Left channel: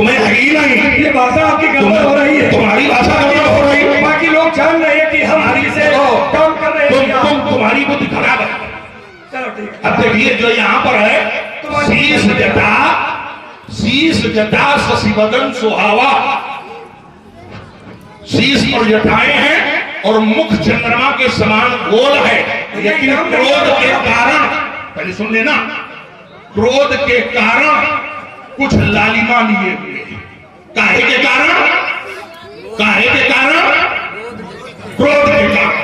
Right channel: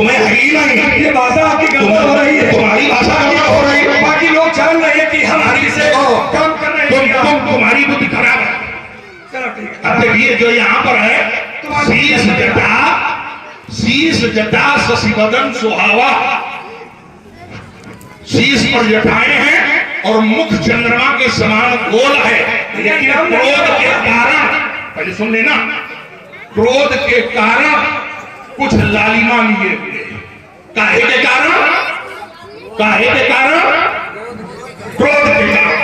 तुम्हें हकीम नहीं, ये भाषा आपकी गड़बड़ हो रही है, तुम्हारी भाषा गड़बड़ हो रही है। बाकी लोग जान रहे हैं कि हम हरी से काम कर रहे हैं। तुम्हारी बुद्धि खराब है। चलो ठीक है। अब देखिए जो यहाँ पर है, शीश जटा शशिवदन सुहावा, शीश पर जटाएं हैं और मुख चंद्रमा के समान गोल है, लेकिन क्रोध के कारण, पहले सुन लेना, क्रोध के कारण कुछ लालिमा लिए हुए। काहे के कारण? काहे के कारण? क्रोध के कारण।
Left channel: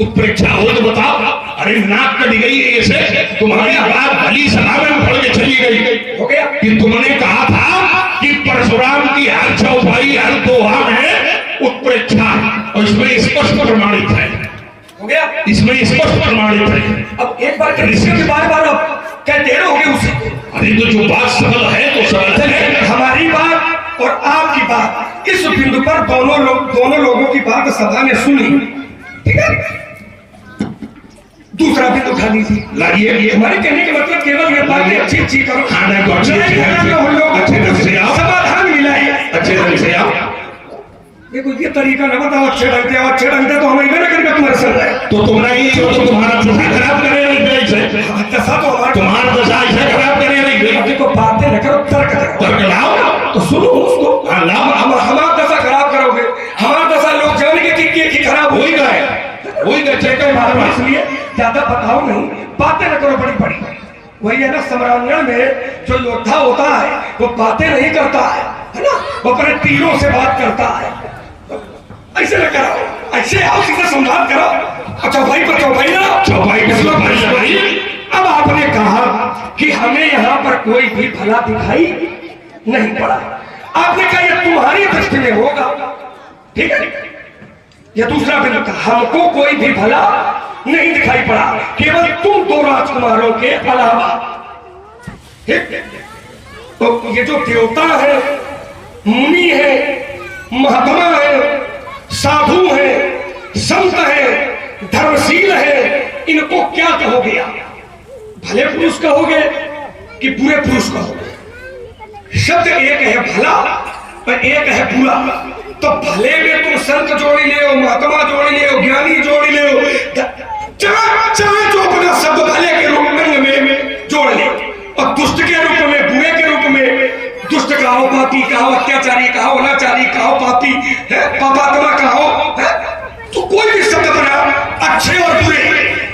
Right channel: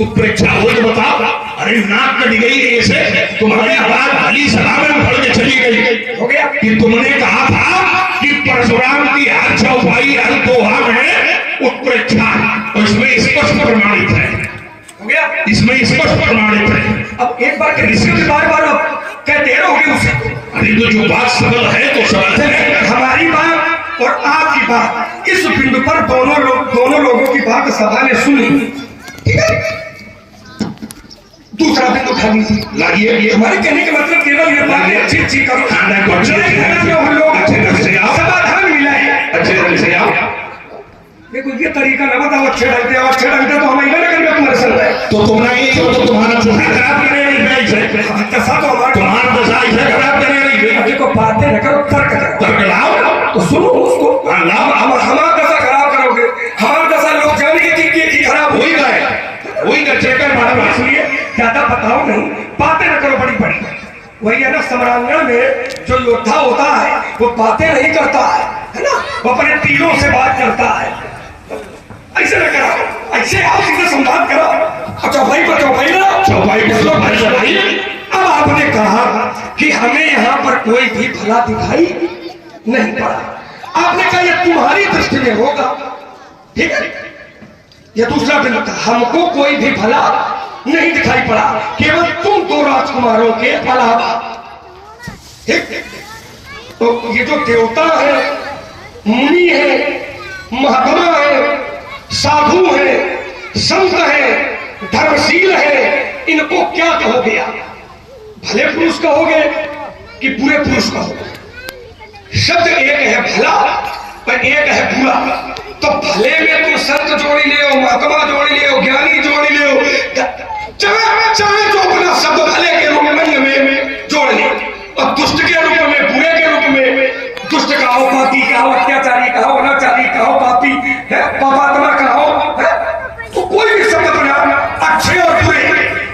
उत्प्रेक्षा हो तो बताओ। अरे नाक कटी गई ऐसे, तुम्हारी आवाज भली सभा में उखड़ के चली गई। हो गया कि तुमने कहा था कि परशुराम की हर चौपाई हर दोहा में उत्प्रेक्षा, और इसमें स्पष्ट प्रमाणित है। हो गया, इसमें स्पष्ट प्रमाणित है। अब एक बार कह बार बार अब कहते रहोगे उसे। अरे तो जो बात सबल है तो सबल है। हमारी बात और आपकी बात इस बिंदु पर दोनों लोगों की बात सभा में सुनी, ठीक है। दूसरा बिंदु उठा लीजिए, लाइए। हमारे कहने का मतलब केवल ये था कि अच्छी करो, खाना को अच्छे ढंग से आओ, समाधान मिला है, अच्छे ढंग से आओ। देखो ये तरीका ना बताओ अच्छे ढंग से, अच्छे ढंग से तो हम इधर करके तुम्हारे संग है। तो तुम्हारा ये तो तुम्हारा दशा खराब करे दशा तो हमारा, तुम्हारा दशा ऐसे खराब करे नहीं। देखो बातें न करो, तर्क लाओ तो सुनो उसको। लाओ। हमारा दशा खराब करोगे, हमारा दशा लोग जानेंगे कि खराब हो ही गए, वही चेकर मारो। इसलिए ज्यादा बताओ नहीं, बातें न करो बड़ी बड़ी। वही है ना, सम्रांगण में जो योद्धा होता है वो बातें नहीं करता है ना, वो अपने तीरों से बात करता है। ऐसे न कराओ, ऐसे आओ, सीधे संवाद करो। चौपाई पर चौपाई ना, चौपाई पर। अब आपने कहा कि हमें यहाँ पर कोई भी भला दिखाई नहीं पड़ा। आपने कहा ये तुम्हारी दृष्टि में होगा, ठीक है। ये दूसरा बिंदु था, हमको कोई भी भला नहीं दिखाई पड़ा, केवल तुम दो राजकुमारों के अलावा, ठीक। तो ये जो देवता है, मुनि है, महात्मा है, साधु है, संत है, धर्मशील है, इनको क्या कहोगे आप? भले पुरुष कहोगे कि बुरे पुरुष कहोगे? शब्द एक है भला और एक है बुरा। तो भले में तुम संत जोड़ी ले हो, महात्मा जोड़ी ले हो, ज्ञानी जोड़ी ले हो, चाहे जो अपना शब्द भले के रूप में जोड़ ले, और दुष्ट के रूप में, बुरे के रूप में, दुष्ट कहो, पापी कहो, अत्याचारी कहो, अनाचारी कहो, पापी है, पापात्मा कहो, तो कोई भी शब्द बना, अच्छे और बुरे।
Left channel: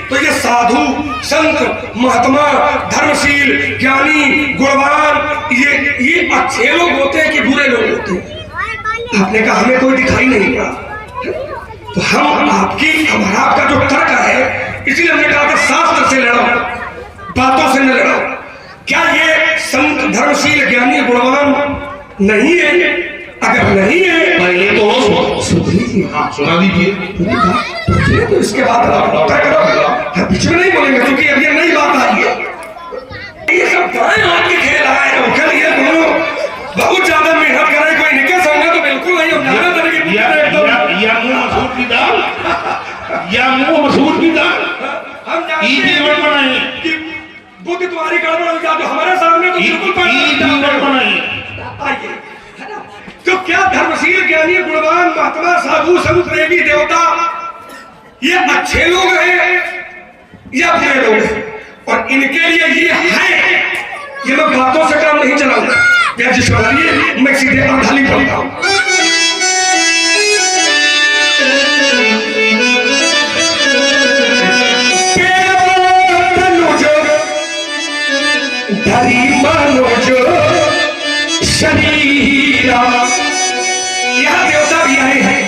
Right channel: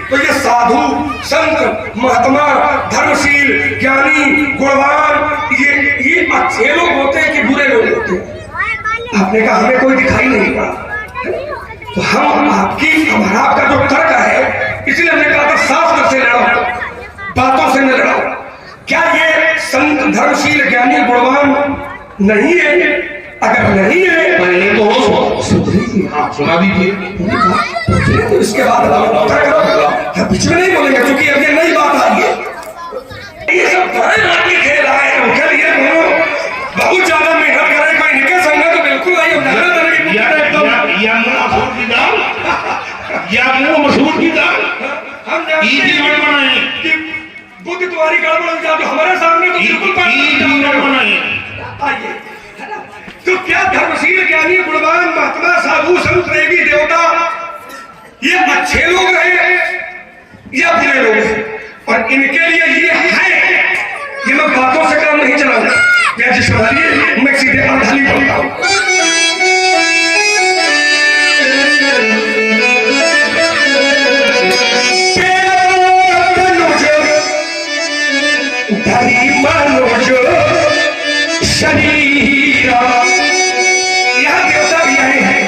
तो ये साधु, संत, महात्मा, धर्मशील, ज्ञानी, गुणवान, ये अच्छे लोग होते हैं कि बुरे लोग होते हैं? आपने कहा हमें कोई दिखाई नहीं पड़ा। तो हम हमारा आपका जो तर्क है, इसलिए हमने कहा था शास्त्र से लड़ो, बातों से न लड़ो। क्या ये संत, धर्मशील, ज्ञानी, गुणवान नहीं है? अगर नहीं है पहले तो सुना दीजिए, तो इसके बाद हम बीच में नहीं बोलेंगे, क्योंकि अब ये नई बात आई है। ये सब आपके खेल आए हैं, ये दोनों बहुत ज्यादा मेहनत कर रहे, कोई निकल सकना तो बिल्कुल नहीं। मसूर की दाल या मुंह मसूर की दाल जीवन बनाए, बुद्धि तुम्हारी गड़बड़ हो जाती, हमारे सामने तो बिल्कुल बनाइए। आइए, तो क्या धर्मशील, ज्ञानी, गुणवान, महात्मा, साधु, संत, देवी, देवता, ये अच्छे लोग हैं या बुरे लोग हैं? और इनके लिए ये है, ये मैं बातों से काम नहीं चलाऊंगा, मैं सीधे अर्थाली बोलता हूं। यहाँ देवता भी आए हैं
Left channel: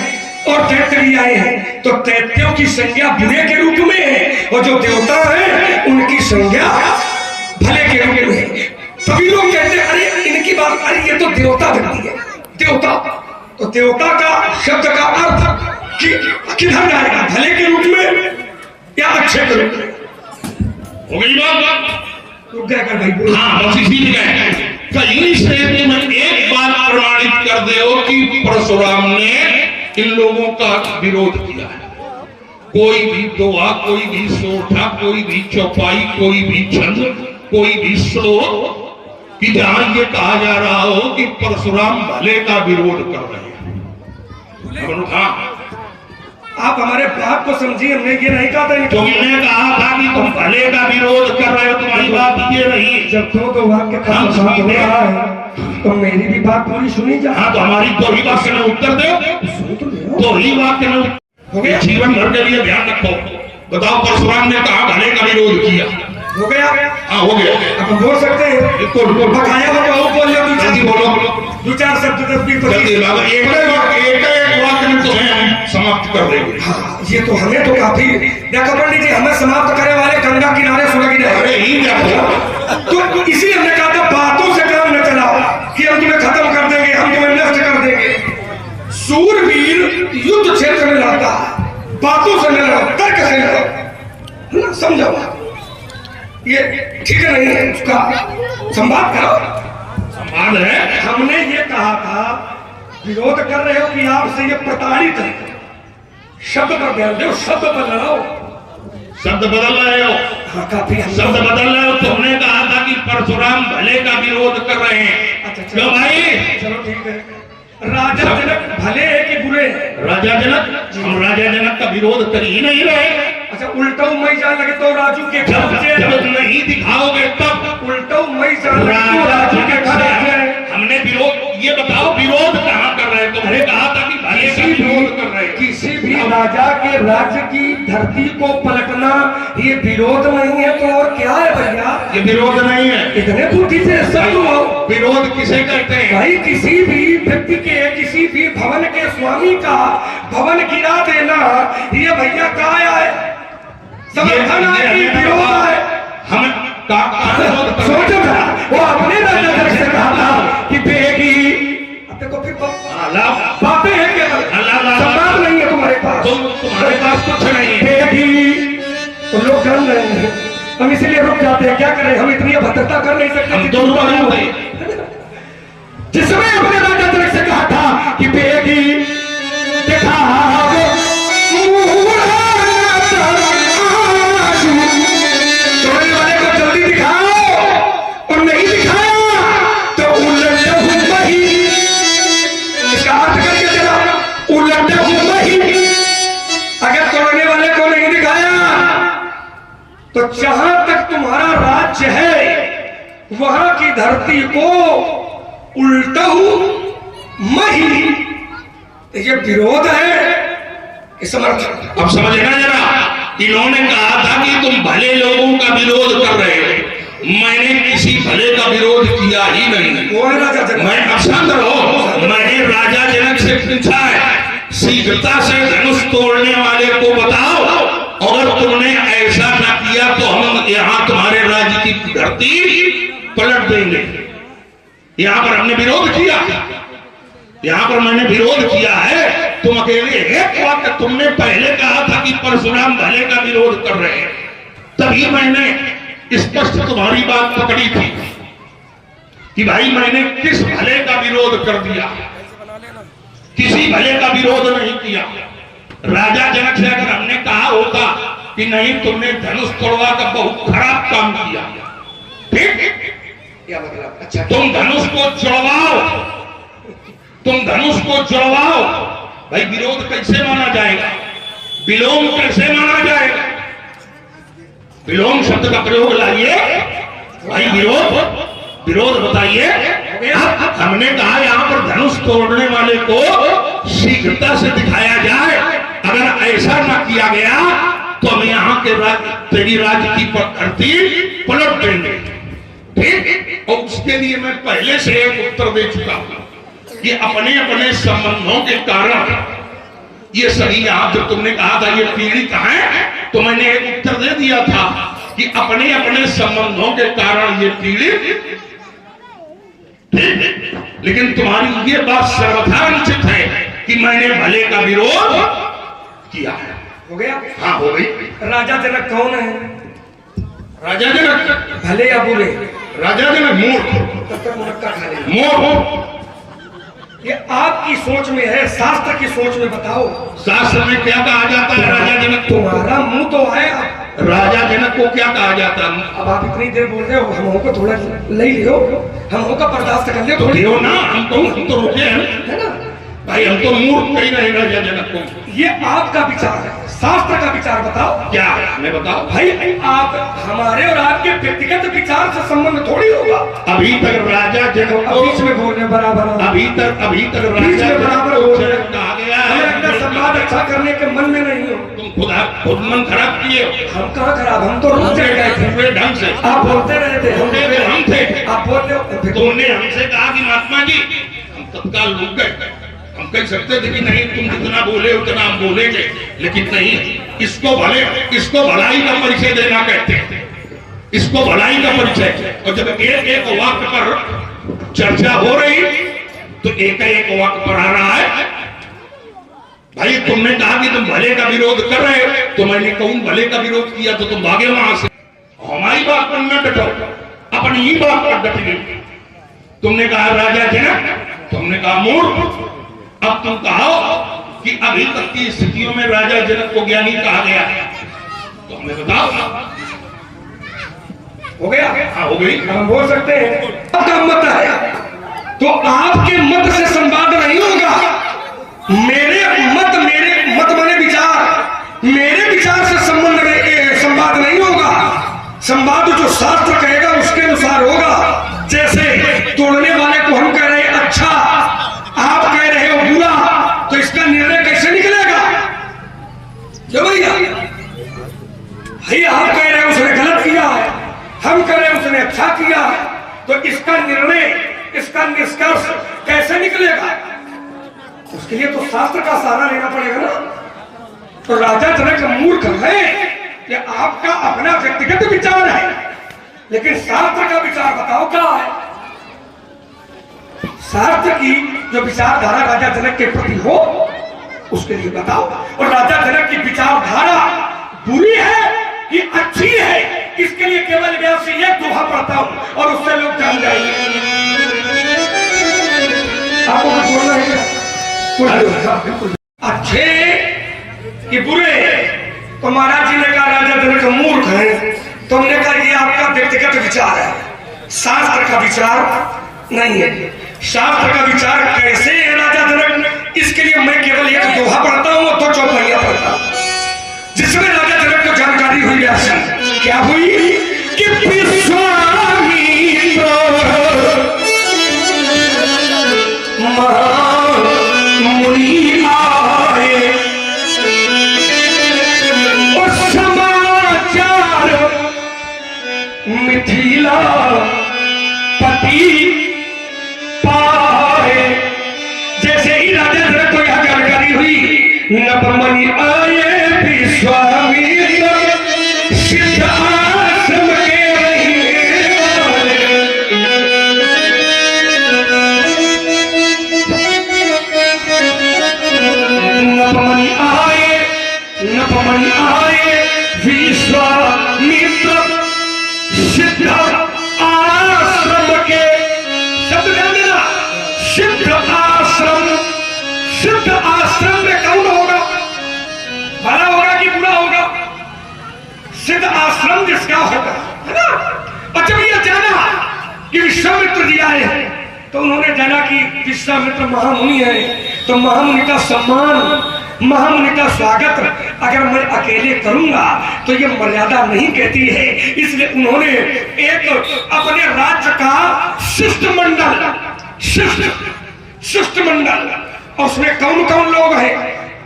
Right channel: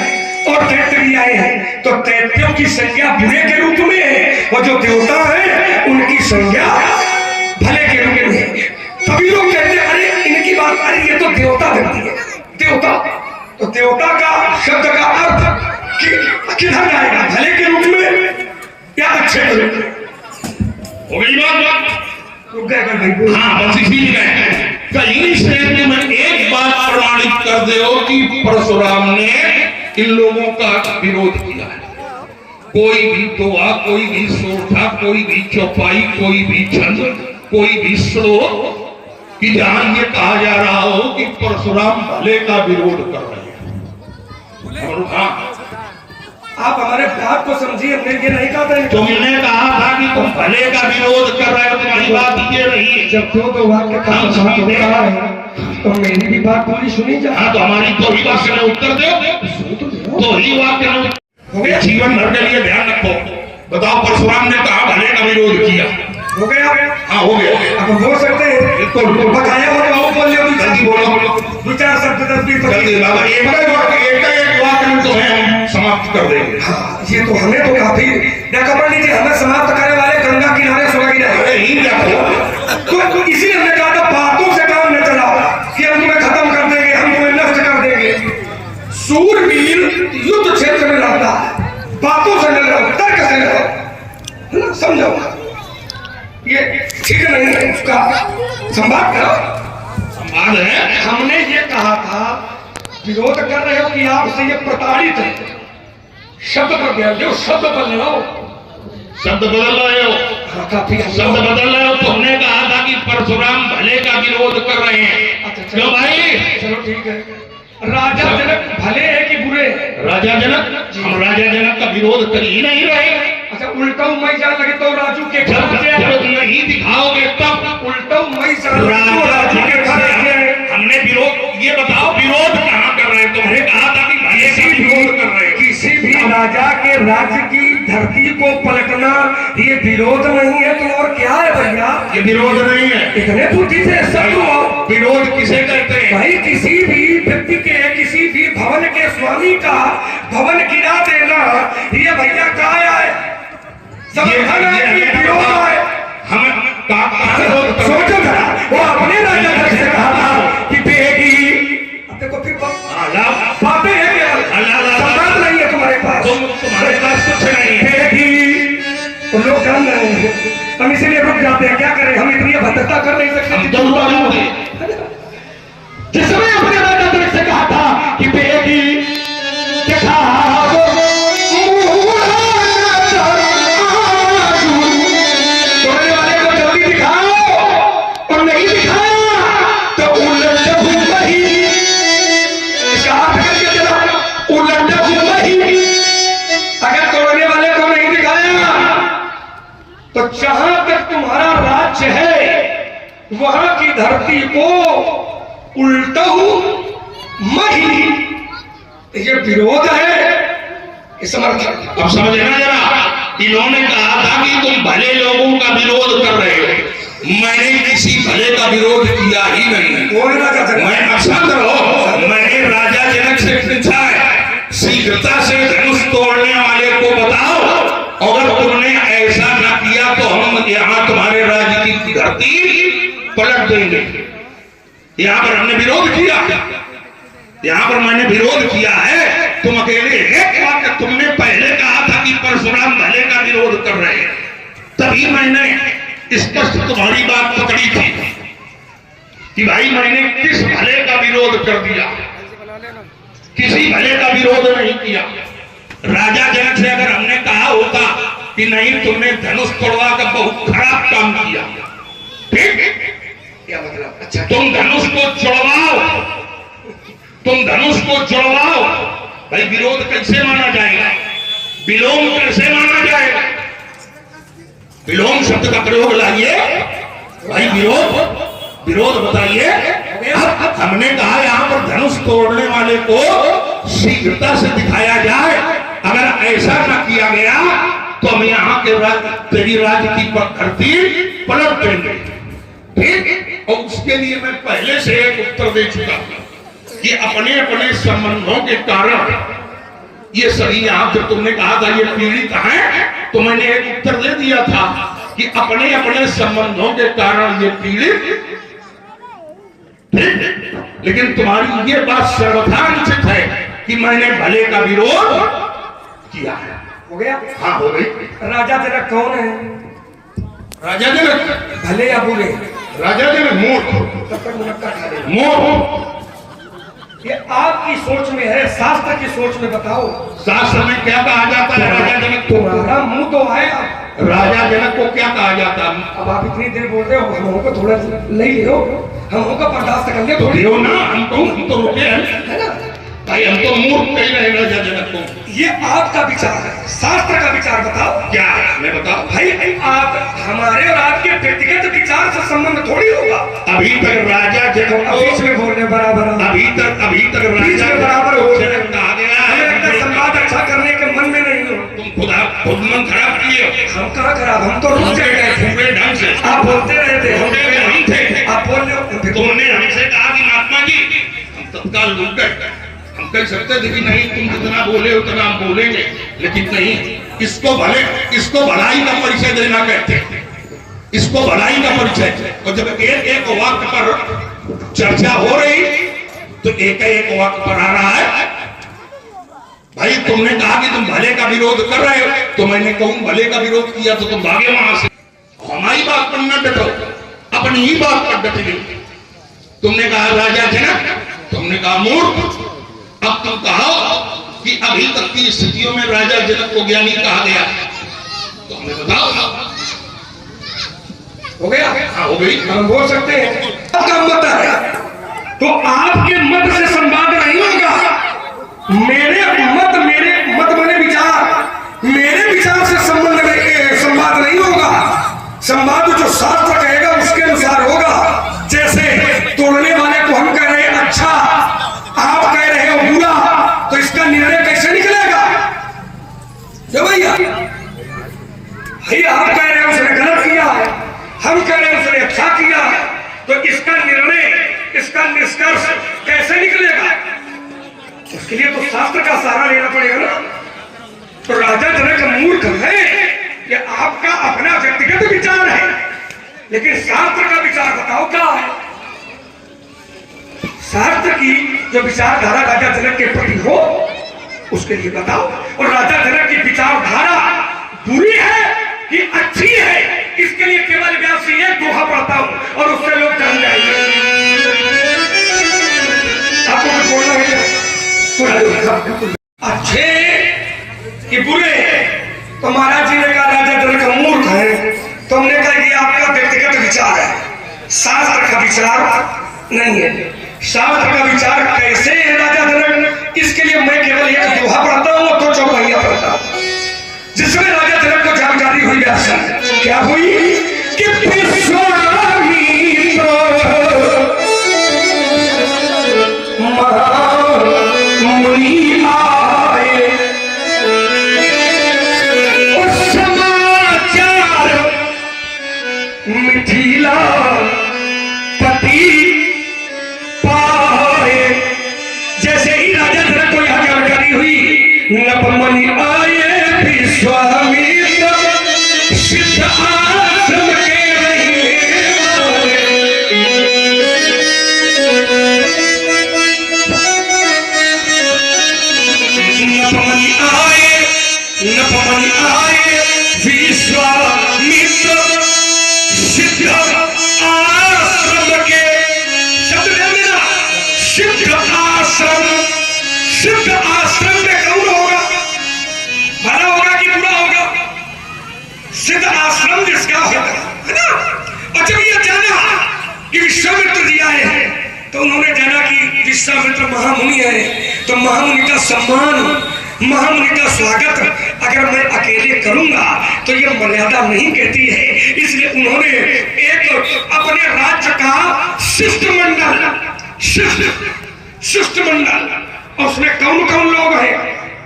और दैत्य भी आए हैं, तो दैत्यों की संज्ञा बुरे के रूप में है, और जो देवता है उनकी संज्ञा भले के रूप में है। कभी लोग कहते हैं अरे इनकी बात, अरे ये तो देवता बनती है, देवता। तो देवता का शब्द का अर्थ किधर जाएगा, भले के रूप में या अच्छे के रूप में? हो गई बात? रुक गए कर भाई। हाँ, बस इसीलिए कहीं से में एक बार प्रमाणित कर दो कि परशुराम ने इन लोगों का विरोध किया है। कोई भी दोहा, कोई भी सोठा, कोई भी चौपाई, कोई भी छंद, कोई भी श्लोक, कि जहां ये कहा जा रहा हो कि परशुराम भले का विरोध कर रहे हैं। बोलो हाँ, आप हमारे बात को समझिए, हमने ये नहीं कहा था। तुमने कहा था कि तुम भले का विरोध कर रहे हो, तुम्हारी बात ये रही है। जब दो वाक्य का संवाद हो रहा है तो मेरी भी बात पूरी सुनी जा। हाँ, तो हमारी दो ही वाक्य में उत्तर दो, दो ही वाक्य में हो गया। जीवन भर के लिए ध्यान रखो। बताओ, परशुराम ने कहा भले का विरोध किया, हो गया। हाँ हो गया। अब हम बोल सकते हैं, बिल्कुल बकाया हो बोल जल्दी बोलो, दो चार शब्द 10-20 जल्दी बाबा, एक वाक्य में तो हम समाप्त कर देंगे। हाँ, ये तो हमें तो काफी देखा। पंडित जी, हमें समाप्त करने वाले गंगा किनारे सुलग रहे। अरे ही देखो, तो इसीलिए हमने कहा था बातों से काम न चलाओ कि हम तुम्हें खत्म कर देंगे, हम तुम्हें नष्ट कर देंगे। सूरवीर युद्ध क्षेत्र में रहता है, बातों से न लड़ो, तर्क से लड़ो, समझो। ये ठीक नहीं है, उसका संवाद करो। संवाद है। हमने ये कहा था, विरोध कर रहे हो कि आपसे ये प्रताड़ित है। शब्द पर ध्यान दो, शब्द पर लड़ाओ। शब्द बदल रहे हो, हाँ, काफी शब्द बदल रहे हो। तुमने कहा था कि परशुराम भले का विरोध कर रहे हैं। अच्छा, क्यों भाई? चलो ठीक है। राजा जनक भले है कि बुरे? राजा जनक, हम राजा जनक का विरोध कर ही नहीं रहे। अच्छा, उल्टा मई जान लगे तो राजू के जब जब नहीं दिखाओगे तब उल्टा मई जान लगे तो राजू के घर हमने विरोध, ये बताओ विरोध कहाँ कर रहे हैं? तुमने कहा था कि भले का विरोध कर रहे हैं। किसी भी राजा के राज्य की धरती को पलटना ये विरोध नहीं है तो और क्या है भैया? ये विरोध नहीं है। इतने बुद्धि से सब हो। विरोध किसे कहते हैं भाई? किसी भी व्यक्ति के, किसी भी भवन के स्वामी का भवन गिरा देना, ये भैया क्या है? समर्थन है कि विरोध है? हम सोचो जरा, वो अपने राजा जनक से कहा था कि बेगी, अब देखो फिर बातें हैं क्या? संवाद नहीं है तुम्हारे पास, तुम्हारे पास कुछ नहीं है। बेगी, वो लोग काम रहे हैं, हम इसीलिए रुक जाते हैं। क्या करें, हम इतनी भद्रता कर नहीं सकते। हम तो जिसने अपने राजा जनक से कहा था कि बेगी देखा तो जहां तक तुम्हारा राज्य है वहां की धरती को उल्टहू मही, ये विरोध है कि समर्थन? अब समझना जरा, इन्होंने कहा था कि तुम भले लोगों का विरोध कर रहे हो। मैंने किसी भले का विरोध किया ही नहीं। मैं अक्षत रहो, मैंने राजा जनक से पूछा है, शीघ्रता से धनुष तोड़ने वाले को बताओ, अगर तुमने ऐसा न किया तो हम यहाँ तुम्हारे राज्य की धरती पलट देंगे। यहाँ पर हमने विरोध किया, यहाँ पर मैंने विरोध किया है। तुम अकेले एक वाक्य तुमने पहले कहा था कि परशुराम भले का विरोध कर रहे हैं, तभी मैंने स्पष्ट तुम्हारी बात पकड़ी थी कि भाई मैंने किस भले का विरोध कर दिया? किसी भले का विरोध नहीं किया। राजा जनक से अगर हमने कहा होता कि नहीं तुमने धनुष तोड़वा का बहुत खराब काम किया, ठीक? क्या मतलब? अच्छा, तुम धनुष को जुड़वाओ, तुम धनुष को जुड़वाओ। भाई विरोध कैसे माना जाएगा? विलोम कैसे माना जाएगा? विलोम शब्द का प्रयोग लाइए भाई। विरोध बताइए। हमने कहा यहाँ पर धनुष तोड़ने वाले को शीघ्रता से दिखाया जाए। अगर ऐसा न किया गया तो हम यहाँ के तेरी राज्य की धरती पलट देंगे, ठीक? और उसके लिए मैं पहले से एक उत्तर दे चुका हूं कि अपने अपने संबंधों के कारण ये सभी, यहाँ जब तुमने कहा था ये पीड़ित है, तो मैंने एक उत्तर दे दिया था कि अपने अपने संबंधों के कारण ये पीड़ित, ठीक? लेकिन तुम्हारी ये बात सर्वथा अनुचित है कि मैंने भले का विरोध किया है। हो गया? हाँ, हो गई। राजा जनक कौन है? राजा जनक भले या बुरे? राजा जनक मूर्ख। ये आपकी सोच में है, शास्त्र की सोच में बताओ। शास्त्र में क्या कहा जाता है? राजा जनक तुम्हारा मुंह तो है, राजा जनक को क्या कहा जाता? अब आप इतनी देर बोल रहे हो, हम को थोड़ा ले लियो, हम का बर्दाश्त कर ले तो थोड़ी लियो ना, हम तो रुके हैं है ना भाई, हम तो मूर्ख कही रहे राजा जनक को। ये आपका विचार है, शास्त्र का विचार बताओ। क्या मैं बताओ भाई आप हमारे और आपके व्यक्तिगत विचार से संबंध थोड़ी होगा। अभी तक राजा जनक को बीच में बोलने बराबर अभी तक बीच राजा में बराबर हो रहे जनक कहा गया है। हैं। संवाद अच्छा करने के मन में नहीं हो। तुम खुद मन खराब किए हो। हम कहाँ खराब, हम तो रुक गए थे पूरे ढंग से आप बोलते रहे थे, हम थे। आप बोल रहे हो फिर तुमने हमसे कहा कि महात्मा जी हम तत्काल रुक गए। हम कह सकते थे कि नहीं तुम जितना बोले उतना हम बोलेंगे, लेकिन नहीं, इसको भलाई का परिचय देना कहते हैं, इसको भलाई का परिचय। और जब एक एक वाक्य पर चर्चा हो रही तो एक वाक्य पर आ रहा है। भाई तुमने कहा कि तुम भले का विरोध कर रहे हो, तो मैंने कहूं भले का विरोध किया तो तुम भागे वहां से। हमारी बात पर न डटो, अपनी ही बात पर डट गई। तुमने कहा राजा जनक, तुमने कहा मूर्ख। अब तुम कहो कि अभी तक की स्थितियों में राजा जनक को ज्ञानी कहा गया, तो हमें बताओ। हो गया? हाँ हो गई। हम बोल सकते हैं आपका मत आया तो आपके मत से संवाद नहीं होगा। मेरे मत माने विचार, मेरे विचार से संवाद नहीं होगा। संवाद जो शास्त्र कहेगा उसके अनुसार होगा। जैसे तोड़ने वाले को हम कह रहे हैं अच्छा, आप कह रहे हो बुरा, तो इसका निर्णय कैसे निकलेगा? जो भैया आप कह रहे हैं उसने गलत किया है, हम कह रहे हैं उसने अच्छा किया है, तो इसका निर्णय, इसका निष्कर्ष कैसे निकलेगा? उसके लिए तो शास्त्र का सहारा लेना पड़ेगा ना। तो राजा जनक मूर्ख है कि आपका अपना व्यक्तिगत विचार है, लेकिन शास्त्र का विचार बताओ क्या है? शास्त्र की जो विचारधारा राजा जनक के प्रति हो उसके लिए बताओ। और राजा जनक की विचारधारा बुरी है कि अच्छी है, इसके लिए केवल व्यास से एक दोहा पढ़ता हूं और उससे लोग जान जाएंगे। आपको कुछ बोलना है? अच्छे कि बुरे? तो महाराज जी ने कहा राजा जनक मूर्ख है, तो हमने कहा ये आपका व्यक्तिगत विचार है, शास्त्र का विचार नहीं है। शास्त्र का विचार कैसे है राजा जनक? इसके लिए मैं केवल एक दोहा पढ़ता हूं तो चौपाइया पढ़ता हूं, जिसमें राजा जनक को जानकारी हुई। ऐसा क्या हुई कि मुनि आए और समाचार मिथिला पति पाए। जैसे ही राजा जनक को यह जानकारी हुई, नपमुनि आए विश्वामित्र सिद्ध आश्रम के रहिए। नपमुनि आए विश्वामित्र सिद्ध आश्रम के, शब्द है मेरा सिद्ध आश्रम। सिद्ध आश्रम में कौन होगा? भला होगा कि बुरा होगा? सिद्ध आश्रम जिसका होगा, है ना। और जब ये जाना कि विश्वामित्र जी आए हैं, तो उन्होंने जाना कि विश्वामित्र महामुनि है, तो महामुनि का सम्मान, महामुनि का स्वागत अगर मैं अकेले करूंगा तो ये मर्यादा नहीं कहती है। इसलिए उन्होंने एक अपने राज्य का शिष्टमंडल, और उसमें कौन कौन लोग हैं,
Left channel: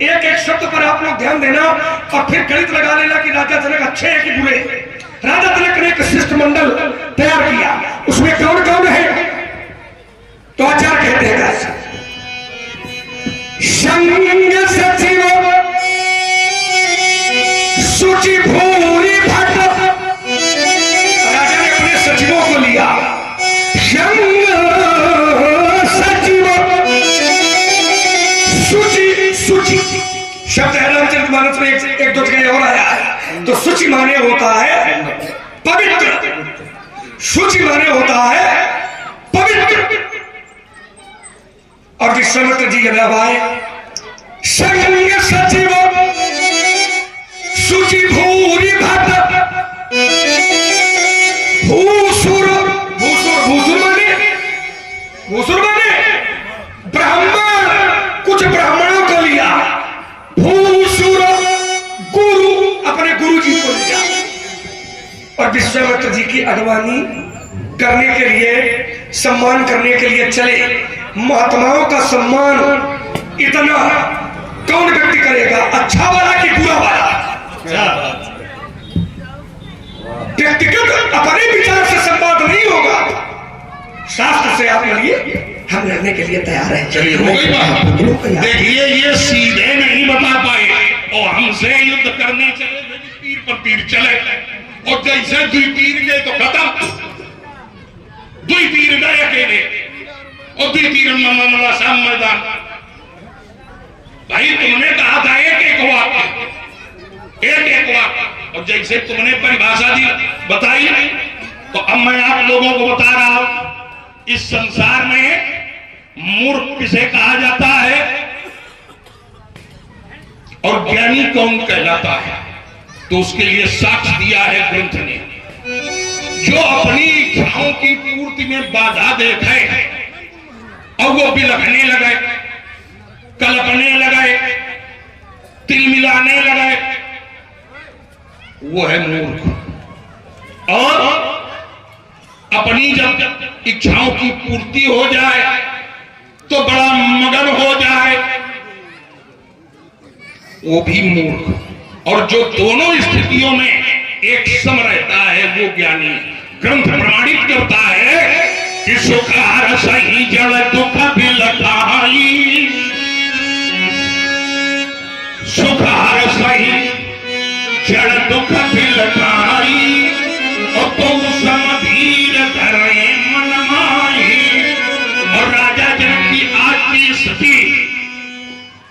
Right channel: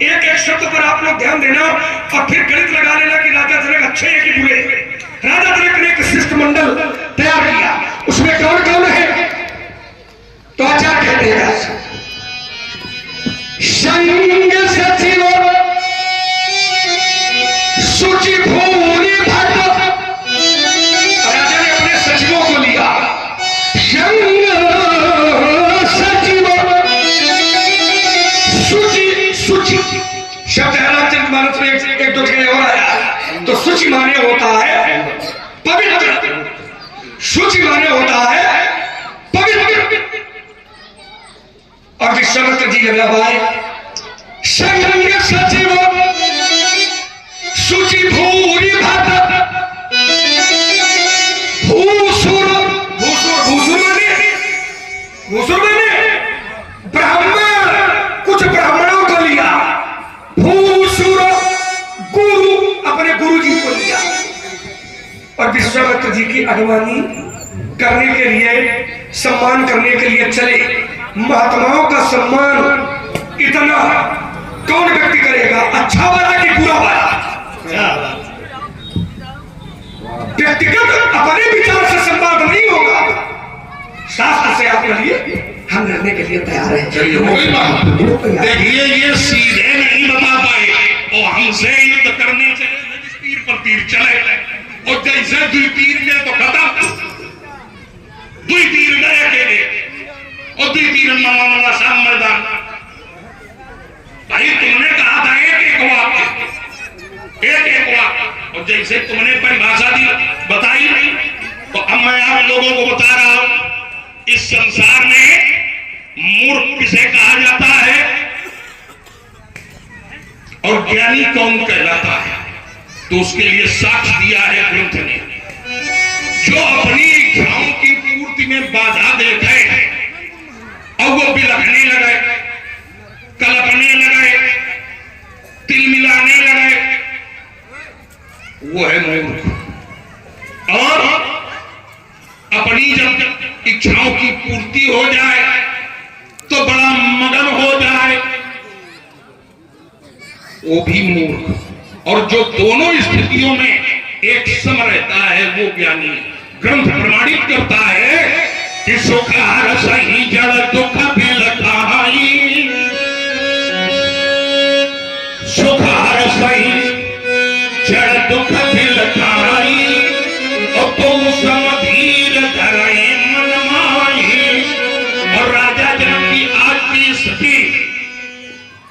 एक एक शब्द पर आप लोग ध्यान देना और फिर गणित लगा लेना कि राजा जनक अच्छे हैं कि बुरे। राजा जनक ने एक शिष्टमंडल तैयार किया, उसमें कौन कौन है? तो आचार्य कहते हैं संग सचिव सूचि भूरि भट्ट। राजा ने अपने सचिवों को लिया, संग सचिव सूचि शब्द है रामचंद्र मानस में एक दो जगह और आया है। तो सूचि माने होता है पवित्र, सूचि माने होता है पवित्र। और विश्वामित्र जी जब आए, संग सचिव सूचि भूरि भट्ट बुजुर्गों ने ब्राह्मण कुछ ब्राह्मणों को लिया, भूसुर गुरु अपने गुरु जी को लिया और विश्वामित्र जी की अगवानी करने के लिए, सम्मान करने के लिए चले। महात्माओं का सम्मान इतना कौन व्यक्ति करेगा, अच्छा वाला कि बुरा वाला? व्यक्तिगत अपने विचार से सम्मान नहीं होगा, शास्त्र से आपके लिए हम लड़ने के लिए तैयार हैं। देखिए ये सीधे नहीं बता पाए और हमसे युद्ध करने चले, तीर पर तीर चले और जैसे दुई तीर गए तो खत्म, दुई तीर गए अकेले और दुई तीर मामा शाम मैदान। भाई तुमने कहा था एक वाक्य और जैसे तुमने परिभाषा दी बताई, तो अब मैं आप लोगों को बता रहा हूं, इस संसार में मूर्ख किसे कहा जाता है और ज्ञानी कौन कहलाता है, तो उसके लिए साक्ष्य दिया है ग्रंथ ने। जो अपनी इच्छाओं की पूर्ति में बाधा देखे और वो बिलखने लगे, कल्पने लगे, तिल मिलाने लगे, वो है मूर्ख। और अपनी जब इच्छाओं की पूर्ति हो जाए तो बड़ा मगन हो जाए, वो भी मूर्ख। और जो दोनों स्थितियों में एक सम रहता है वो ज्ञानी। ग्रंथ प्रमाणित करता है कि सुख हर सही जड़ दुख भी लखाई, सुख हर सही जड़ दुख भी लखाई, और तुम समधीर धरे मन माई। और राजा जनक की आज की स्थिति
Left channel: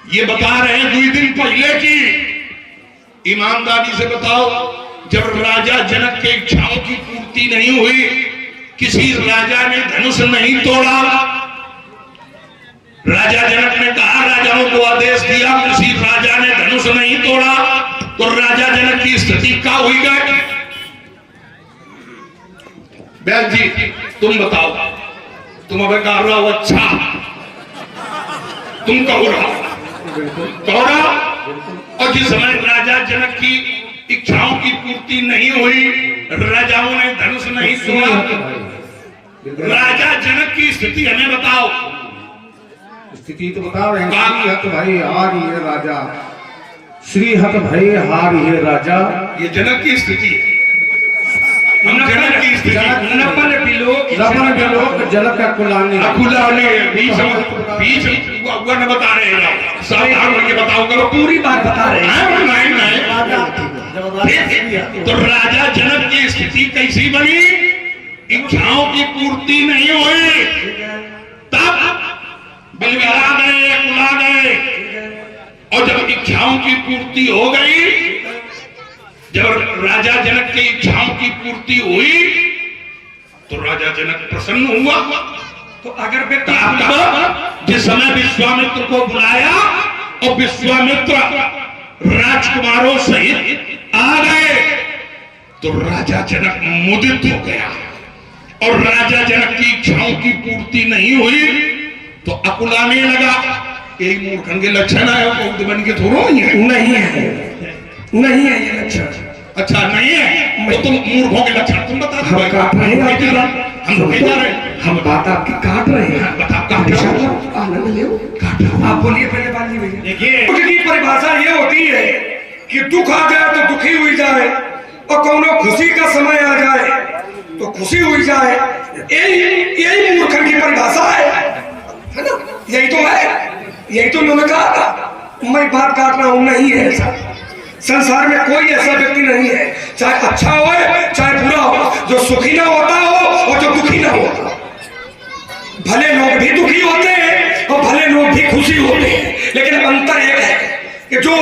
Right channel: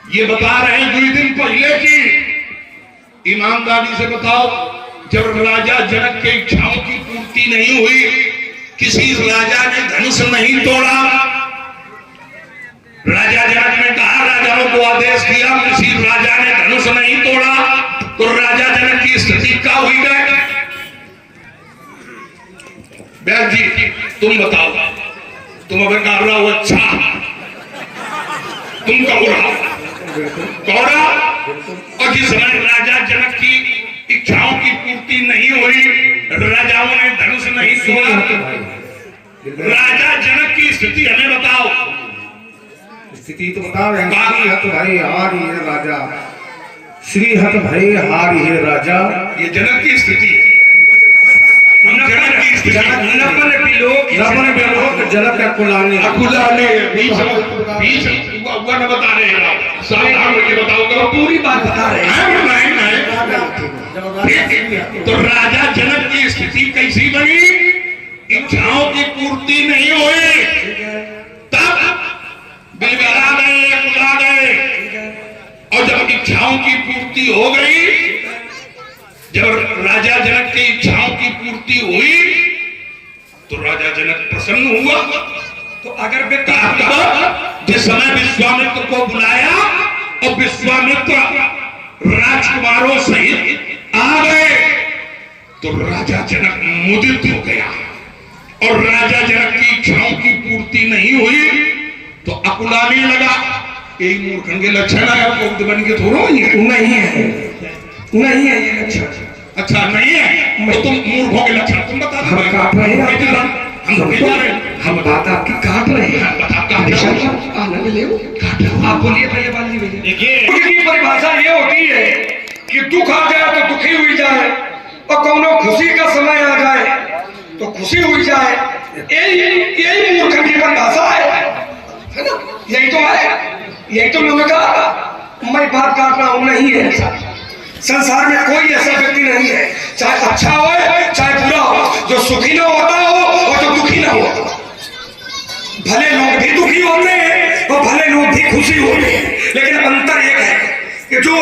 ये बता रहे हैं 2 दिन पहले की। ईमानदारी से बताओ, जब राजा जनक की इच्छाओं की पूर्ति नहीं हुई, किसी राजा ने धनुष नहीं तोड़ा, राजा जनक ने कहा, राजाओं को आदेश दिया, किसी राजा ने धनुष नहीं तोड़ा, तो राजा जनक की स्थिति क्या हुई गई? बैल जी तुम बताओ, तुम अगर कह रहा हो अच्छा, तुम कहो रहा, और जिस समय राजा जनक की इच्छाओं की पूर्ति नहीं हुई, राजाओं ने धनुष नहीं तोड़ा, राजा जनक की स्थिति हमें बताओ। स्थिति तो बता रहे हैं, श्री हत भय हारि हे राजा, श्री हत भय हारि हे राजा। ये जनक की स्थिति है। हम जनक की स्थिति, नपन बिलोक जनक का कुलानी, अकुलाने बीच हुआ न बता रहे हैं, सावधान होकर बताओ, पूरी बात बता रहे हैं। नहीं तो राजा जनक की स्थिति कैसी बनी? इच्छाओं की पूर्ति नहीं हुई, तब बिलगरा गए, कुला गए, और जब इच्छाओं की पूर्ति हो गई, जब राजा जनक की इच्छाओं की पूर्ति हुई, तो राजा जनक प्रसन्न हुआ। तो अगर जिस समय विश्वामित्र को बुलाया और विश्वामित्र राजकुमारों सहित आ गए, तो राजा जनक मुदित हो गया। और राजा जनक की इच्छाओं की पूर्ति नहीं हुई तो अकुलाने लगा। यही मूर्खन के लक्षण है, मुग्ध बन के थोड़ा ही है। नहीं है ये लक्षण। अच्छा नहीं है, तो तुम मूर्खों के लक्षण तुम बता दो। हम काट रहे हैं आपकी बात, हम बात आपकी काट रहे हैं। आप बोलिए पहले बात नहीं भैया। देखिए परिभाषा ये होती है कि दुख आ गया तो दुखी हुई जाए, और कोनो खुशी का समय आ जाए तो खुशी हुई जाए। यही मूर्खन की परिभाषा है ना? यही तो है, यही तो मैंने कहा। मैं बात काट रहा हूं, नहीं है ऐसा। संसार में कोई ऐसा व्यक्ति नहीं है, चाहे अच्छा हो चाहे बुरा हो, जो सुखी ना होता हो और जो दुखी ना होता। भले लोग भी दुखी होते हैं और भले लोग भी खुशी होते हैं, लेकिन अंतर एक है कि जो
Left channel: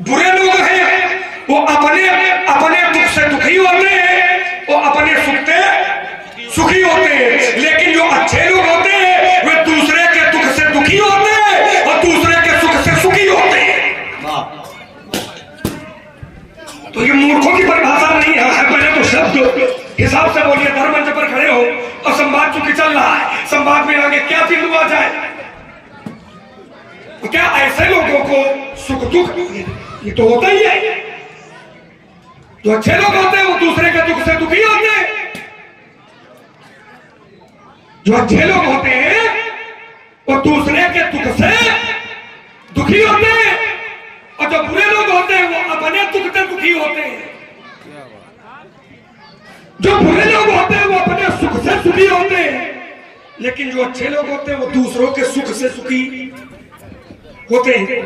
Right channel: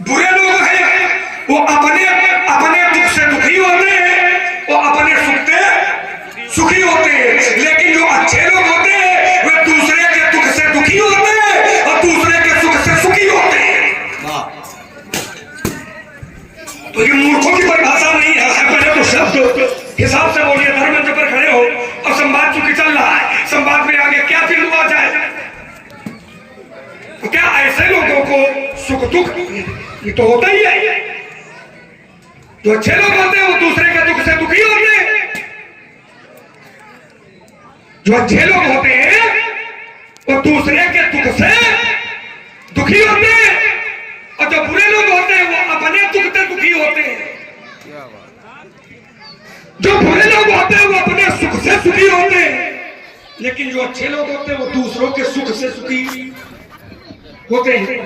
बुरे लोग हैं वो अपने दुख से दुखी होते हैं, वो अपने सुख से सुखी होते हैं। लेकिन जो अच्छे लोग होते हैं वे दूसरे के दुख से दुखी होते हैं और दूसरे के सुख से सुखी होते हैं। तो ये मूर्खों की परिभाषा नहीं है। पहले तो शब्द हिसाब से बोलिए, धर्म मंच पर खड़े हो और संवाद युग चल रहा है, संवाद में आगे क्या फिर हुआ जाए। तो क्या ऐसे लोगों को सुख दुख ये तो होता ही है। जो अच्छे लोग होते हैं वो दूसरे के दुख से दुखी होते हैं। जो अच्छे लोग होते हैं वो दूसरे के दुख से दुखी होते हैं, और जो बुरे लोग होते हैं वो अपने दुख से दुखी होते हैं। जो बुरे लोग होते हैं वो अपने सुख से सुखी होते हैं, लेकिन जो अच्छे लोग होते हैं वो दूसरों के सुख से सुखी होते हैं।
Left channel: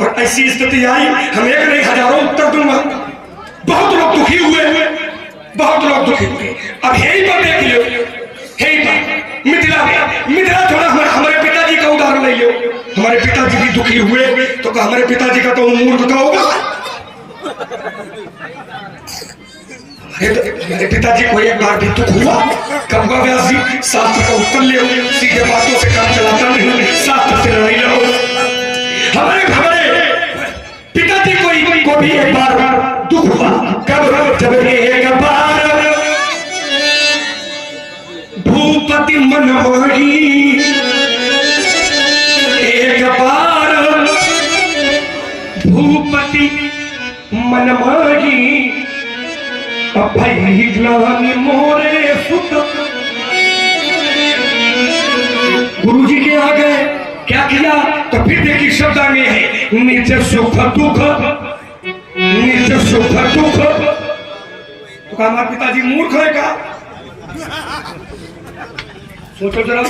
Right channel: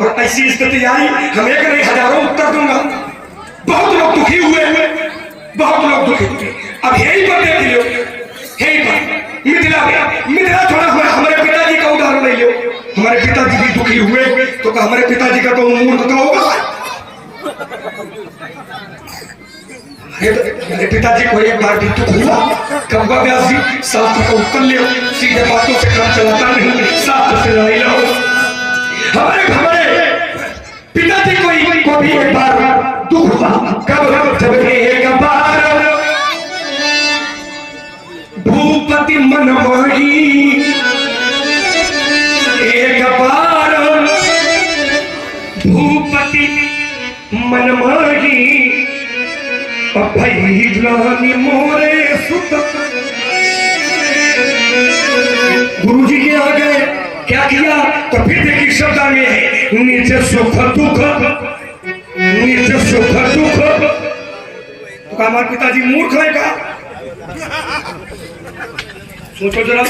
और ऐसी स्थिति आई, हम एक नहीं हजारों उत्तर दूंगा। बहुत लोग दुखी हुए, बहुत लोग दुखी हुए। अब यही बात देख लो, यही बात मिथिला थोड़ा हमारे पिताजी का उदाहरण ले लो। हमारे पिताजी भी दुखी हुए, तो हमारे पिताजी का तो मूर्ख का होगा। मेरे पिताजी को एक बार भी दुख हुआ, कब हुआ व्यास जी? शास्त्र का उत्तर ले, सीधे बातों से काम चलाता नहीं, शास्त्र से लड़ाई लो। हमारे पिताजी को भी एक बार दुख हुआ, कब? जब एक बार भूपति मनमोही, एक बार भूपति मनमोही, भैलानी मोरे सुत। गुरु जी के आगे क्या किया? तो फिर देखिए शब्द आगे है, निज सुख दुख, निज सुख दुख। तो क्या हमारे पिताजी मूर्ख है क्या? सोचो जरा,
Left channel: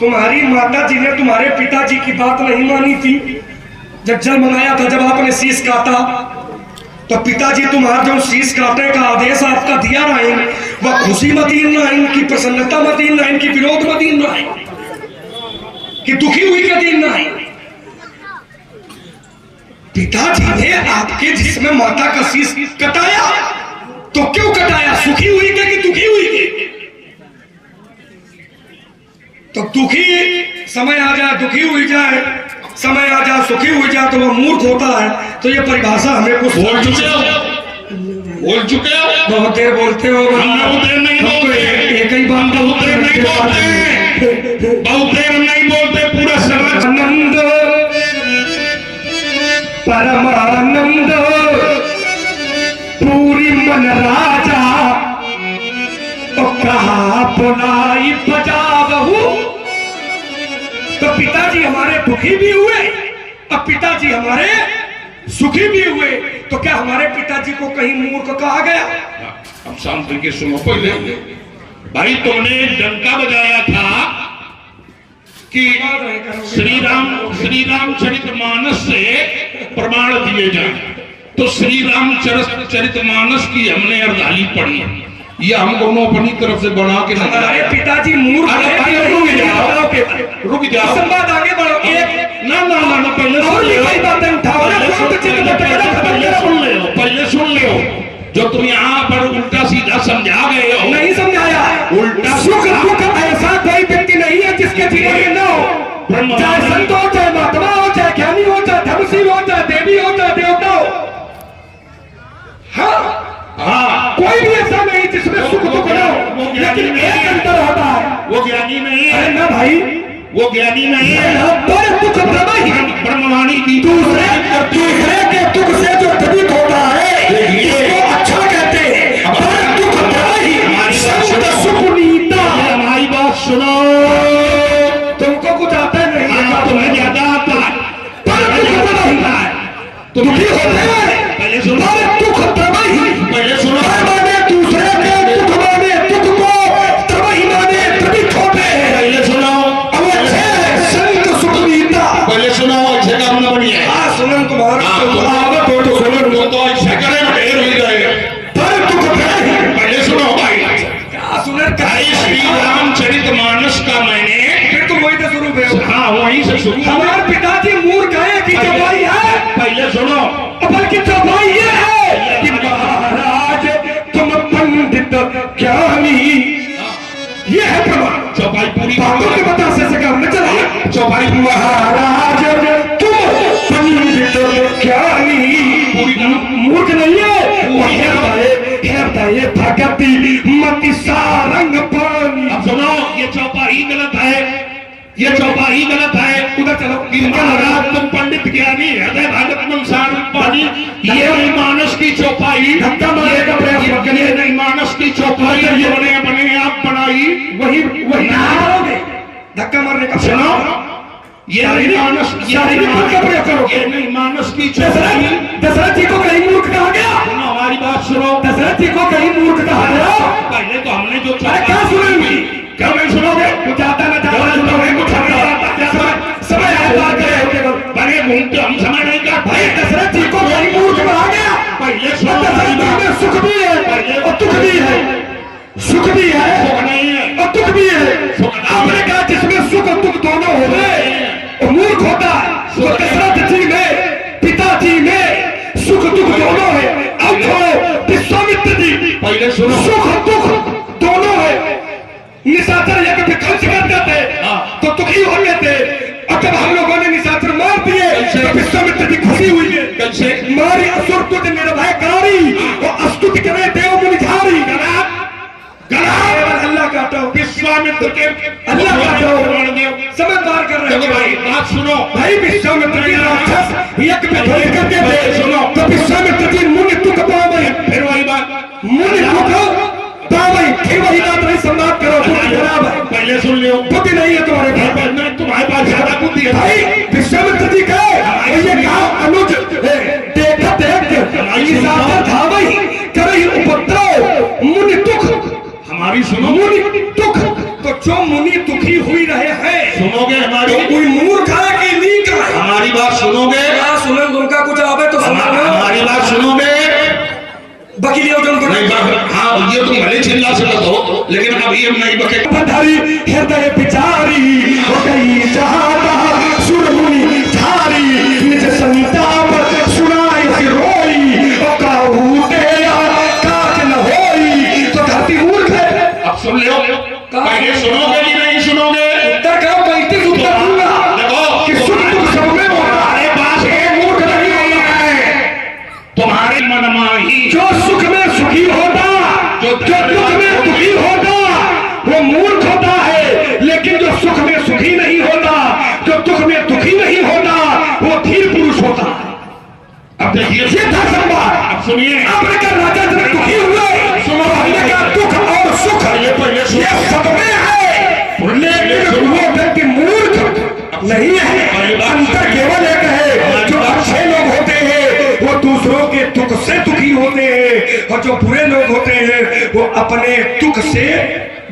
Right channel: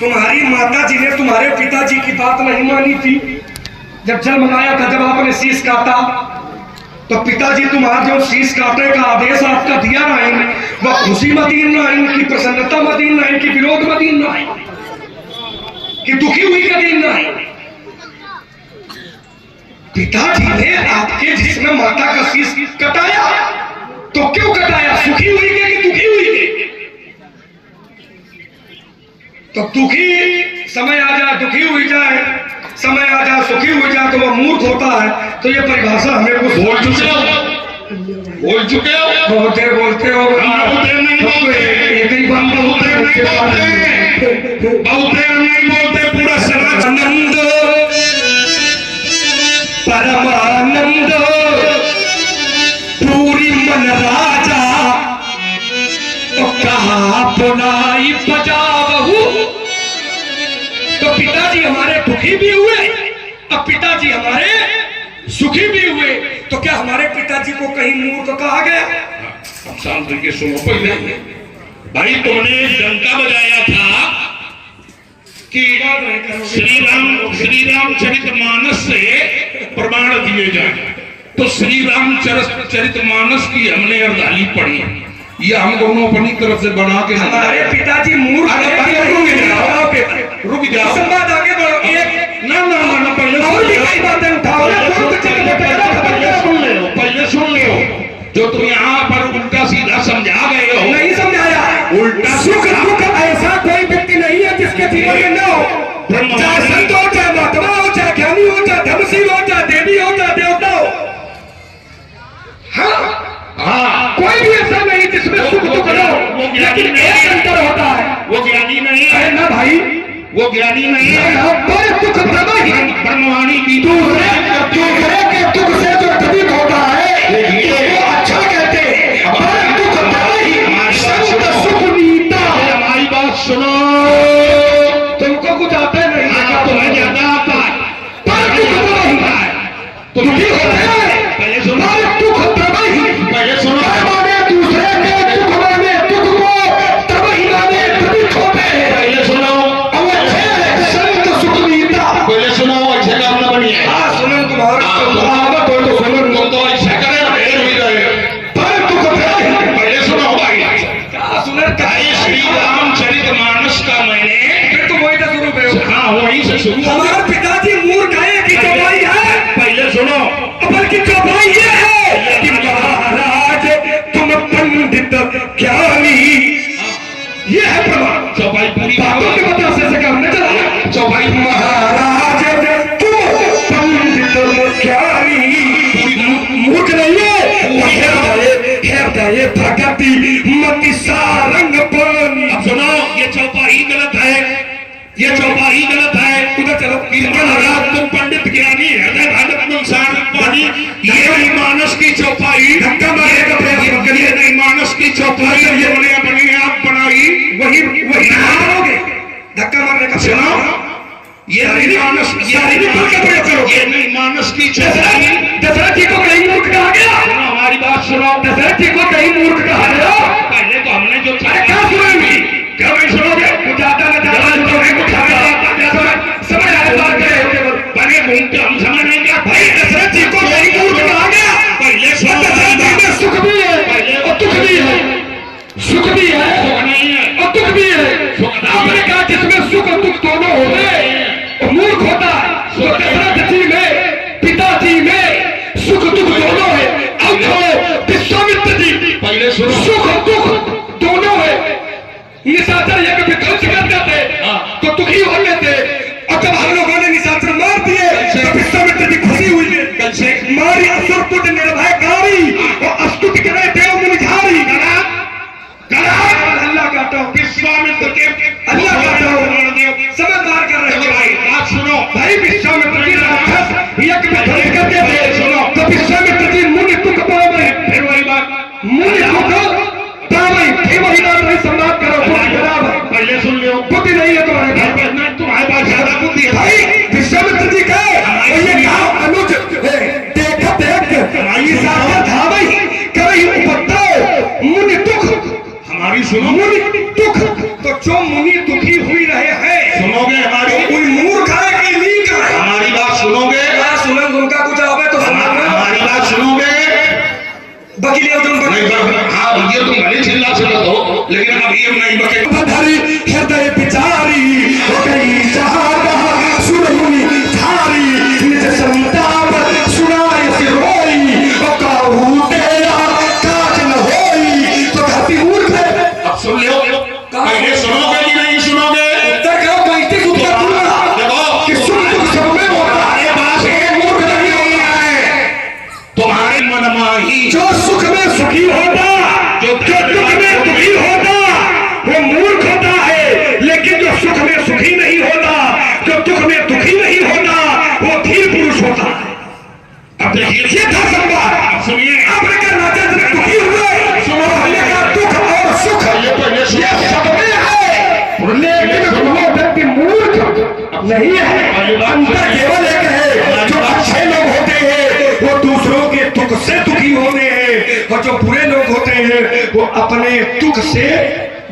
तुम्हारी माता जी ने तुम्हारे पिताजी की बात नहीं मानी थी। जब जल मंगाया था, जब आपने शीश काटा, तो पिताजी तुम्हारा जो शीश काटने का आदेश आपका दिया ना, वह खुशी मदीन ना, इनकी प्रसन्नता मदीन ना, इनकी विरोध मदीन ना, कि दुखी हुई का दिन ना। पिताजी ने आपके जिसमें माता का शीश कटाया, तो क्यों कटाया? सुखी हुई के कि दुखी हुई के? तो दुखी समय आ जाए दुखी हुई जाए, समय आ जाए सुखी हुई जाए, तो वह मूर्ख होता है। तो ये परिभाषा हमें कुछ बोल चुके हो, बोल चुके हो, बहुत देर बोलते हो। बहुत देर नहीं बोलते, एक ही बात बहुत देर नहीं बोलते, बहुत देर नहीं बोलते, पूरा समाज। आनंद परमानंद पूरी मन राजा, कहा पुनाई बजावहु। तो पिताजी हमारे दुखी भी हुए, अब पिताजी हमारे सुखी भी हुए। तो क्या हमारे पिताजी को कहीं मूर्ख कहा गया? अब शांति के सुनो पहले। भाई तुमने डंका बजाया था कि श्री रामचरितमानस से प्रमाण दिए जाए, तो श्री रामचरितमानस की हमने अर्धाली पढ़ी, ये हम दोनों अपनी तरफ से बना के हमारे पिताजी मूर्ख। रुक जाओ, संवाद आगे बढ़ो। एक ना ना ना पहले और भी कई बातें उठाओ, पहले सुन ले। जो तुम यहाँ पर उल्टा सीधा समझा गए हो, नहीं समझाया। उल्टा सुख दुख ऐसा कोई व्यक्ति नहीं है जिसके जीवन में न हो, चाहे संत हो, चाहे महात्मा हो, चाहे ज्ञानी हो, चाहे धर्मशील हो, चाहे देवी हो, चाहे देवता हो। हाँ, कोई भी ऐसा नहीं जिसमें सुख दुख न हो, लेकिन एक अंतर होता है, वो ज्ञानी नहीं है है ना भाई? वो ज्ञानी नहीं है। कोई दुख प्रदाई है, ब्रह्मवाणी की दूसरे के दुख से जो द्रवित होता है ये अच्छा कहते हैं। दुख प्रदाई सुख नीता। हमारी बात सुनो, तुमको कुछ आता नहीं है, तुम्हें ज्यादा आता है। तुम भी होते हैं। पहले सुनो, दुख प्रदाई, पहले सुनो, माने दूसरे के दुख माने दुख को प्रदाई माने द्रवित होते हैं। पहले सुनो, संत सुख नीता। पहले सुनो, ऐसे काम न बनिए। सुनो तुम्हारा तो ऐसा करें ढेर हो जाएगा। पहले सुनो भाई, श्री रामचरितमानस का मैंने हाँ वहीं से शुरू। हमारे पिताजी मूर्ख है कि चौपाई है? पहले सुनो, अपन की चौपाई ये है कि महाराज तुम पंडित ज्ञानी, ये है प्रमाण। चौपाई पूरी बातों के बतासे से काम न चला। चौपाई महाराज तुम पंडित ज्ञानी, मूर्ख नहीं है। हे बताए भगति मति सारंग पान ये चौपाई गलत है, ये चौपाई गलत है। उधर चलो। इनका लगा तुम पंडित ज्ञानी हृदय भगत मंसार पानी, ये नहीं मानस की चौपाई, धक्का मारेगा प्रयास मत करिए। ये नहीं मानस की चौपाई जिन्होंने अपने आप बनाई वही मारोगे धक्का मारने का। सुनो, ये नहीं मानस, ये नहीं मानस की चौपाई। दशरथ जी को कहीं मूर्ख कहा गया? सुनो हमारी बात सुनो, दशरथ जी को कहीं मूर्ख कहा गया? पहले तो हमने जो अरे क्या सुनेंगी? क्या नहीं सुनोगे? कुछ आता न जाता सुनोगे, कुछ समय आए बात करें बड़े घूमते हम समझ नहीं क्या भाई। दशरथ जी को कहीं मूर्ख कहा गया? पहले सुनो, दशरथ जी में सुख भी है और दुख भी है, सुख भी है नहीं है और दुख भी है। आपने कहा जिसमें सुख और दुख दोनों हो गए तो मूर्ख होता है। तो दशरथ जी में, पिताजी में सुख दुख दोनों है। अब छोड़ो विश्वामित्र जी, पहले सुनो, सुख और दुख दोनों है। निशाचर यज्ञ विध्वंस करते थे तो दुखी हो लेते, और जब हम लोगों ने निशाचर मार दिए तो विश्वामित्र जी खुशी हुई है। कैसे? मारी असुर तुझ निर्भयकारी और अस्तुति करे देव मुनिझारी। अल्लाह का हटाओ, विश्वामित्र के अल्लाह का हटाओ, समय पार कर रहे हैं। भाई बात सुनो, भाई विश्वामित्र जी राक्षस यज्ञ विध्वंस करते थे। सुनो, तो विश्वामित्र जी मुनि तुक पावे, फिर वही बात, मुनि तुक पावे, फिर वही बात नहीं संवाद करो, बुद्धि खराब है। पहले सुन लियो, बुद्धि नहीं है तुम्हारे घर पर, मैं तुम्हारे पास ज्यादा बुद्धि है भाई। विश्वामित्र जी का ये कहा अनुज देखत निशाचर धावई करई उपद्रव मुनि दुख। हमारी सुनो, मुनि दुख, तो जो मुनि दुखी हुई रहे हैं, सुनोगे हमारी, कोई मूर्ख है कि नहीं का है? हमारी बात सुनोगे, सुनन उनका कुछ आवे तो हमारी बात सुनोगे। बकीलियों तुम नहीं हाँ, ये तुम भले चिल्ला सकते हो, लेकिन अभी हम नहीं बके। धारी हृदय बिचारी हो गई जहां सुर मुनि झारी, निज संताप सुनाई सी रोई और काहू तेरा काज न होई। तो धरती मूर्ख है। अब सुन लो, पहले सुनोगे कि नहीं सुनोगे? उत्तर का वैदिक उत्तर दूंगा देखो कि सुख दुख सब में होता है। पास एक मूर्ख नहीं है तुम्हारे मनमाही, जो सुख में सुखी होता, जो दुख में दुखी होता वो मूर्ख होता है। लेकिन जो सुख में सुखी नहीं होता, जो दुख में दुखी नहीं होता वो धीर पुरुष होता है। अब देखिए ये था संवाद। अब सुनिए, आपने कहा राजा जब दुखी हुए, सुनो, हमने कहा दुख और सुख ये सब में है, लेकिन वो व्यक्ति मूर्ख नहीं है। अंतर केवल एक है, जो अच्छे लोग होते हैं वो दूसरों के दुख से दुखी होते हैं, और जो बुरे लोग होते हैं वो अपने दुख से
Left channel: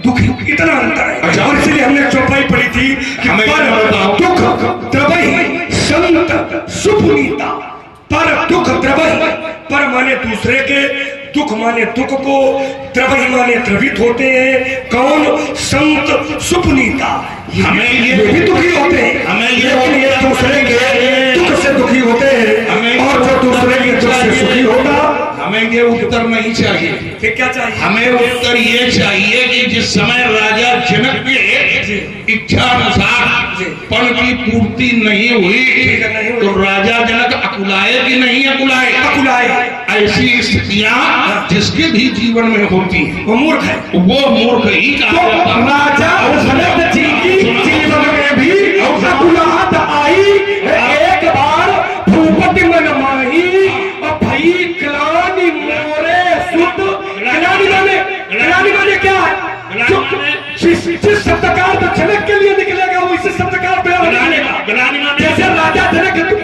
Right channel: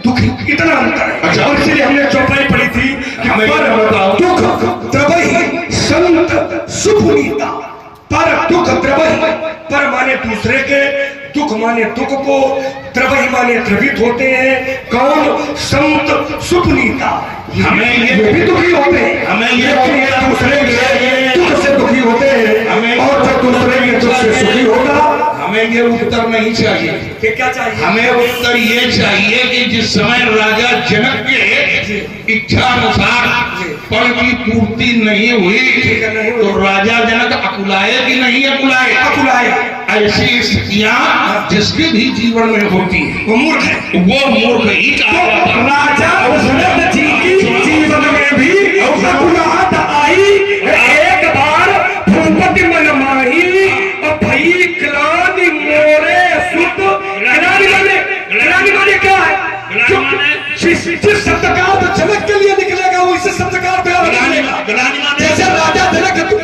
दुखी। इतना अंतर है। और इसलिए हमने चौपाई पढ़ी थी कि पर दुख द्रवई संत सुपुनीता। पर दुख द्रवई, पर माने दूसरे के, दुख माने दुख को, द्रवई माने द्रवित होते हैं। कौन? संत सुपुनीता। हमें ये भी दुखी होते हैं, हमें ये दूसरे के दुख से दुखी होते हैं, और जो दूसरे के दुख से सुखी होगा। हमें ये उत्तर नहीं चाहिए। फिर क्या चाहिए? हमें उत्तर ये चाहिए कि जिस समय राजा जनक के इच्छा अनुसार फल की पूर्ति नहीं हुई तो राजा जनक अकुलाए कि नहीं अकुलाए? अकुलाए। ऐसी स्थितियां जिसके भी जीवन में होती है वो मूर्ख है। वो मूर्ख ही कहा जाता है। राजा दशरथ जी की जीवन में भी अकुलाहट आई। एक बार भूपति मन माही और भई ग्लानि मोरे सुत। ग्लानि माने क्या है? जिस शब्द का अर्थ जनक के लिए निकलेगा वो इसी शब्द का अर्थ जैसे राजा जनक दुख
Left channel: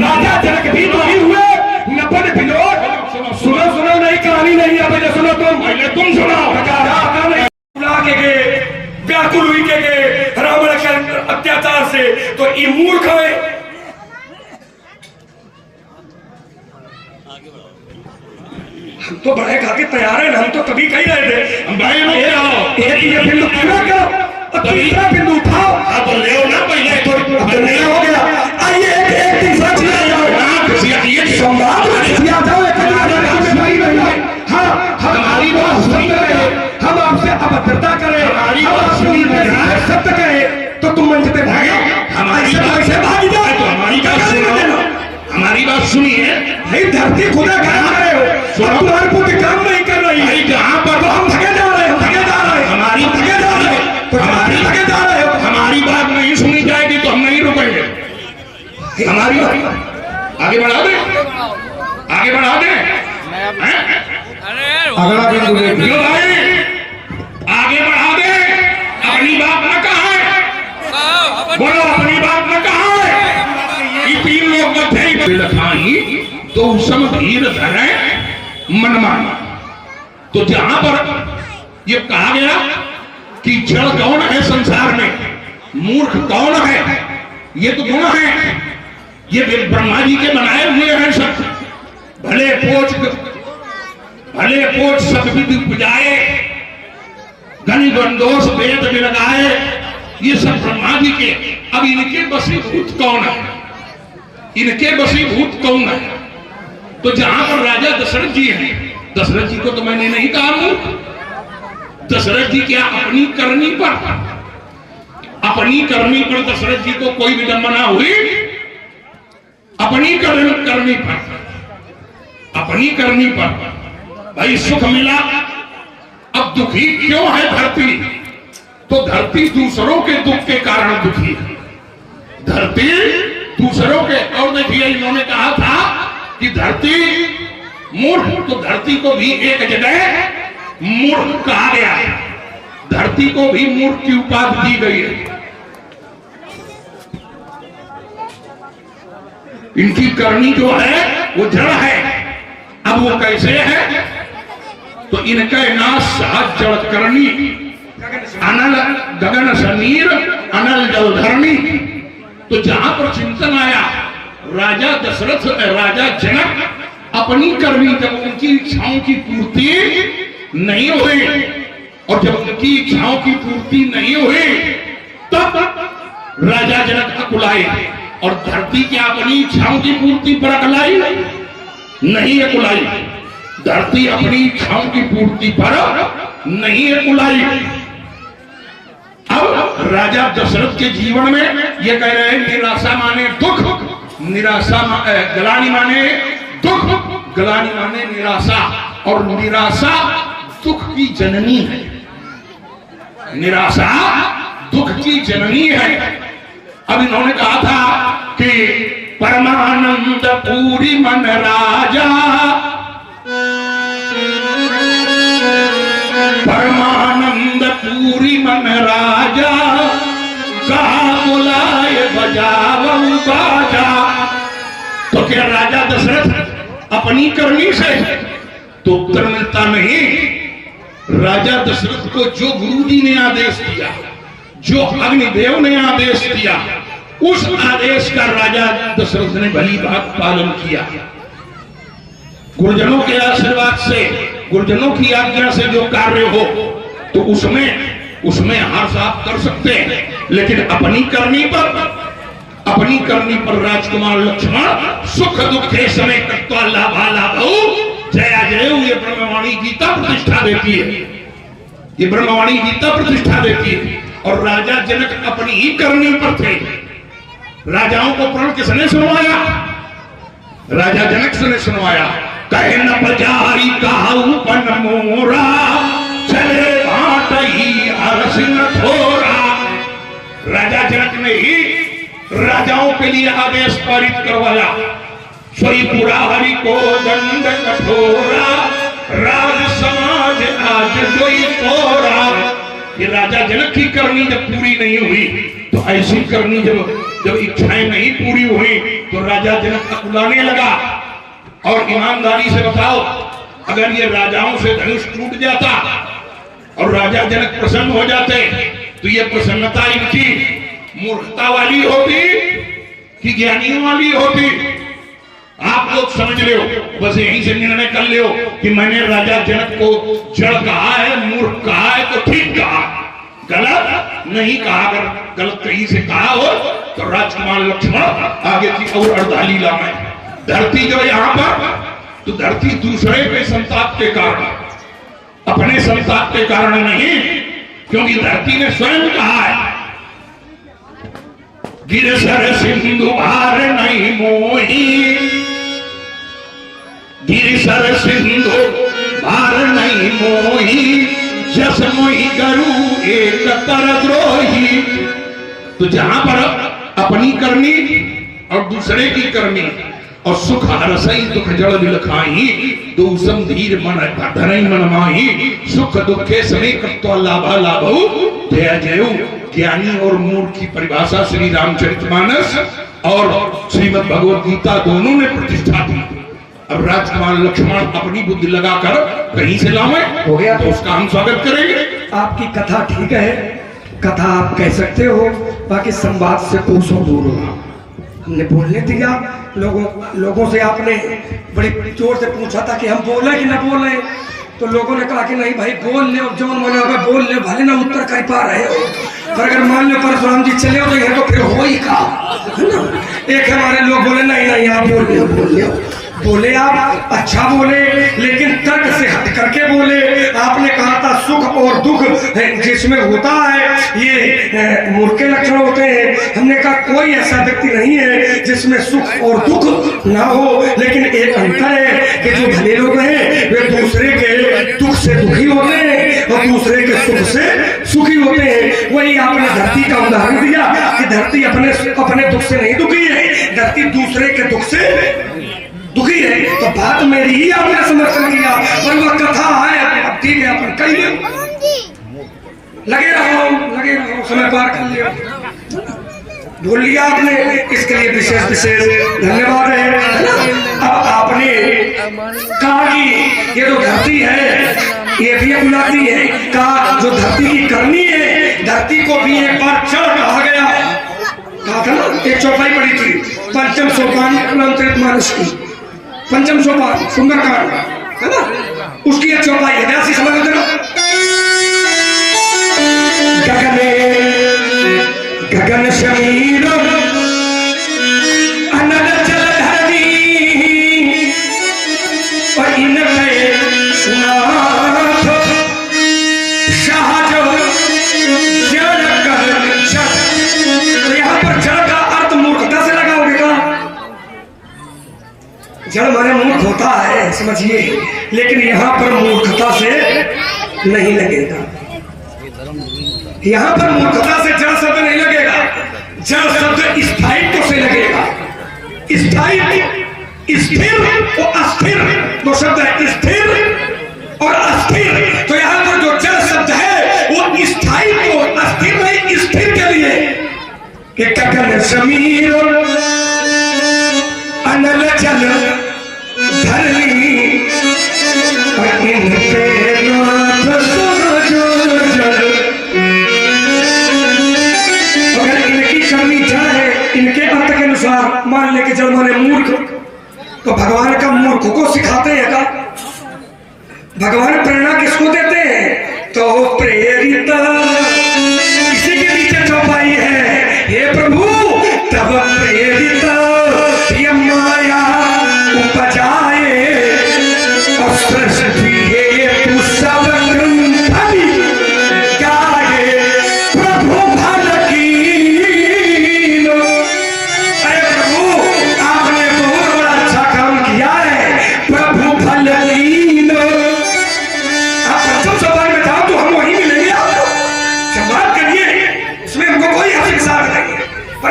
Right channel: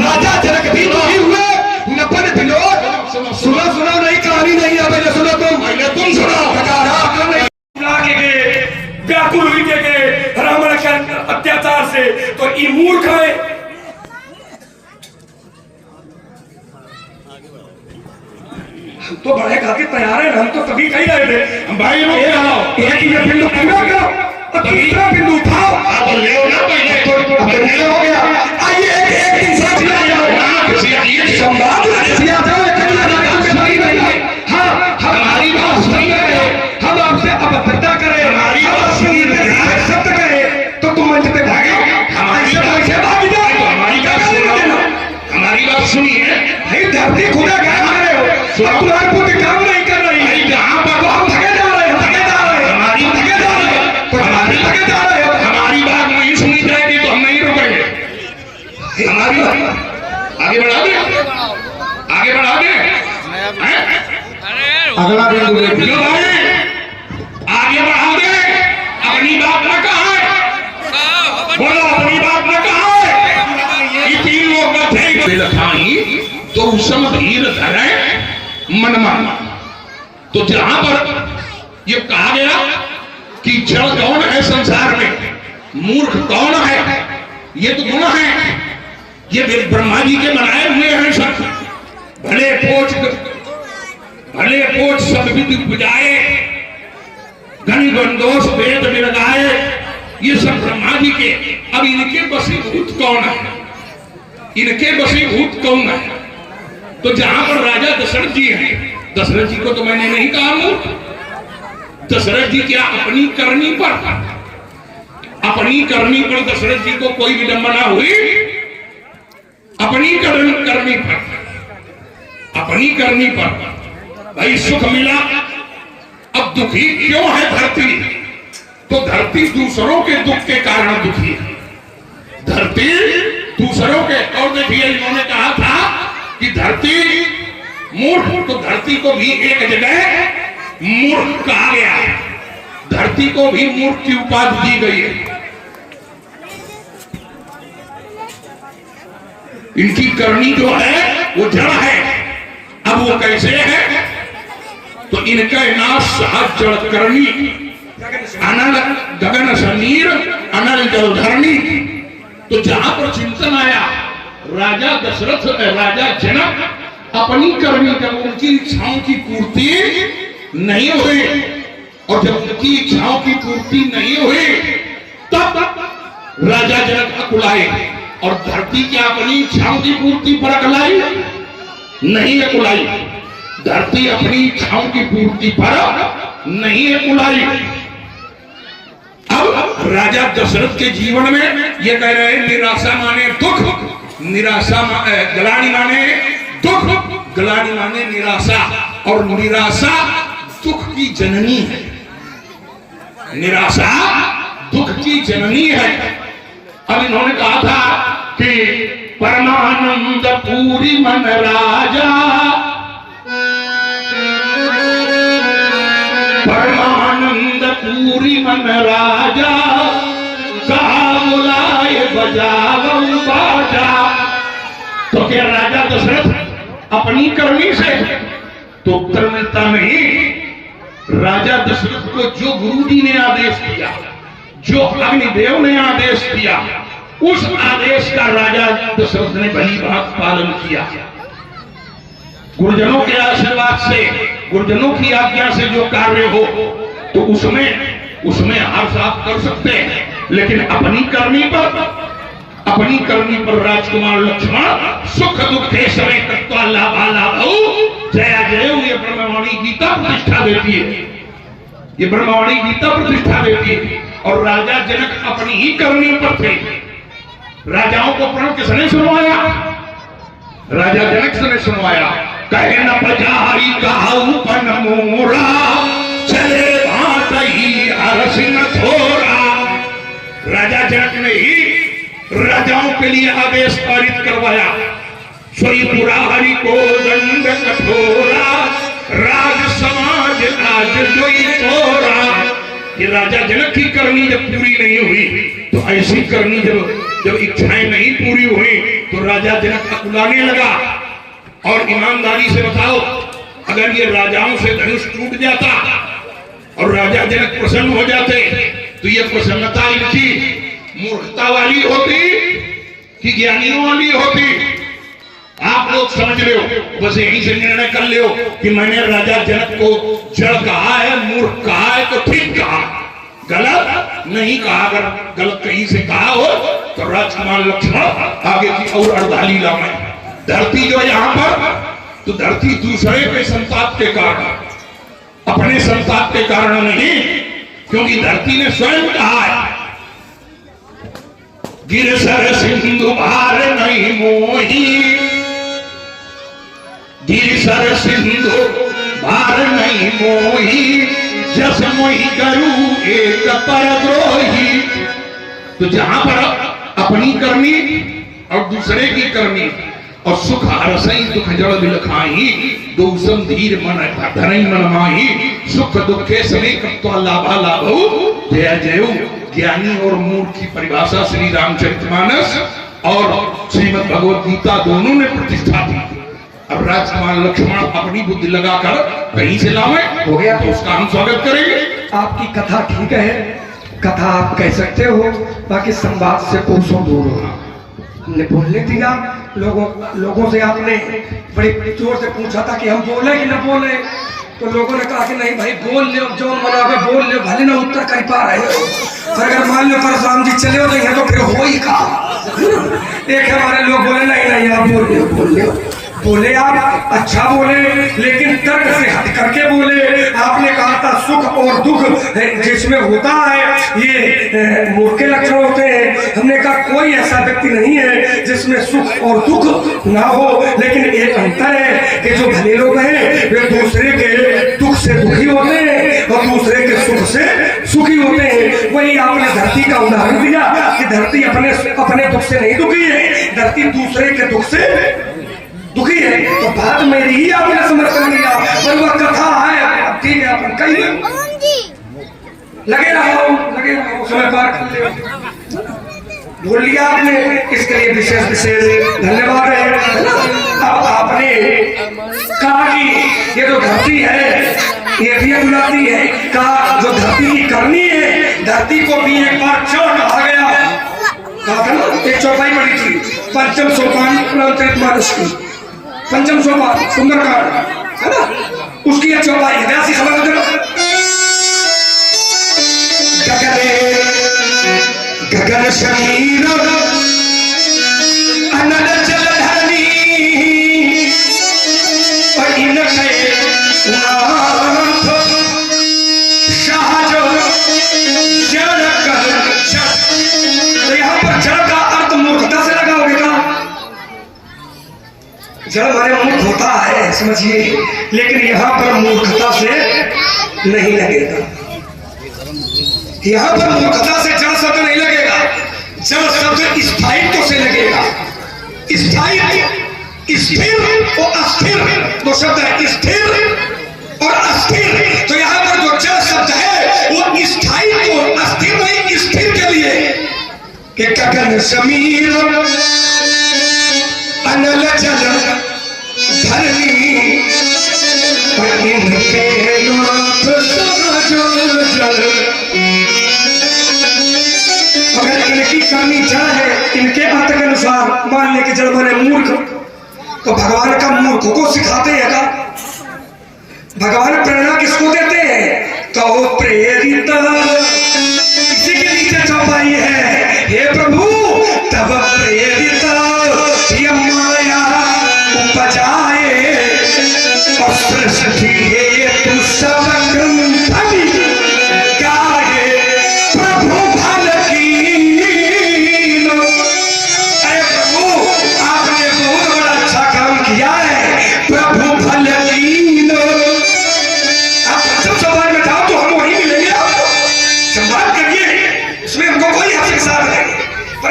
राजा जनक भी दुखी हुए, नपन बिलोर। सुनो नहीं, कहानी नहीं है पहले सुनो, तुम सुनो। व्याकुल हुई के रावण के अत्याचार से, तो ये मूर्ख है। तो बड़े खातिर तैयार है, हम तो तभी कह रहे थे भाई लोग एक ये बिंदु पूरा करो तो तीसरा बिंदु उठाओ। आप ले हो ना पहले हो गया। आइए एक तीसरा संवाद हाँ, हमारी बात सुन रहे हैं, हम आपसे अभद्रता करें, हमारी बात सुन रहे हैं, सत्य कहें तो तुम मंच पे भागे। हमारी बात से भाग जाए तो हमारी बात सुनो, हमारी बात सुनिए। भाई धरती खुदा कह रहे हो, तुम्हारी बुद्धि काम नहीं कर रही है। जहाँ पर हम भगे जा रहे हैं, धीर धरे मन माना। तो जहां पर ये कहा गया कि जड़ कौन है संसार में, मूर्ख कौन है, ये तो गुण है, ये ब्रह्मा जी के बनाए हुए हैं सब। भले पोच सब विधि बुझाए, गण गंदोष वेद विरगाए, ये सब ब्रह्मा जी के। अब इनके वशीभूत कौन है, इनके वशीभूत कौन है? तो जहां पर राजा दशरथ जी हैं, दशरथ जी को तो मैंने नहीं कहा मूर्ख। दशरथ जी क्या अपनी करनी पर दशरथ जी को कोई विडंबना हुई? अपनी करनी पर भाई सुख मिला। अब दुखी क्यों है धरती? तो धरती दूसरों के दुख के कारण दुखी है, धरती दूसरों के। और देखिए इन्होंने कहा था कि धरती मूर्ख, तो धरती को भी एक जगह मूर्ख कहा गया, धरती को भी मूर्ख की उपाधि दी गई है। इनकी करनी जो है वो जड़ है। अब वो कैसे है? तो इनके नाश सहज जड़ करनी, अनल गगन समीर अनल जलधरणी। तो जहां पर चिंतन आया, राजा दशरथ राजा जनक अपनी करनी, जब उनकी इच्छाओं की पूर्ति नहीं हुई, और जब उनकी इच्छाओं की पूर्ति नहीं हुई, तब राजा जनक अकुलाए। और धरती क्या अपनी इच्छाओं की पूर्ति पर अकुलाई? नहीं अकुलाई। धरती अपनी इच्छाओं की पूर्ति पर नहीं अकुलाई। अब राजा दशरथ के जीवन में ये कह रहे हैं, निराशा माने दुख, निराशा ग्लानि माने दुख, ग्लानि माने निराशा। और निराशा दुख की जननी है, निराशा दुख की जननी है। अब इन्होंने कहा था कि परमानंद पूरी मन राजा, परमानंद पूरी मन राजा, कहा बुलाए बजावऊ बाजा। तो क्या राजा दशरथ अपनी करनी से? तो उत्तर मिलता नहीं। राजा दशरथ को जो गुरु जी ने आदेश दिया, जो अग्निदेव ने आदेश किया, उस आदेश का राजा दशरथ ने भली बात पालन किया। गुरुजनों के आशीर्वाद से, गुरुजनों की आज्ञा से जो कार्य हो तो उसमें हर्ष आप कर सकते हैं। लेकिन अपनी करनी पर राजकुमार लक्ष्मण सुख दुखे समय तत्वा लाभा लाभौ जया जय, ये ब्रह्मवाणी गीता प्रतिष्ठा देती है, ये ब्रह्मवाणी गीता प्रतिष्ठा देती है। और राजा जनक अपनी ही करनी पर थे। राजाओं को प्रण किसने सुनवाया? राजा जनक से ने सुनवाया। कहे न बजारी कहूं पन मोरा, चले भाट ही अरस न थोरा। राजा जनक ने ही राजाओं के लिए आदेश पारित करवाया। सोई पुरा हरि को दंड कठोरा, राज समाज आज जोई तोरा। ये राजा जनक की करनी जब पूरी नहीं हुई, तो ऐसी करनी जब इच्छाएं नहीं पूरी हुई, तो राजा जनक अकुलाने लगा। और ईमानदारी से बताओ, अगर ये राजाओं से धनुष टूट जाता और राजा जनक प्रसन्न हो जाते, तो ये प्रसन्नता इनकी मूर्खता वाली होती कि ज्ञानियों वाली होती? आप लोग समझ लो, बस यहीं से निर्णय कर लो कि मैंने राजा जनक को जड़ कहा है, मूर्ख कहा है, तो ठीक कहा, गलत नहीं कहा। अगर गलत कहीं से कहा हो तो राजकुमार लक्ष्मण आगे की और अर्धालीला में। धरती जो यहाँ पर, तो धरती दूसरे के संताप के कारण, अपने संताप के कारण नहीं, क्योंकि धरती ने स्वयं कहा है, गिर सर सिंधु भार नहीं मोही, गिर सर सिंधु भार नहीं मोही, जस मोही करूं एक परद्रोही। तो जहां पर अपनी करनी और दूसरे की करनी, और सुख हरसई दुख जड़ दिलखाई, दूसम धीर मन धरई मन माही, सुख दुखे सनेक तो लाभा लाभौ जय जयऊ। ज्ञानी और मूर्ख की परिभाषा श्री रामचरितमानस और श्रीमद् भगवद गीता दोनों ने प्रतिष्ठा दी। अब राजकुमार लक्ष्मण अपनी बुद्धि लगाकर कहीं से लावे, हो गया तो उसका हम स्वागत करेंगे। आपकी कथा ठीक है, कथा आप कह सकते हो, बाकी संवाद से कोसों दूर हो। हमने बोलने दिया, लोगों से आपने बड़े जोर से पूछा था कि हम बोले कि न बोले, तो लोगों ने कहा कि नहीं भाई बोल ले, जो मना हुआ बोल ले, भले ना उत्तर कर पा रहे हो, पर अगर मान लो परशुराम जी चले हो तो फिर हो ही कहा। एक हमारे लोग बोले नहीं नहीं आप बोल ले बोले आप अच्छा बोले, लेकिन तर्क से हट करके बोले। आपने कहा था सुख और दुख जिसमें होता है ये मूर्ख के लक्षण होते हैं। हमने कहा कोई ऐसा व्यक्ति नहीं है जिसमें सुख और दुख ना हो, लेकिन एक अंतर है कि जो भले लोग हैं वे दूसरे के दुख से दुखी होते हैं और दूसरे के सुख से सुखी होते हैं। वही आपने धरती का उदाहरण दिया कि धरती अपने दुख से नहीं दुखी है, धरती दूसरे के दुख से दुखी है। तो बात मेरी ही आपने समर्थन किया, और वह कथा है ठीक है, अपन कहिए लगे रहो समय पार कर लिया, बोल लिया आपने, इसके लिए विशेष धन्यवाद है। अब आपने कहा कि ये जो धरती है ये भी बुलाती है, कहा जो धरती की करनी है, धरती को भी एक बार चढ़ कहा गया, कहा था ना, एक चौपाई पड़ी थी, पंचम सोपान मानुष की, पंचम सोपान सुंदरकांड है ना, उसकी एक चौपाई है, ऐसी समझ लो। गगन शरीर अनल जल धरनी और इनके नाथ शाहज जड़ कर जड़। तो यहाँ पर जड़ का अर्थ मूर्खता से लगाओगे का? जड़ माने मूर्ख होता है समझिए, लेकिन यहाँ पर मूर्खता से नहीं लगेगा, यहाँ पर मूर्खता से जड़ शब्द नहीं लगेगा, जड़ शब्द स्थायित्व से लगेगा। स्थायित्व स्थिर और अस्थिर दो शब्द है, स्थिर और अस्थिर। तो यहाँ पर जो जड़ शब्द है वो स्थायित्व और अस्थिर नहीं, स्थिर के लिए कि गगन समीर अनल जल धरनी अगर इनकी करनी चाहे इनके अर्थ के अनुसार, मान ले कि जब माने मूर्ख, तो भगवान का मूर्ख को सिखाते हैं का? भगवान प्रेरणा किसको देते हैं? तो प्रेरित इसी के नीचे चौपाई है, हे प्रभु तब प्रेरित माया उपजाए और सृष्टि तू सब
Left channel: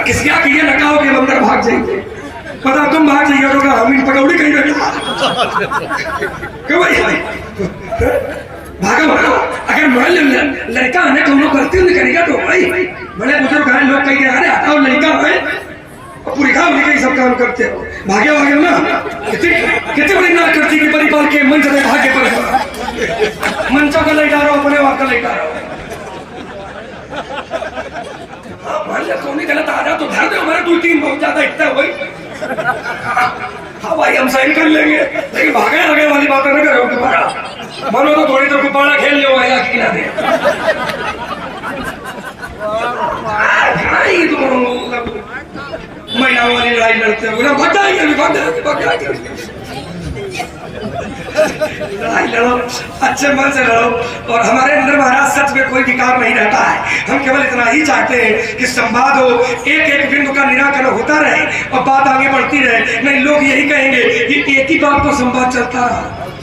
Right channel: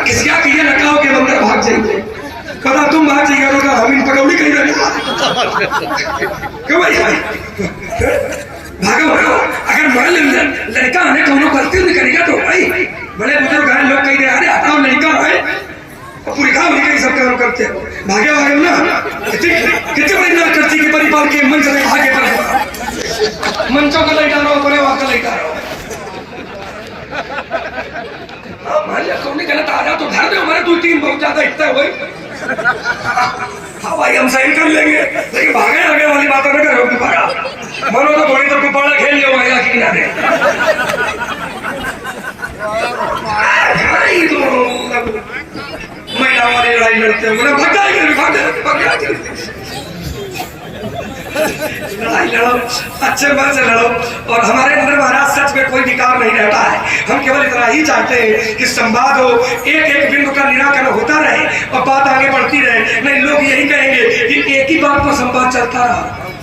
किसी के ये लगाओगे अंदर भाग जाएंगे, पता तुम भाग जाइए तो हम इन पकौड़ी कहीं रखा क्यों भाई भागो भागो। अगर मान लो लड़का है कौनो गलती नहीं करेगा तो भाई बड़े बुजुर्ग हैं लोग कहीं अरे हटाओ लड़का है पूरी काम लेके सब काम करते हो, भागे भागे ना कितने बड़ी नाक करती कि परिवार के मंच से भागे पर मंचों को लेटा रहा हूँ, अपने वहां का लेटा रहा हूँ। मान लिया कौन गलत आ जा तो धर दे, हमारे 2-3 बहुत ज्यादा इतना हो गई। हाँ भाई हम साइन कर लेंगे, लेकिन भागे आगे वाली बात ना करो दोबारा, मानो तो थोड़ी देर गुब्बारा खेल लियो महिला के किनारे। महिला वाली लड़ाई लड़ते हो ना, लड़ो अच्छे मन से लड़ो। और हमारे अंदर महाराज सच में कोई विकार नहीं रहता है, हम केवल इतना ही चाहते हैं कि संवाद हो, एक बिंदु का निराकरण होता रहे और बात आगे बढ़ती रहे। नहीं लोग यही कहेंगे कि एक ही बात पर संवाद चलता रहा,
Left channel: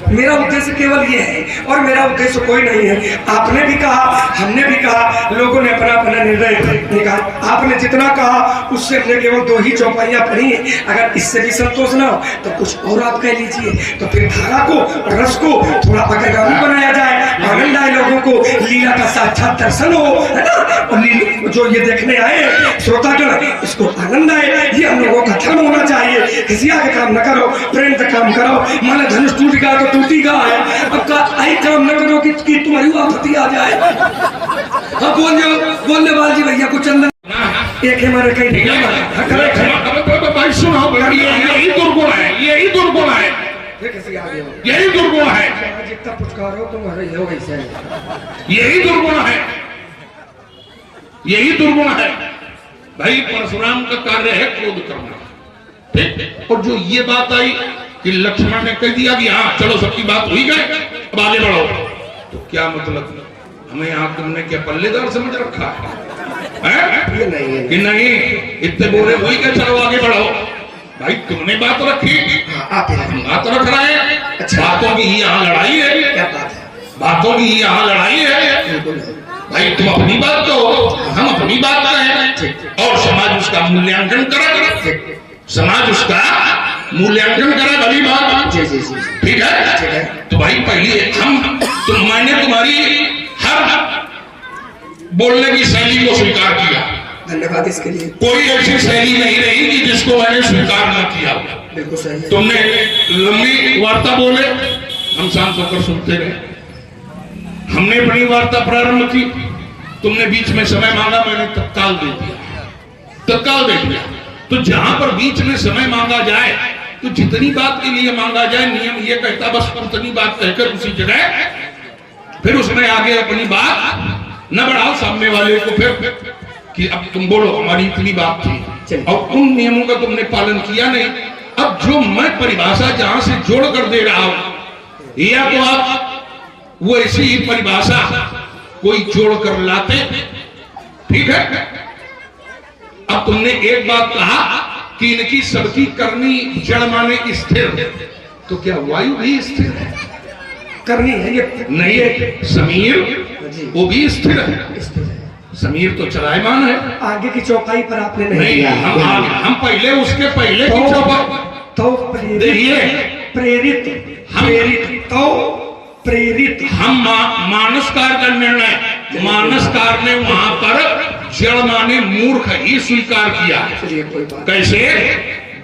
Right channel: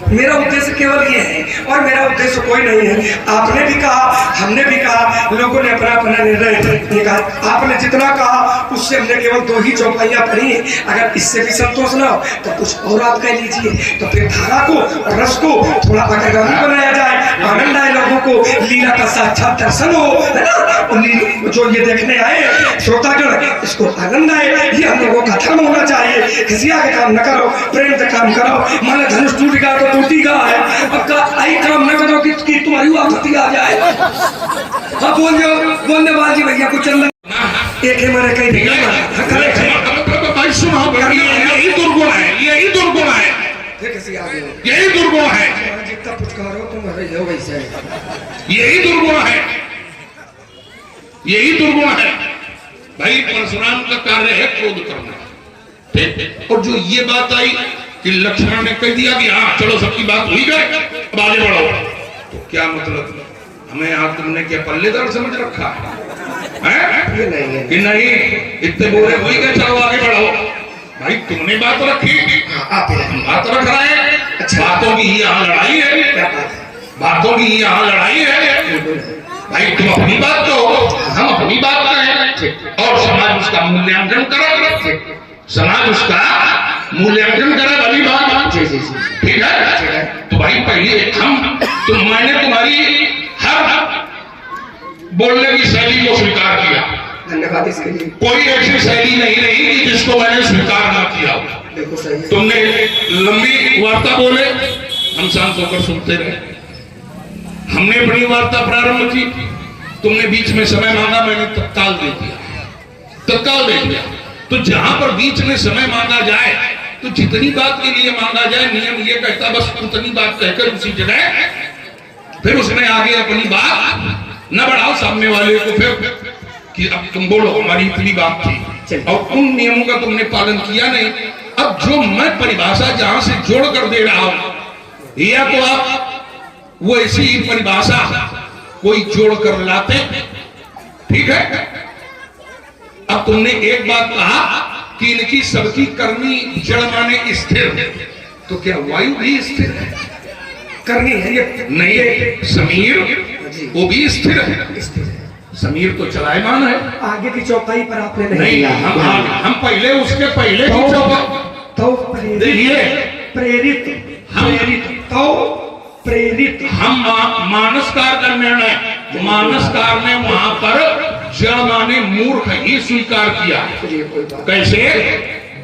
मेरा उद्देश्य केवल ये है और मेरा उद्देश्य कोई नहीं है। आपने भी कहा, हमने भी कहा, लोगों ने अपना अपना निर्णय निकाला। आपने जितना कहा उससे हमने केवल 2 ही चौपाइयां पढ़ी हैं। अगर इससे भी संतोष ना हो तो कुछ और आप कह लीजिए, तो फिर धारा को, रस को थोड़ा पकड़गामी बनाया जाए, आनंद आए लोगों को, लीला का साक्षात दर्शन हो, है ना। जो ये देखने आए श्रोता जो है इसको आनंद आए, ये हम लोगों का धर्म होना चाहिए। खिसिया के काम न करो, प्रेम का काम करो। माने धनुष टूट गया तो टूटी गया है, अब का आई काम न करो कि तुम्हारी आपत्ति आ जाए। हाँ बोलने वाली भैया कुछ एक है मेरे कहीं भाई सुनो, यही दुर्गुण है, यही दुर्गुण है, यही दुर्गुण है, जितना पुचकारो तुम हो वैसे यही दुर्गुण है, यही दुर्गुण है। भाई परशुराम का कार्य है क्रोध करना, ठीक। और जो ये बात आई कि लक्ष्मण ने कह दिया कि हाँ चलो सबकी बात हुई गए, अब आगे बढ़ो, तो क्या मतलब हमें यहाँ तुमने क्या पल्लेदार समझ रखा है? ये नहीं है कि नहीं इतने बोले हुई गए, चलो आगे बढ़ो। भाई तुमने बात रखी, हम बात रख रहे हैं। अच्छा, बातों की यहाँ लड़ाई है, बातों की यहाँ लड़ाई है। भाई तुम अपनी बात कहो, हम अपनी बात कहें, और समाज उसका मूल्यांकन करे, समाज उसका मूल्यांकन करे, भली बात, ठीक है। तो भाई पहले मैंने तुम्हारी हर बोलने की शैली को स्वीकार किया, धन्यवाद इसके लिए। कोई ऐसी शैली नहीं रही कि जिसको मैंने स्वीकार ना किया। बिल्कुल सही। तुमने लंबी वार्ता बोले, हम शांत होकर सुनते रहे। हमने अपनी वार्ता प्रारंभ की, तुमने बीच में समय मांगा, मैंने तत्काल दे दिया, तत्काल दे दिया। तो जहां पर बीच में समय मांगा जाए तो जितनी बात के लिए मांगा जाए, नियम ये कहता बस उतनी बात कहकर उसी जगह फिर उसमें आगे अपनी बात न बढ़ाओ सामने वाले को, फिर कि अब तुम बोलो हमारी इतनी बात थी और उन नियमों का तुमने पालन किया नहीं। अब जो मैं परिभाषा जहां से जोड़ कर दे रहा हूं, या तो आप वो ऐसी ही परिभाषा कोई जोड़ कर लाते, ठीक है। अब तुमने एक बात कहा कि इनकी सबकी करनी जड़ माने स्थिर, तो क्या वायु भी स्थिर है? करनी है ये नहीं है, समीर वो भी स्थिर है, समीर तो चलायमान है। आगे की चौपाई पर आपने नहीं, हम पहले उसके पहले की चौपाई तो प्रेरित हम मानसकार का निर्णय, मानसकार ने वहां पर जड़ माने मूर्ख ही स्वीकार किया। कैसे?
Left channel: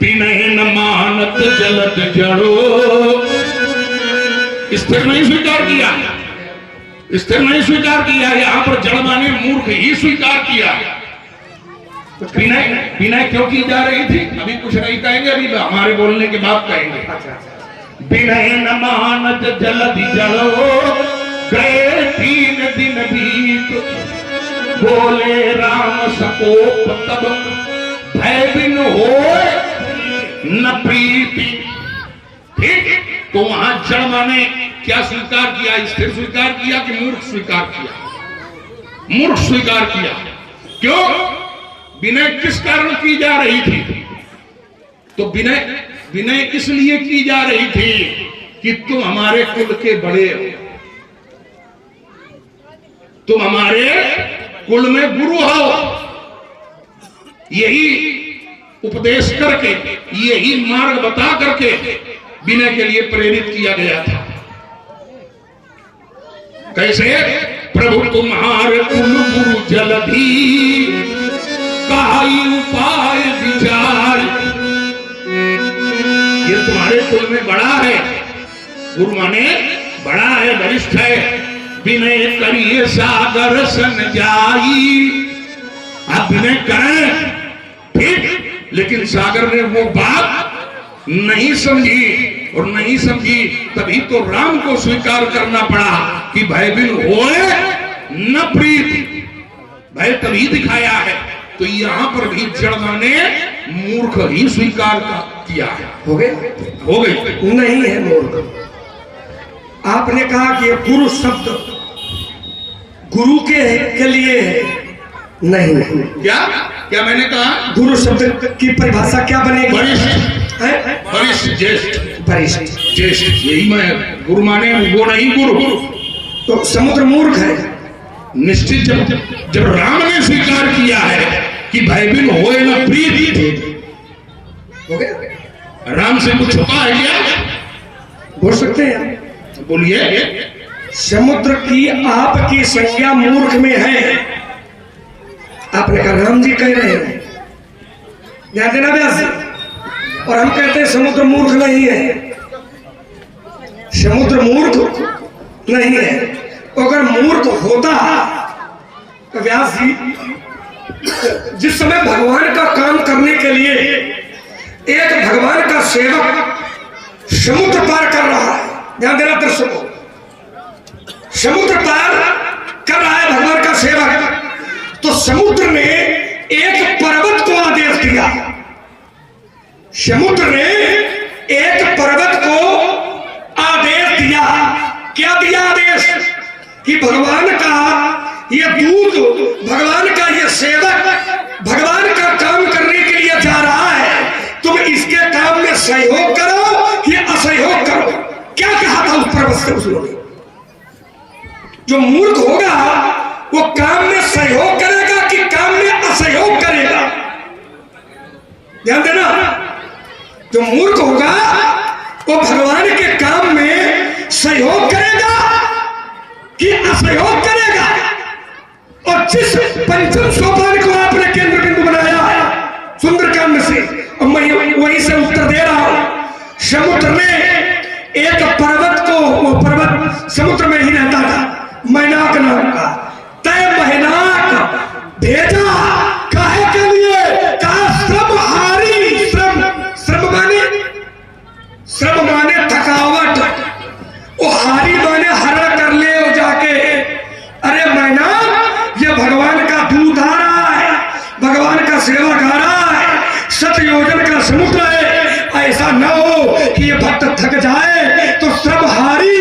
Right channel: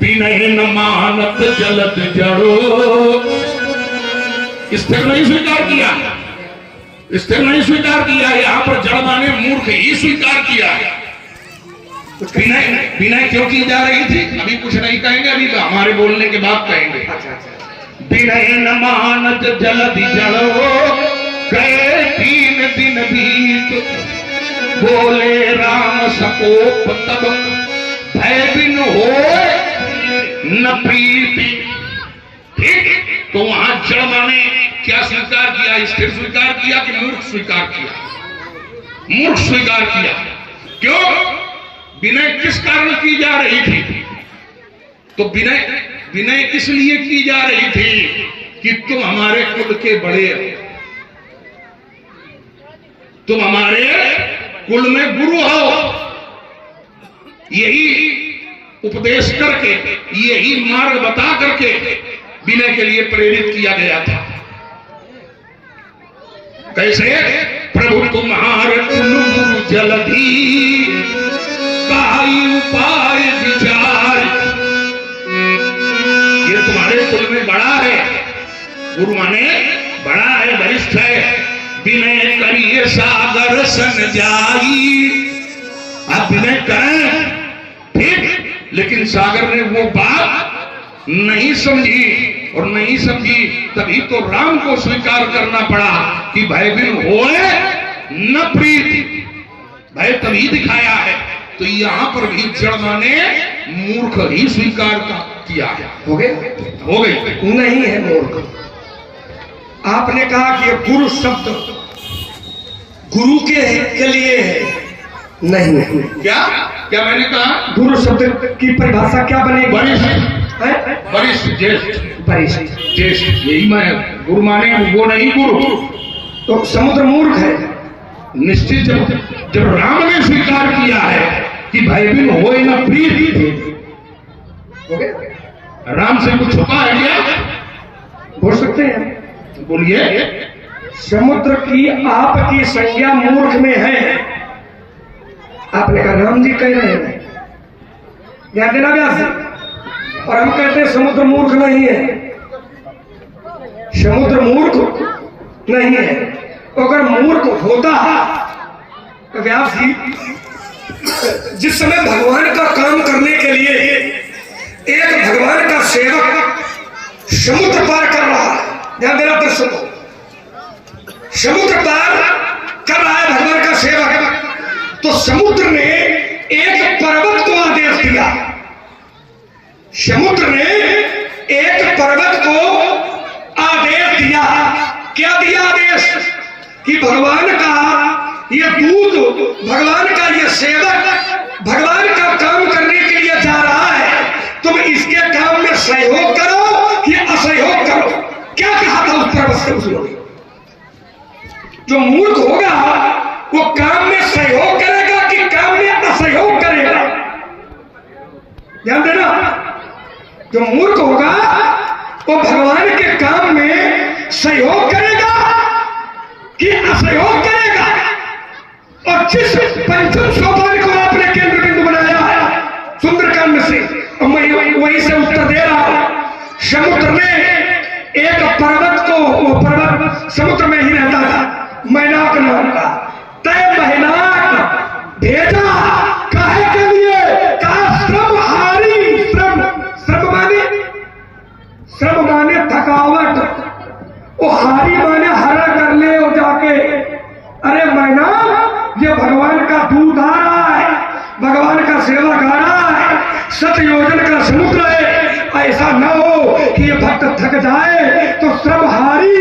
विनय न मानत जलद जड़ो, स्थिर नहीं स्वीकार किया, स्थिर नहीं स्वीकार किया। यहाँ पर जड़ माने मूर्ख ही स्वीकार किया। विनय विनय क्यों की जा रही थी अभी कुछ नहीं कहेंगे, अभी हमारे बोलने के बाद कहेंगे। विनय न मानत जलधि जड़ो, गए 3 दिन बीत, बोले राम सकोप तब, भय बिन होए न प्रीति। ठीक, तो वहां जड़ माने क्या स्वीकार किया? स्थिर स्वीकार किया कि मूर्ख स्वीकार किया? मूर्ख स्वीकार किया। क्यों? विनय किस कारण की जा रही थी? तो विनय इसलिए की जा रही थी कि तुम हमारे कुल के बड़े हो, तुम हमारे कुल में गुरु हो। यही उपदेश करके, यही मार्ग बता करके विनय के लिए प्रेरित किया गया था। कैसे? प्रभु तुम्हारे कुल गुरु जलधि, काई उपाय विचार। ये तुम्हारे कुल में बड़ा है, गुरु माने बड़ा है, वरिष्ठ है। विनय करिए सागर सन जाई। आप विनय करें, ठीक, लेकिन सागर ने वो बात नहीं समझी, और नहीं समझी तभी तो राम को स्वीकार करना पड़ा कि भय बिन होए न प्रीति। भय तभी दिखाया है। तो यहां पर भी जड़ माने मूर्ख ही स्वीकार किया है। हो गया? हो गई? नहीं है मूर्ख। आपने कहा कि गुरु शब्द गुरु के लिए है। नहीं, क्या मैंने कहा? गुरु शब्द की परिभाषा क्या बनेगी? वरिष्ठ, वरिष्ठ, ज्येष्ठ। परिष्ट। ज्येष्ठ, यही मैं गुरु माने, वो नहीं गुरु। तो समुद्र मूर्ख है। निश्चित जब राम ने स्वीकार किया है कि भाई बिन होए ना प्रीत, हो गया? राम से कुछ छुपा है क्या? बोल सकते हैं? बोलिए। समुद्र की आपकी संज्ञा मूर्ख में है। आपने कहा राम जी कह रहे हैं, ध्यान देना व्यास जी। और हम कहते हैं समुद्र मूर्ख नहीं है। समुद्र मूर्ख नहीं है। तो अगर मूर्ख होता तो व्यास जी, जिस समय भगवान का काम करने के लिए एक भगवान का सेवक समुद्र पार कर रहा है, ध्यान देना दर्शकों, समुद्र पार कर रहा है भगवान का सेवक, तो समुद्र ने एक पर्वत को आदेश दिया। समुद्र ने एक पर्वत को आदेश दिया। क्या दिया आदेश? कि भगवान का ये दूत, भगवान का ये सेवक भगवान का काम करने के लिए जा रहा है, तुम इसके काम में सहयोग करो या असहयोग करो। क्या कहा था उस पर्वत से उसने? जो मूर्ख होगा वो काम में सहयोग करेगा कि काम में असहयोग करेगा? ध्यान देना, जो मूर्ख होगा वो भगवान के काम में सहयोग करेगा कि असहयोग करेगा। और जिस पंचम सोपान को आपने केंद्र बिंदु बनाया सुंदरकांड से, और मैं वहीं से उत्तर दे रहा हूं। समुद्र ने एक पर्वत को, वो पर्वत समुद्र में ही रहता था, मैनाक नाम का, तय मैनाक भेजा काहे के लिए? कहा श्रम हारी। श्रम माने थकावट, वो हारी माने हरा कर ले हो जाके। अरे मैनाक, ये भगवान का दूत आ रहा है, भगवान का सेवक आ रहा है, 7 योजन का समुद्र है। ऐसा न हो कि ये भक्त थक जाए तो श्रम हारी,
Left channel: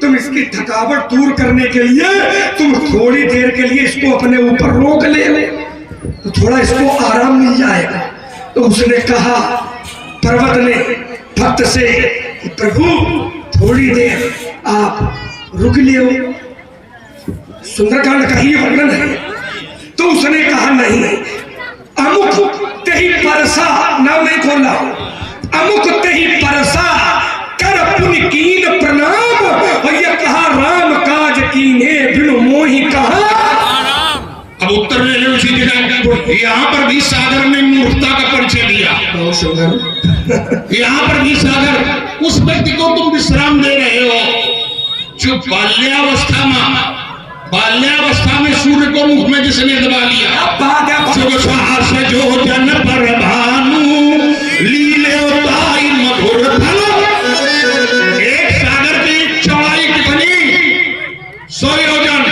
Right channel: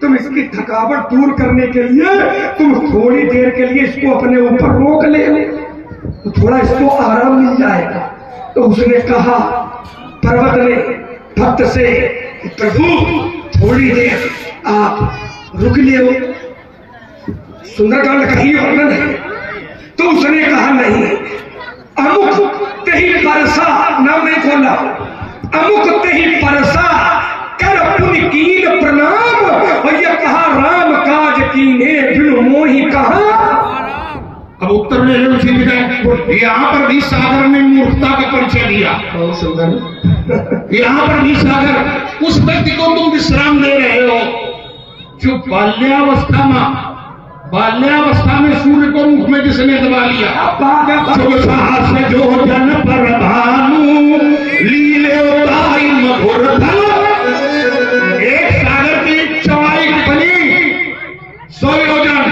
तुम इसकी थकावट दूर करने के लिए तुम थोड़ी देर के लिए इसको अपने ऊपर रोक ले, तो थोड़ा इसको आराम मिल जाएगा। तो उसने कहा, पर्वत ने भक्त से, प्रभु थोड़ी देर आप रुक लियो। सुंदरकांड का ही वर्णन है। तो उसने कहा नहीं, अमुक तेही परसा, नाम नहीं खोल रहा हूं, अमुक तेही परसा कर पुण्य कीन प्रणाम। और यह कहा राम काज कीने बिनु मोहि कहा। अब उत्तर ले लो उसी जगह। यहाँ पर भी सागर ने मूर्खता का परिचय दिया। बहुत सुंदर। यहाँ पर भी सागर उस व्यक्ति को तुम विश्राम दे रहे हो जो बाल्यावस्था में सूर्य को मुख में जिसने दबा लिया। जो जन पर भानु लीले उताई मधुर फल। एक सागर की चौड़ाई कितनी? 100 योजन,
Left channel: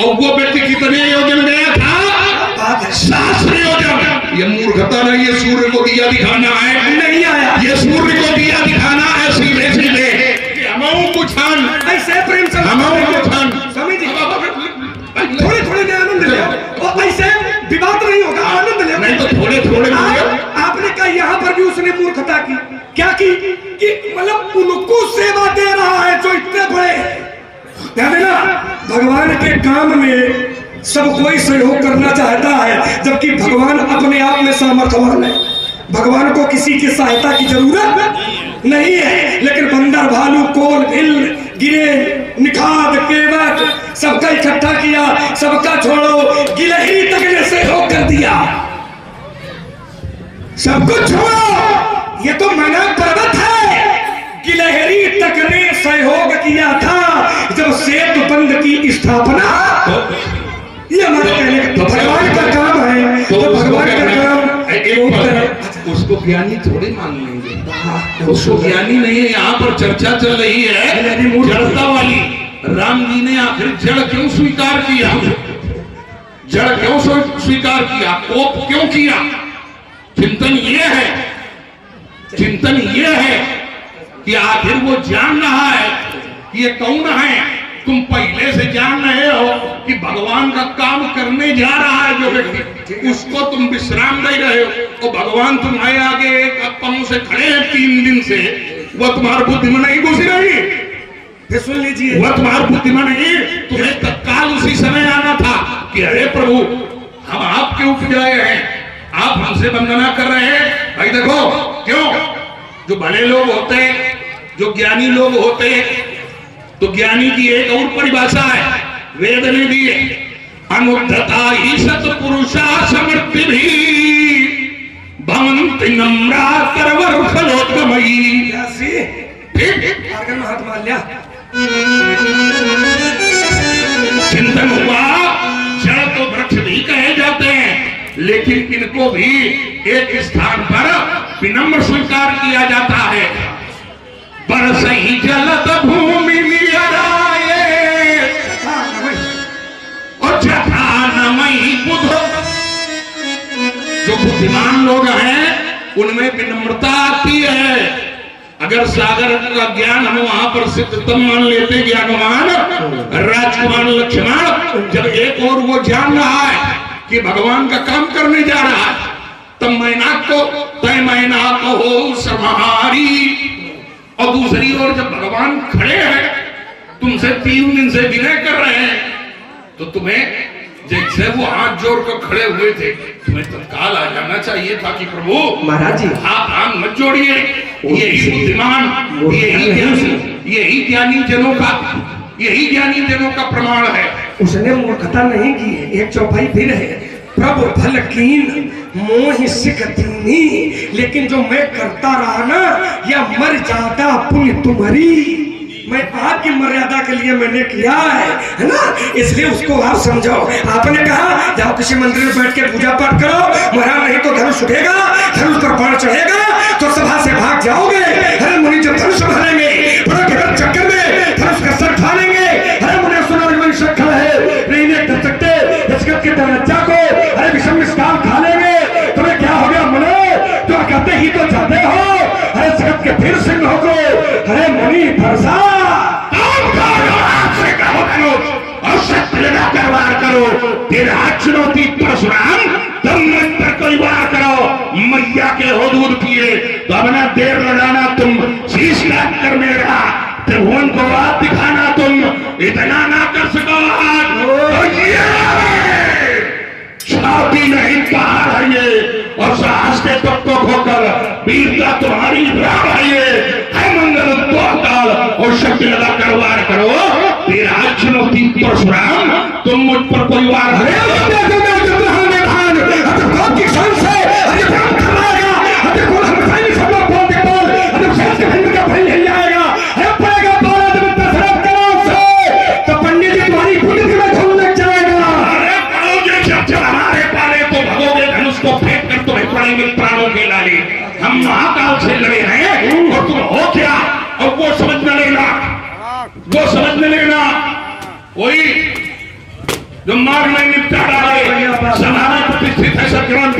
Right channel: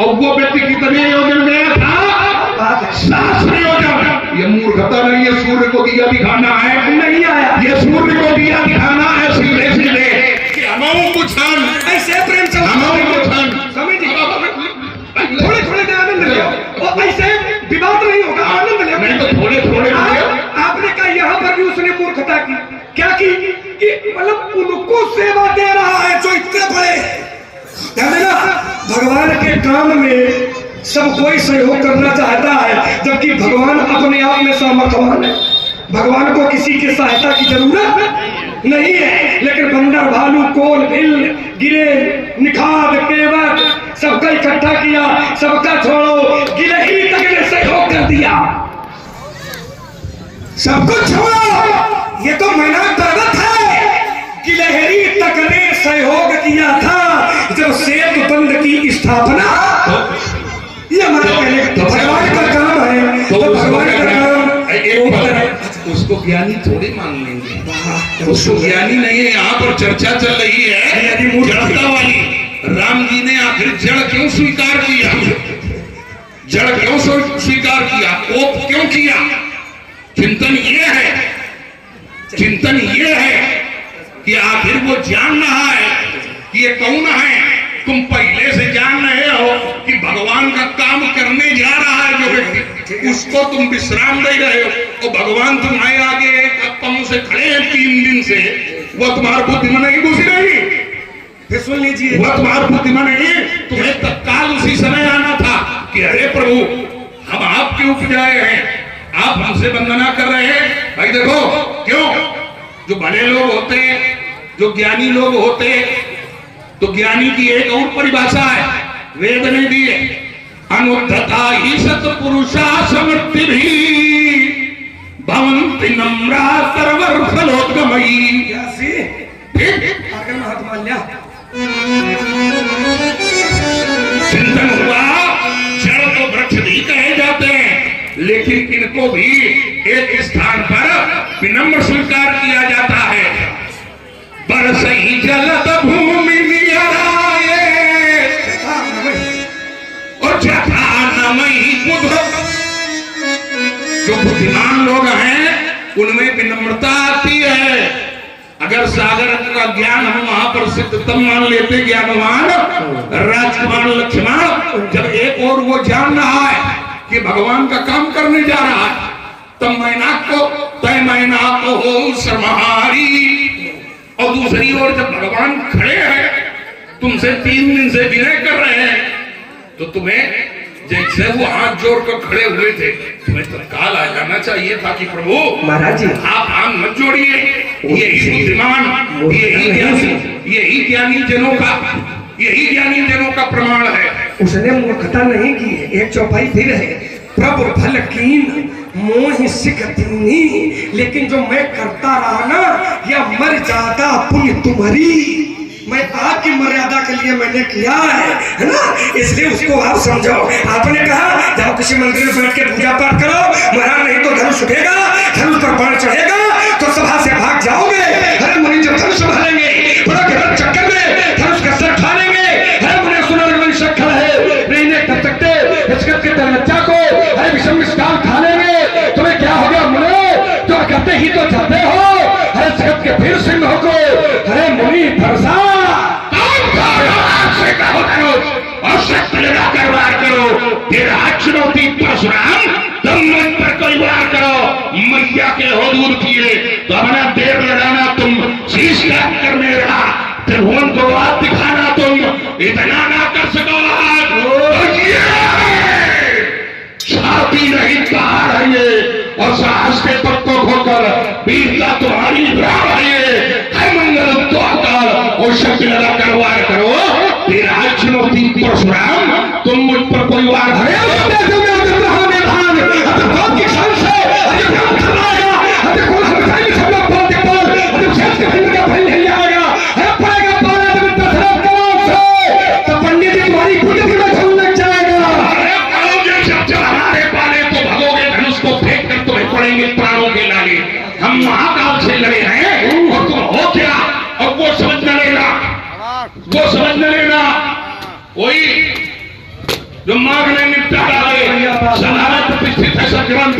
और वो व्यक्ति कितने योजन गया था? 700 योजन। ये मूर्खता नहीं है सूर्य को दिया दिखाना है, नहीं आया। ये सूर्य को दिया दिखाना है सीधे सीधे कि हमें कुछ ऐसे प्रेम से हमें कुछ थोड़े थोड़े में आनंद ले, और ऐसे विवाद नहीं होगा, आनंद ले। नहीं तो थोड़े थोड़े आपने कहा यहाँ पर भी उसने मूर्खता की। क्या की? कि मतलब उनको सेवा दे रहा है जो इतने बड़े। ध्यान देना, भगवान के काम में सब कोई सहयोग करना चाहता है, जबकि भगवान अपने आप में सामर्थ्यवान है। भगवान को किसी की सहायता की जरूरत नहीं है। लेकिन बंदर, भालू, कोल, भिल, गिरे, निखाद, केवट सबका इकट्ठा किया, सबका छोड़ो, गिलहरी तक ने सहयोग कर दिया। सब कुछ छोड़ो, ये तो मैनाक पर्वत है। गिलहरी तक ने सहयोग किया था जब सेतु बंध की स्थापना। ये हमारे पहले भगवान का काम है। तो भगवान का काम उसको ज्ञानी थोड़े मान लेंगे, उसको ज्ञानी नहीं है। यहाँ पर चर्चा चल रही है जड़ता वाली। राम जी ने आखिर जड़ क्यों स्वीकार किया? जड़ क्यों स्वीकार किया? कोप क्यों किया? चिंतन ये है कि आखिर वो जान रहा है कि ये कौन है। तुम पहले से जान रहे हो कि भगवान का काम करने जा रहा है जो व्यक्ति, उसको तुम विश्राम दे रहे हो। और भगवान तुम्हारे आगे एक पांव से खड़े हैं 3 दिन से, वह तुम्हारी बुद्धि में नहीं घुसी रही। फिर सुन लीजिए, वह तुम्हारी बुद्धि में नहीं, तुम्हें तत्काल उसी समय आना था कि अरे प्रभु हम आपके उपजाए हैं, आप हमसे वंदना कर रहे हैं। भाई देखो क्यों, जो भले लोग होते हैं, जो ज्ञानी लोग होते हैं, तो ज्ञानी की एक और परिभाषा है वेद ने दी है, अनुद्धता ही सत्पुरुषा समृद्धि भी भवन्ति नम्रा करवर फलोद्गमयी। ठीक आगे में हाथ मार लिया। चिंतन हुआ, जड़ को वृक्ष भी कहे जाते हैं, लेकिन इनको भी एक स्थान पर विनम्र स्वीकार किया जाता है। बरसई जलद भूमि विहराए और जथा नमई बुधो। जो बुद्धिमान लोग हैं उनमें विनम्रता आती है। अगर सागर का ज्ञान हम वहां पर सिद्धतम मान लेते, ज्ञानवान राजकुमार लक्ष्मण जब एक और वो जान रहा है कि भगवान का काम करने जा रहा है, तब मैना को तय मैना को हो समाहारी, और दूसरी ओर जब भगवान खड़े हैं तुमसे 3 दिन से विनय कर रहे हैं, तो तुम्हें जैसे वो हाथ जोड़ कर खड़े हुए थे, तुम्हें तत्काल आ जाना चाहिए था कि प्रभु महाराज जी आप हाथ मत जोड़िए। यही बुद्धिमान, यही ज्ञानी जनों का प्रमाण है। उसने मूर्खता नहीं की है। एक चौपाई फिर है, प्रभु फल कीन मोह सिख दीनी, लेकिन जो मैं करता रहा ना, या मर जाता पुण्य तुम्हारी। मैं आपकी मर्यादा के लिए मैंने किया है ना, इसलिए उसको आप समझो। आपने कहा जाओ किसी मंदिर में बैठ के पूजा पाठ करो, महाराज नहीं तो धनुष उठेगा, धनुष पर बाण चढ़ेगा तो सभा से भाग जाओगे। अरे मुनि जब धनुष भरेंगे पूरा गलत चक्कर में धनुष का सर फाड़ेंगे। अरे मुनि सुनो शक्ल है नहीं कर सकते जगत के बच्चा को, अरे विषम मिष्टान खा लेंगे, तुम्हें क्या हो गया मुने, तुम कहते ही तो जाते हो। अरे जगत के फिर सिंह हो को, अरे मुनि भरसा और शक्ति लगाकर वार करो। तेरा चुनौती परशुराम, तुम मन पर कोई वार करो। मैया के हुदूद किए तो अपना देर लगाना, तुम शीश काट कर मेरा त्रिभुवन को आप दिखाना, तुम इतना ना कर सको। छाती नहीं पहाड़ है ये, और साहस के तत्व खोकर वीरता तुम्हारी राह है ये। मंगल तो अकाल और शक्ति लगाकर वार करो। तेरा चुनौती परशुराम, तुम मुझ पर कोई वार तो पंडित जी तुम्हारी खुद लग जाएगा। हमारे पाले तो भगोगे, धनुष को फेंक कर तुम्हें पड़ेंगे प्राणों के लाले। हम महाकाल से लड़े हैं और तुम हो क्या, और वो समझ में लेना, वो समझ में लेना। कोई जो मार्ग में निपटा डाले, सभा में प्रतिष्ठित है सज्जन,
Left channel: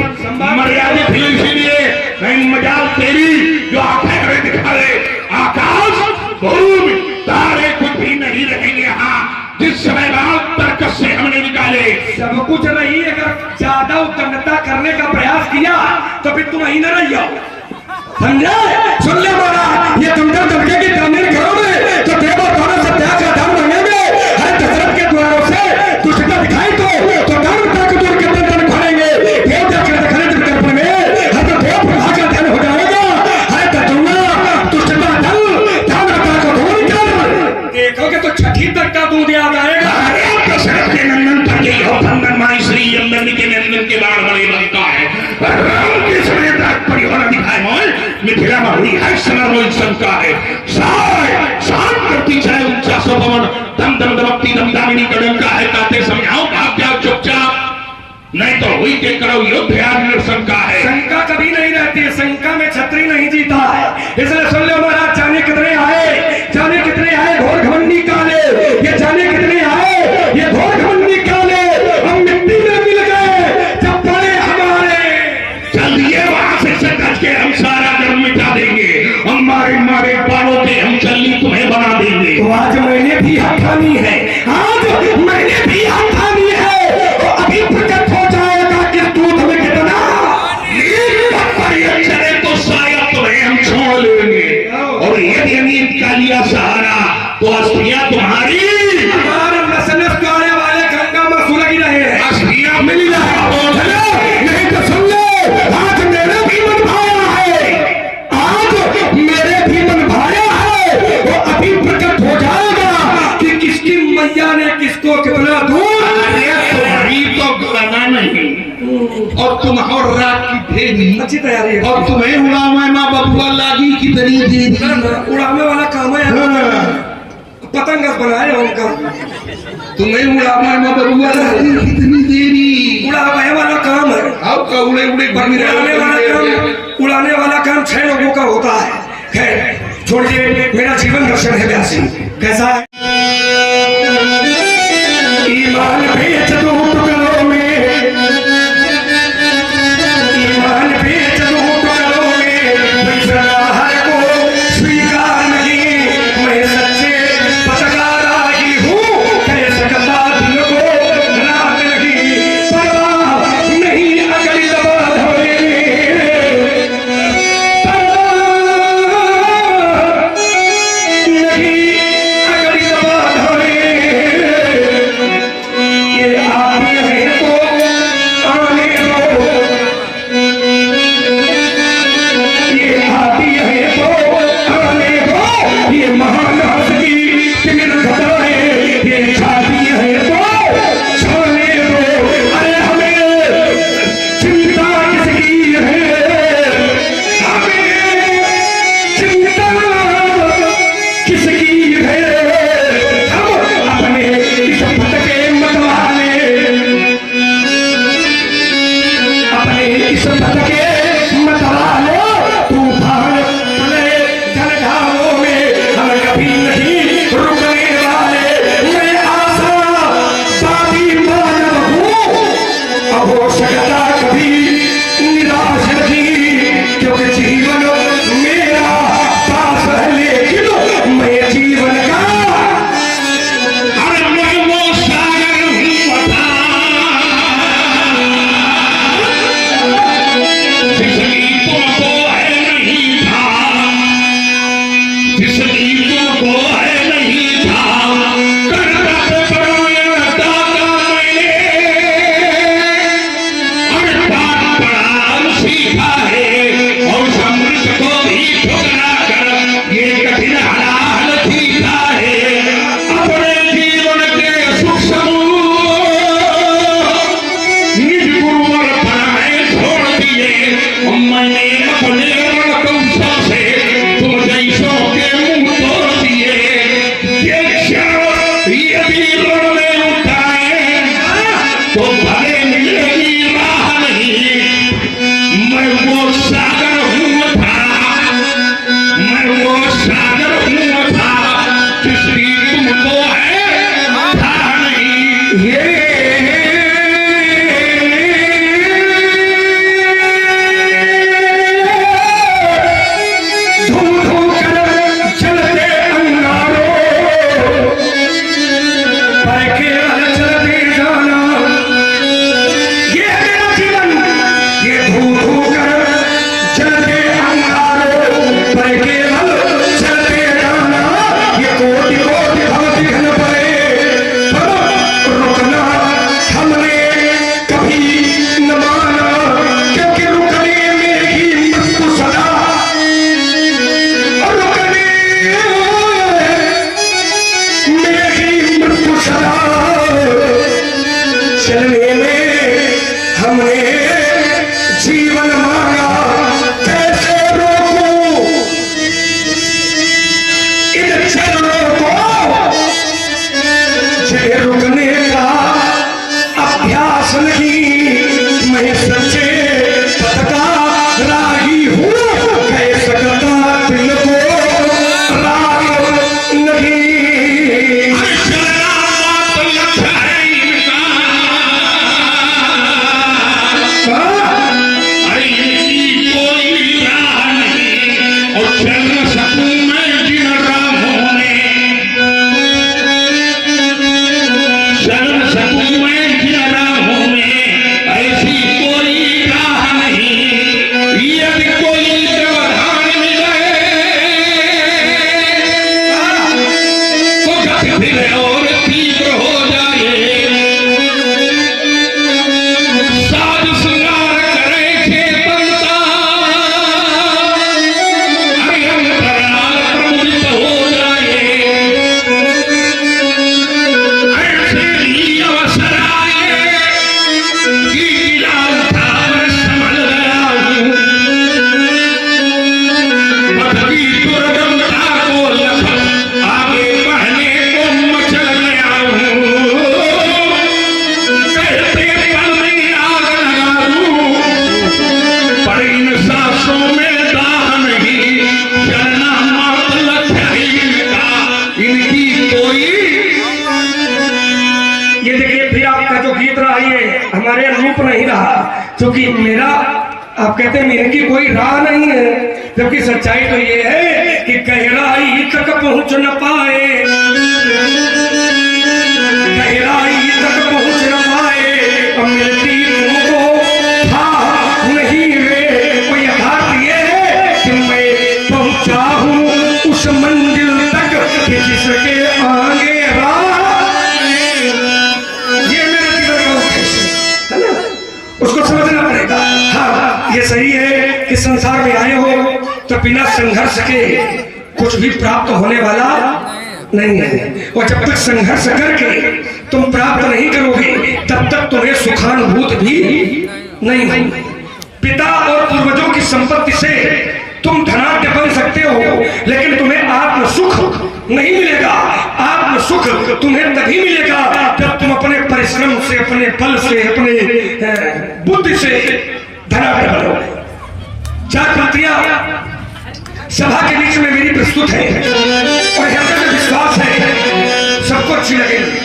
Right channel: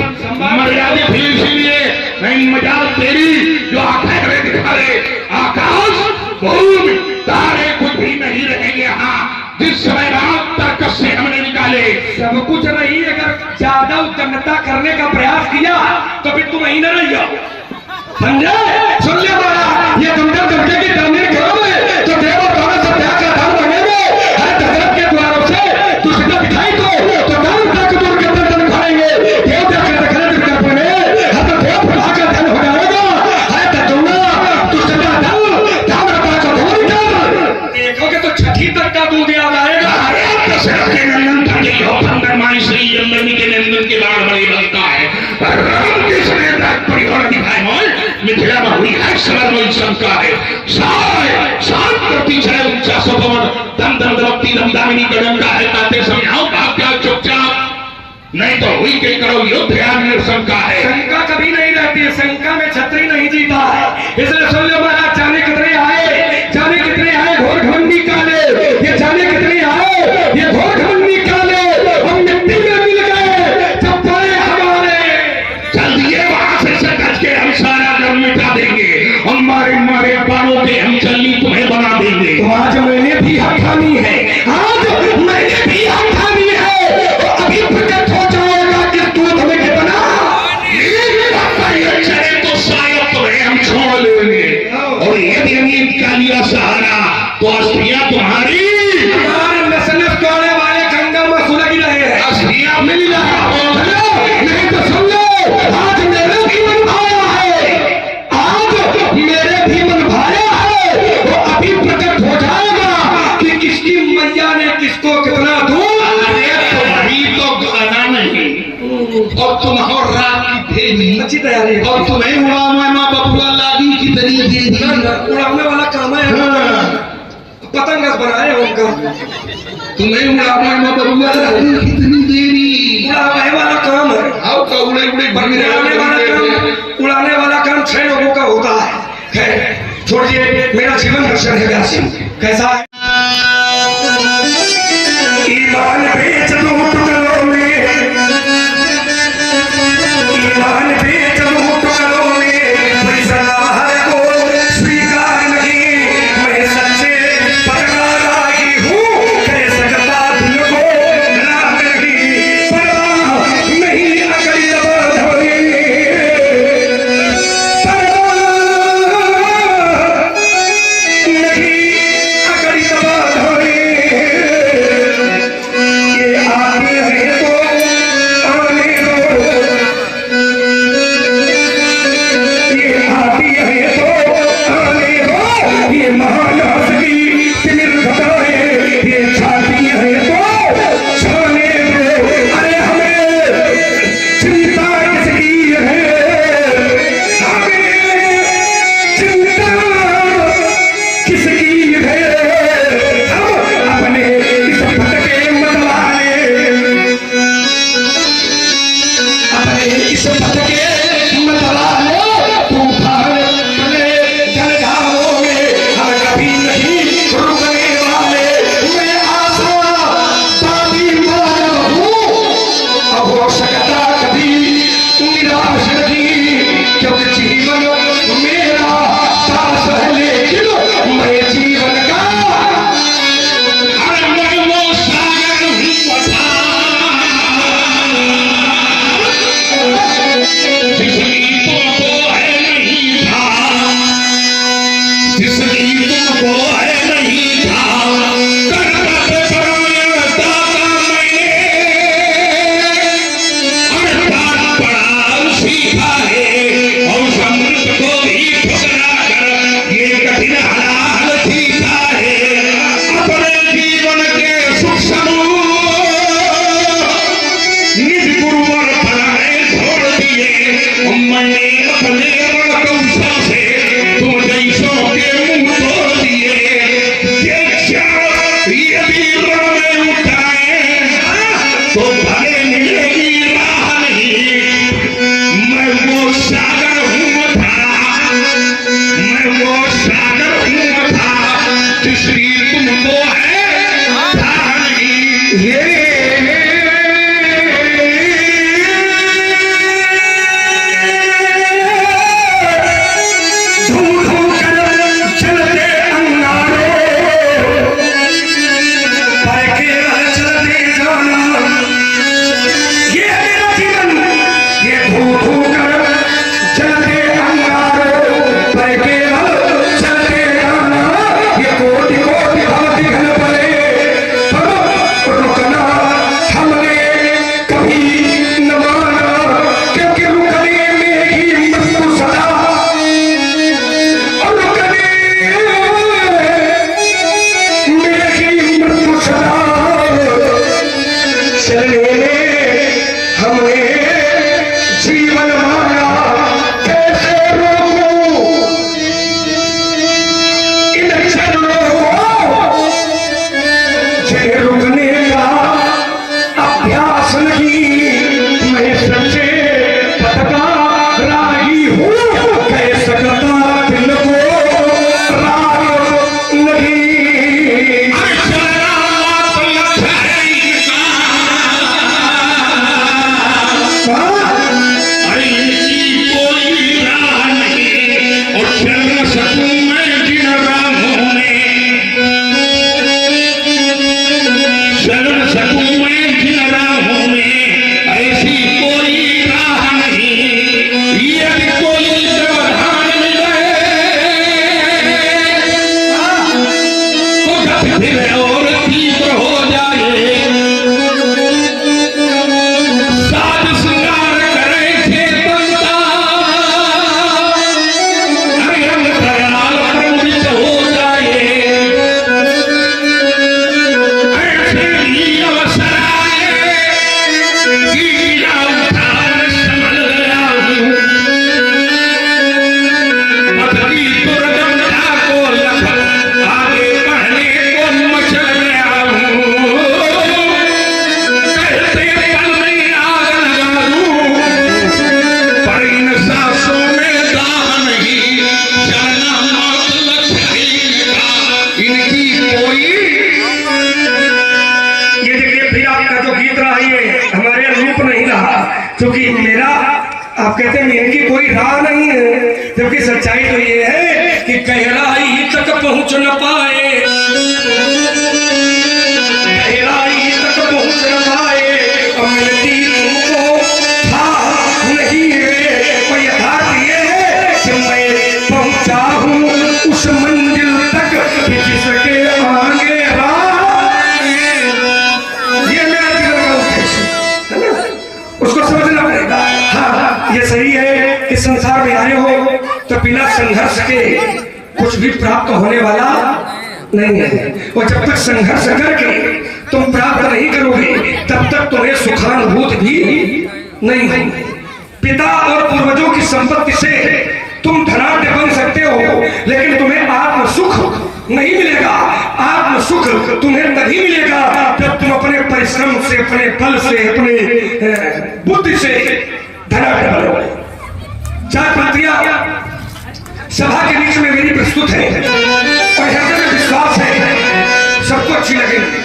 मर्यादा थी इसीलिए नहीं। मजाल तेरी जो आंखें दिखा दे, आकाश भूमि तारे कुछ भी नहीं रहेंगे यहाँ। जिस समय रात तर्क से हमने निकाले सब कुछ रही, अगर ज्यादा उद्दंडता करने का प्रयास किया तो फिर तुम वहीं न रही हो, समझे? सुन ले बाबा, ये तुम जब दुर्गे की तामीर करोगे तो देवों द्वारा सत्याग का दान बनेंगे। हर दशरथ के द्वारों से दुष्टता दिखाई तो दान तक दूर के धन खाएंगे। देव देखने में हर तो देव प्रभा का धन हो जाएगा। हर तजुर्बा दुष्टता दान का धोनी कर देखोगे तो छठी तक का दूध आ जाएगा। दशरथ के नंदन श्री के नंदन के बाण बड़े बनता है। राम के समय तक परिवार दिखाए मिथिला में हुई है समर्वय शंका है। शांत करती है ऊंचा सभवन, दम दम दमकती दमदामिनी कदमका है। कहते समझाओ भाग जाओ चुपचाप, नहीं तो हुई के करो युद्ध याद शंका है। शंका कभी नहीं रहती है, शंका में छत्री नहीं जीता है। इसलिए सुन लो महाराज, जाने कितने आए घोर घमंडी काले, ये जाने कितने आए ये घोर घमंडी काले, हम मिट्टी में मिल गए जब पड़े हमारे। चलिए वहां से कच के हम सारा गम मिटा देंगे, हमारे मारे बालों पे हम चलनी तुम्हें बना देंगे। तो आज मैंने भी हाथ थामी है, आज मैंने भी हाथ थामी है, तो अभी प्रकट हो जाएगा कि तू तुम्हें कितना चले तो शायद तुम्हें हम छोड़ और तुम और रात की देवी अच्छी तैयारी है। और तुम्हें उड़ावे माँ बबुआ लागी की तरी दे दी। उड़ाने वाला काम है, पतंग बनाए उनका। तुम्हें उड़ावे माँ बबुआ लागी कितनी देरी। उड़ाने वाला काम है, अब का उड़े उड़े उड़ाने वाला काम 6 लोगों का होता है। खैर छोड़िए, मेरा जीवन दर्शन है व्यासी। कैसा है? ईमान बेच दो टुकड़ों में, ईमान बेच दो टुकड़ों में, फैसला को स्वीकार नहीं। मैं सच्चे पत्रकारी हूँ, कह सकता दिल को रात नहीं, परवाह नहीं अकली दबा धोए, नहीं अकली दबा धोए। ये आती है तो आने दो, ये आती है तो आने दो। ये महान हस्ती तिमिर घटाए, ये छाती है तो छाने दो। अरे हमें चिंता किसकी है, हमें चिंता किसकी है। हम अपने इस भटके मतवाले, अपने इस भटके मतवाले तूफान चले जलधारों में हम कभी नहीं रुकने वाले। मैं आशा बाती मानव हूँ, अब हो सकता कभी निराश नहीं, क्योंकि जीवन मेरा पास है, लेकिन मैं जीवन का हर मन वो सागर हूँ बता। जिसकी तुमको है नहीं था, जिसकी तुमको है नहीं था, करना तो पड़ा मैंने, अर्थात पड़ा सीखा है। और समृद्ध को भी ठुकरा कर ये कठिन हाल सीखा है। अपने जीवन के सुख समूह निज गुरुवर पर मैं छोड़ दिए। और मैंने अपने कौशल से तुम जैसों के मुंह तोड़ दिए। ये क्षण यदि रण में उठाए तो भले मिलेगी राह नहीं। मैं वो सागर हूँ था, मैं वो सागर हूँ था, जिसकी तुमको है था नहीं। ये धूम धूम कर चलते अंगारों, पर केवल चलते जाना। ये है मेरा जीवन, ये धूम धूम कर चलते अंगारों, पर केवल चलते जाना। ये कोटि कोटि भक्ति घन पड़े, पर रुकना हमने कभी न माना, क्योंकि रुकने में ही मृत्यु सदा, और रुकने में ही मृत्यु सदा। चलने में हमने जीवन मांगा, कैसे रोकूं इन चरणों को, जिन्हें रुकने का अभ्यास नहीं। मैं सच्चे पथ का राही हूँ, कह सकता दिल को राग नहीं। अरे आपका जो गीत रहा ये हमारे अनुरूप नहीं रहा, क्योंकि मेरा आप कहते हैं मेरे की कोई राह नहीं है, जबकि सच्चाई तो ये है कि गहराई तक पहुंच न पाए, गहराई तक पहुंच न पाए, मिलती तुमको था नहीं रे। कोई यथार्थ ये है कि मैं पहुंचा हूं उस मंजिल तक जिसके आगे उसको समझना पड़ेगा। हाँ ये सही है कि संसार में आए हो तो बिना संघर्ष के कुछ भी प्राप्त होने वाला नहीं है, और जब तक संघर्ष करके तुम प्राप्त नहीं करोगे तब तक तुम्हें सुखानुभूति भी नहीं होगी। पिता और पूर्वजों की संपत्ति से तुम धनाढ्य बन सकते हो, लेकिन तुम्हें आत्म सुख नहीं मिलेगा। आत्म सुख तुम्हें तभी मिलेगा जब तुम अपने परिश्रम से, अपने बल से, अपने बुद्धि से धनाढ्य बनोगे। चार पंक्तियां सभा के बीच में मेरी प्रस्तुत है और हृदय में विश्वास है सबको अच्छी लगेगी।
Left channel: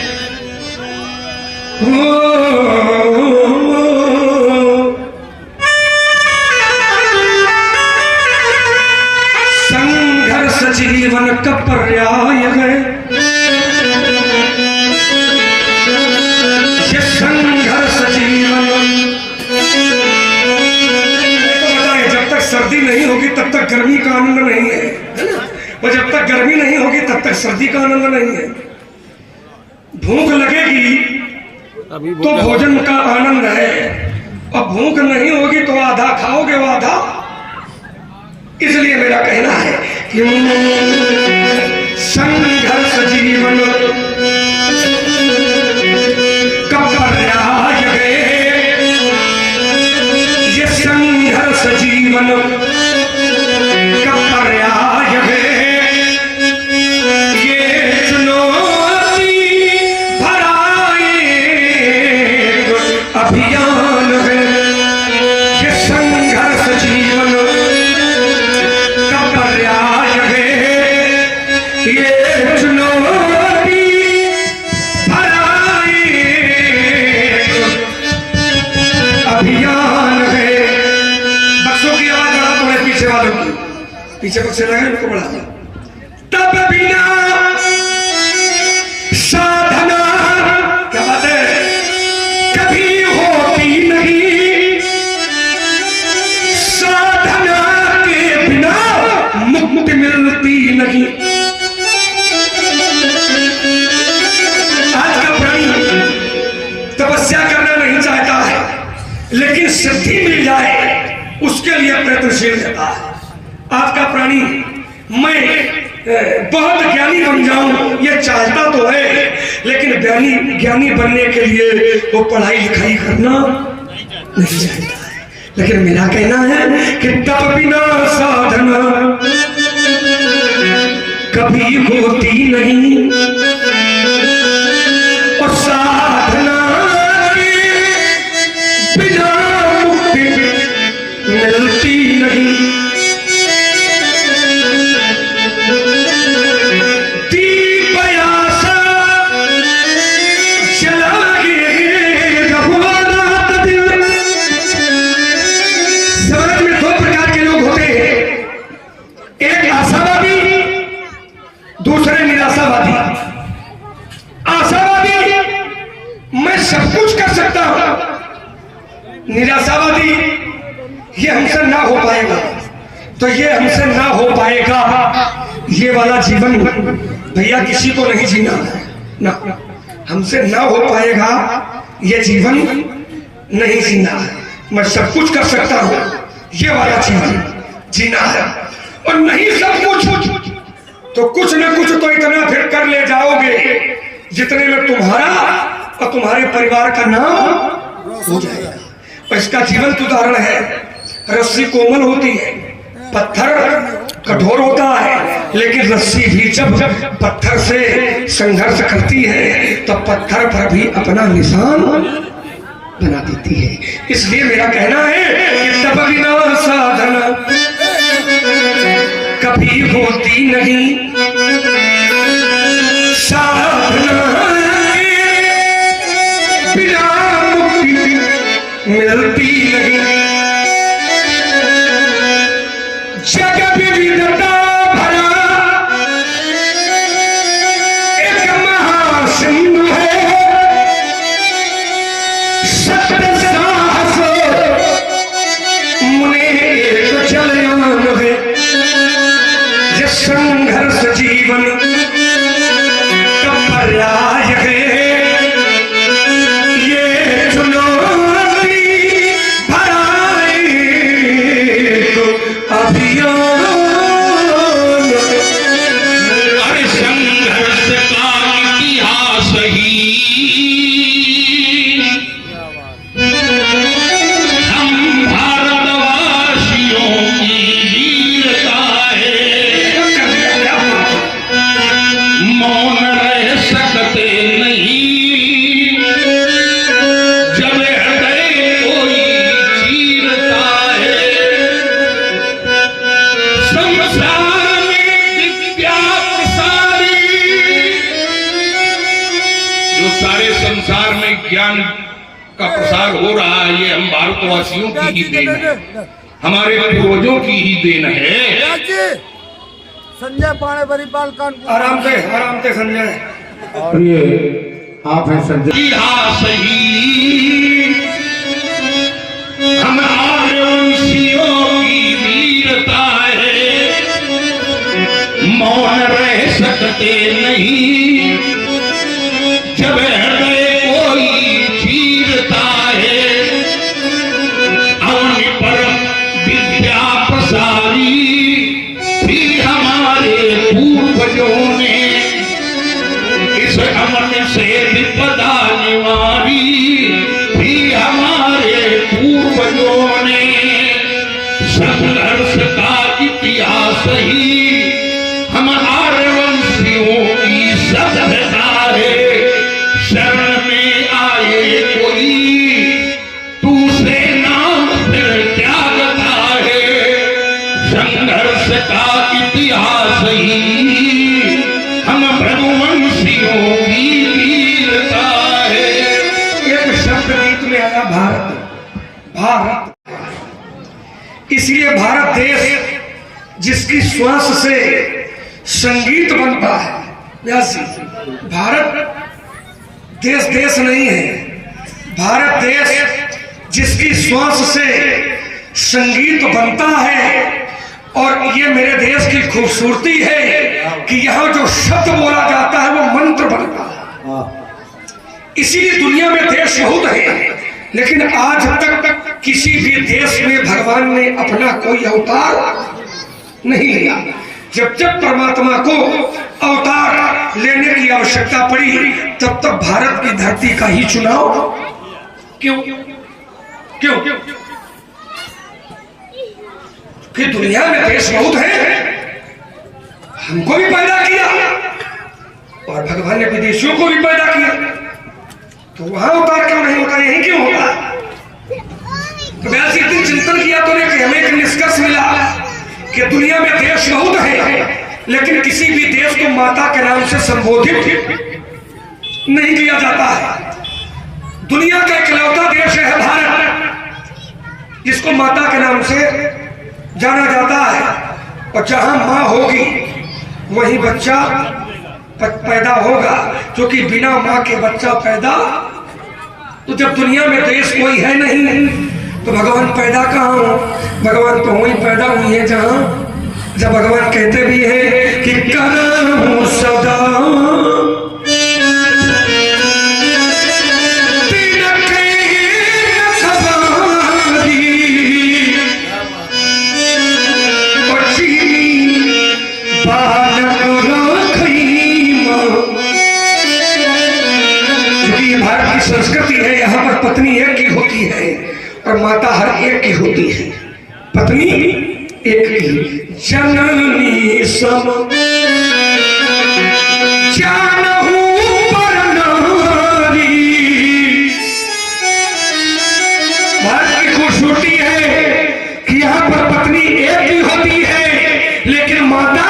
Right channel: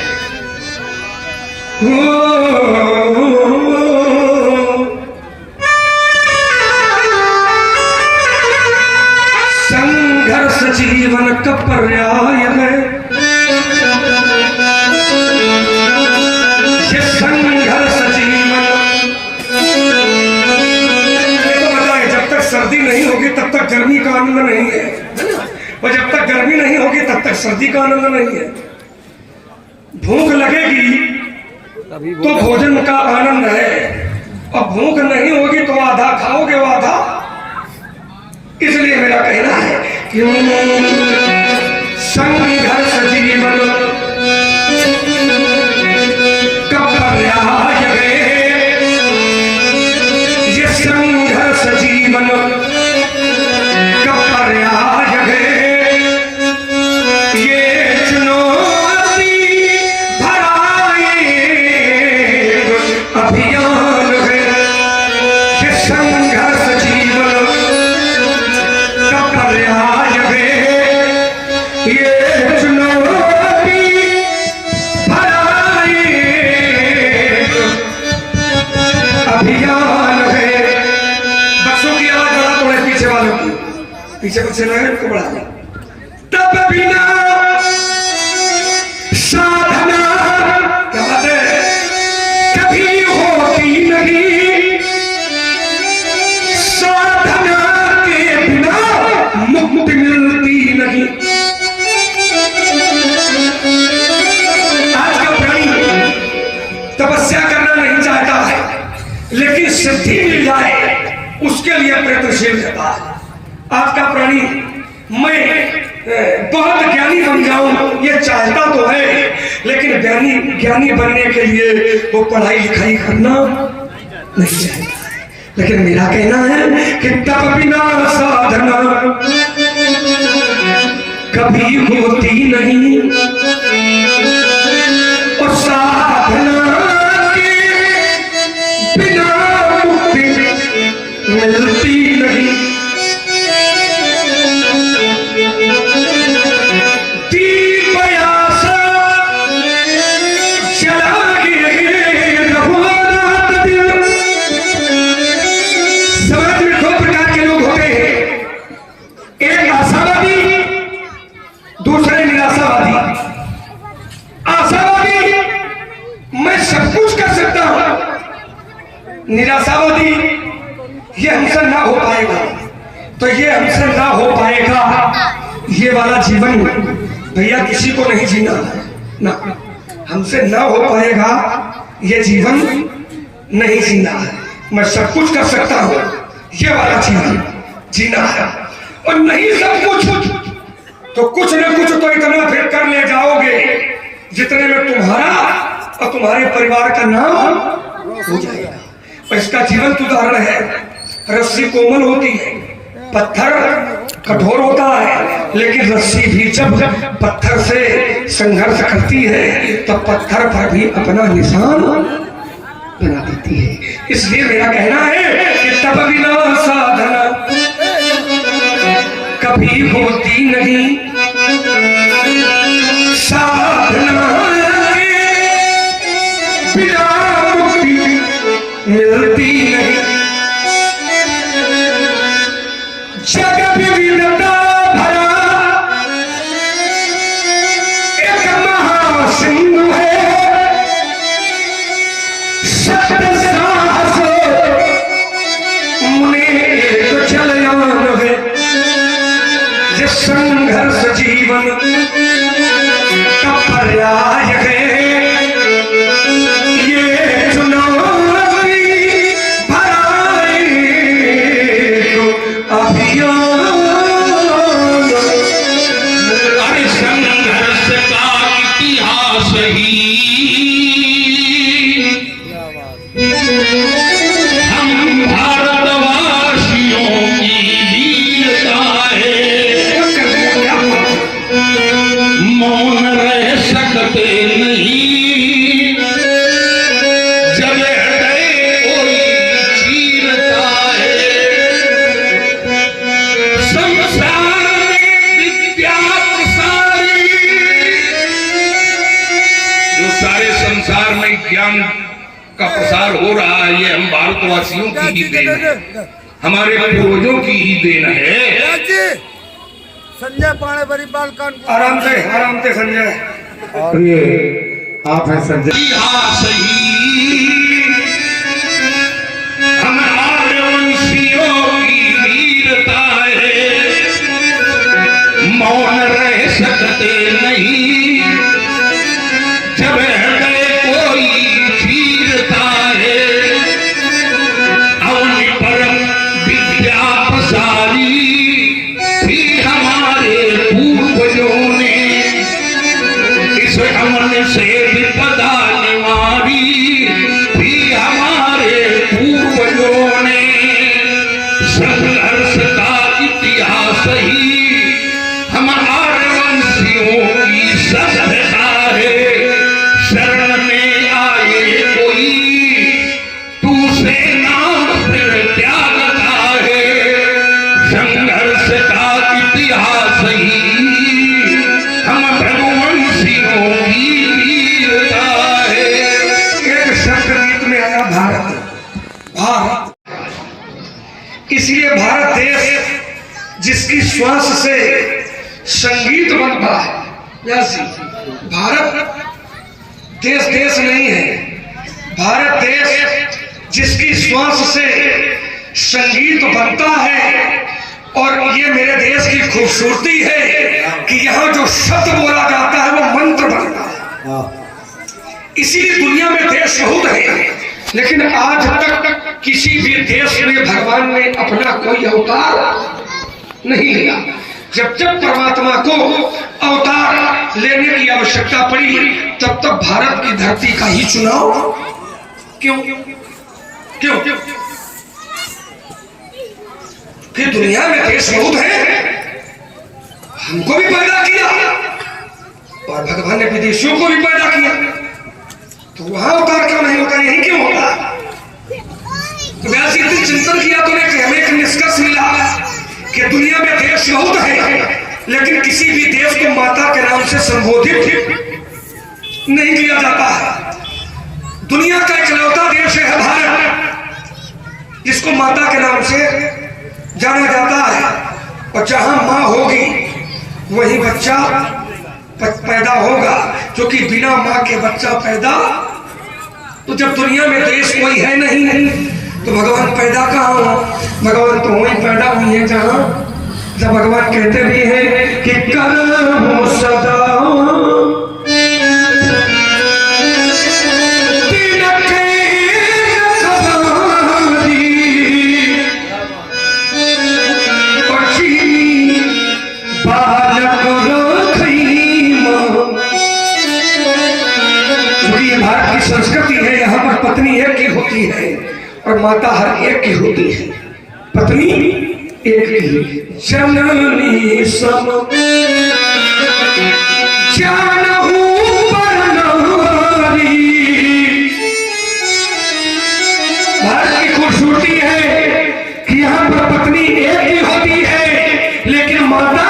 संघर्ष जीवन का पर्याय है, ये संघर्ष जीवन को बताए जब तक सर्दी नहीं होगी तब तक गर्मी का आनंद नहीं है, और जब तक गर्मी नहीं होगी तब तक सर्दी का आनंद नहीं है। भूख लगेगी तो भोजन का आनंद है, और भूख नहीं होगी तो आधा खाओगे वो आधा। इसलिए मेरा कहना है कि संघर्ष जीवन का पर्याय है, ये संघर्ष जीवन का पर्याय है, ये चुनौती भरा एक अभियान है, ये संघर्ष जीवन का पर्याय है, ये चुनौती भरा एक अभियान है। बच्चों की आवाज बढ़ा तो है, पीछे वालों की, पीछे बच्चे लगे उनको बढ़ा। तब बिना साधना, क्या बात है, कभी होती नहीं, साधना के बिना मुक्ति मिलती नहीं। आज का प्राणी तपस्या करना नहीं चाहता है, लेकिन सिद्धि मिल जाए उसके लिए प्रयत्नशील रहता है। आज का प्राणी मैं बहुत ज्ञानी बन जाऊं ये चाहता तो है, लेकिन ज्ञानी बनने के लिए वो पढ़ाई लिखाई करना नहीं चाहता है। लेकिन मेरा कहना है कि तब बिना साधना कभी होती नहीं, और साधना के बिना मुक्ति मिलती नहीं। समाज में दो प्रकार के लोग होते हैं, एक आशावादी, दूसरे निराशावादी। आशावादी मैं सब कुछ कर सकता हूं, निराशावादी ये हमसे ना हो पाएगा, तो ये हमसे ना हो पाएगा ये वाला जीवन भैया किसी को नहीं जीना ना, हमसे ना हो पाएगा ये जीवन नहीं जीना है। मैं सब कुछ कर सकता हूं ये वाला जीवन जीना है, और नहीं सब कुछ तो कुछ न कुछ तो इतना फिर कर ले जाओगे जितने में तुम्हारा और तुम्हारे परिवार का नाम हो जाएगा। और इसका जीवंत उदाहरण है, रस्सी कोमल होती है, पत्थर कठोर होता है, लेकिन रस्सी भी जब पत्थर से संघर्ष करती है तो पत्थर पर भी अपना निशान बना देती है। इसलिए मेरा कहना है कि तब बिना साधना कभी होती नहीं, साधना बिना मिलती नहीं। जग विविधता भरा एक महासिंह है, सत्य साहस मुने एक चलन है। ये संघर्ष जीवन का पर्याय है, ये चुनौती भराई को अभियान। अरे संघर्ष का इतिहास ही हम भारतवासियों की वीरता है। मौन रह सकते नहीं जब हृदय कोई चीरता है। संसार में विद्या प्रसारी, जो सारे संसार में ज्ञान का प्रसार हो रहा है, ये हम भारतवासियों की ही देन है, हमारे पूर्वजों की ही देन है। संजय पाणे बरीपाल कानपुर। आराम से संजय। और ये आप हैं संजय। इतिहास ही हम आर्यवंशियों की वीरता है। मौन रह सकते नहीं जब हृदय कोई चीरता है। अवनि पर विद्या प्रसारी भी हमारे पूर्वजों ने, इस अमन से विपदा निवारी भी हमारे पूर्वजों ने। संघर्ष का इतिहास ही हम आर्यवंशियों की सभ्यता है। शरण में आए कोई दूसरे नाम फिर त्यागता है। संघर्ष का इतिहास ही हम भगवंशियों की वीरता है। एक शब्द गीत में आया भारत, भारत। इसलिए भारत देश जिसकी श्वास से संगीत बनता है, वैसी भारत देश देश नहीं है। भारत देश जिसकी श्वास से संगीत बनता है। और ये मेरे देश की खूबसूरती है कि यहाँ जो शब्द बोला जाता है वो मंत्र बनता है। इसीलिए दुनिया में देश बहुत है, लेकिन आज तक किसी भी देश में भगवान ने अपना कोई अवतार नहीं लिया। जब जब परमात्मा को अवतार लेने की आवश्यकता पड़ी, तब तब भारत की धरती का ही चुनाव क्यों क्यों कि दुनिया में देश बहुत है, हमको भी पैदा किया और भगवान ने विदेशियों को भी पैदा किया, तो वहां अवतार क्यों नहीं होता, यही क्यों होगा? तो वैसे इतनी चिंतन किया तो कि हमें एक निष्कर्ष मिला कि दुनिया में देश बहुत है, लेकिन किसी भी देश को माता के नाम से संबोधित नहीं किया जाता है। दुनिया का इकलौता देश है भारत, जिसको माता के नाम से जाना जाता है। और जहां मां होगी वही बच्चा पैदा होगा, क्योंकि बिना मां के बच्चा पैदा। तो जब दुनिया में देश कोई है नहीं तो भगवान पैदा कहाँ हो? भगवान तो वही पैदा हुई है जहां, जब भगवान कहते भी हैं कि करो सदा संस्कृति है, यहाँ पर पत्नी एक की होती है और माता हर एक की होती है। पत्नी एक की, जननी सब जानहु पर नारी। भारत की खूबसूरती है कि यहाँ पर पत्नी एक की होती है, लेकिन माता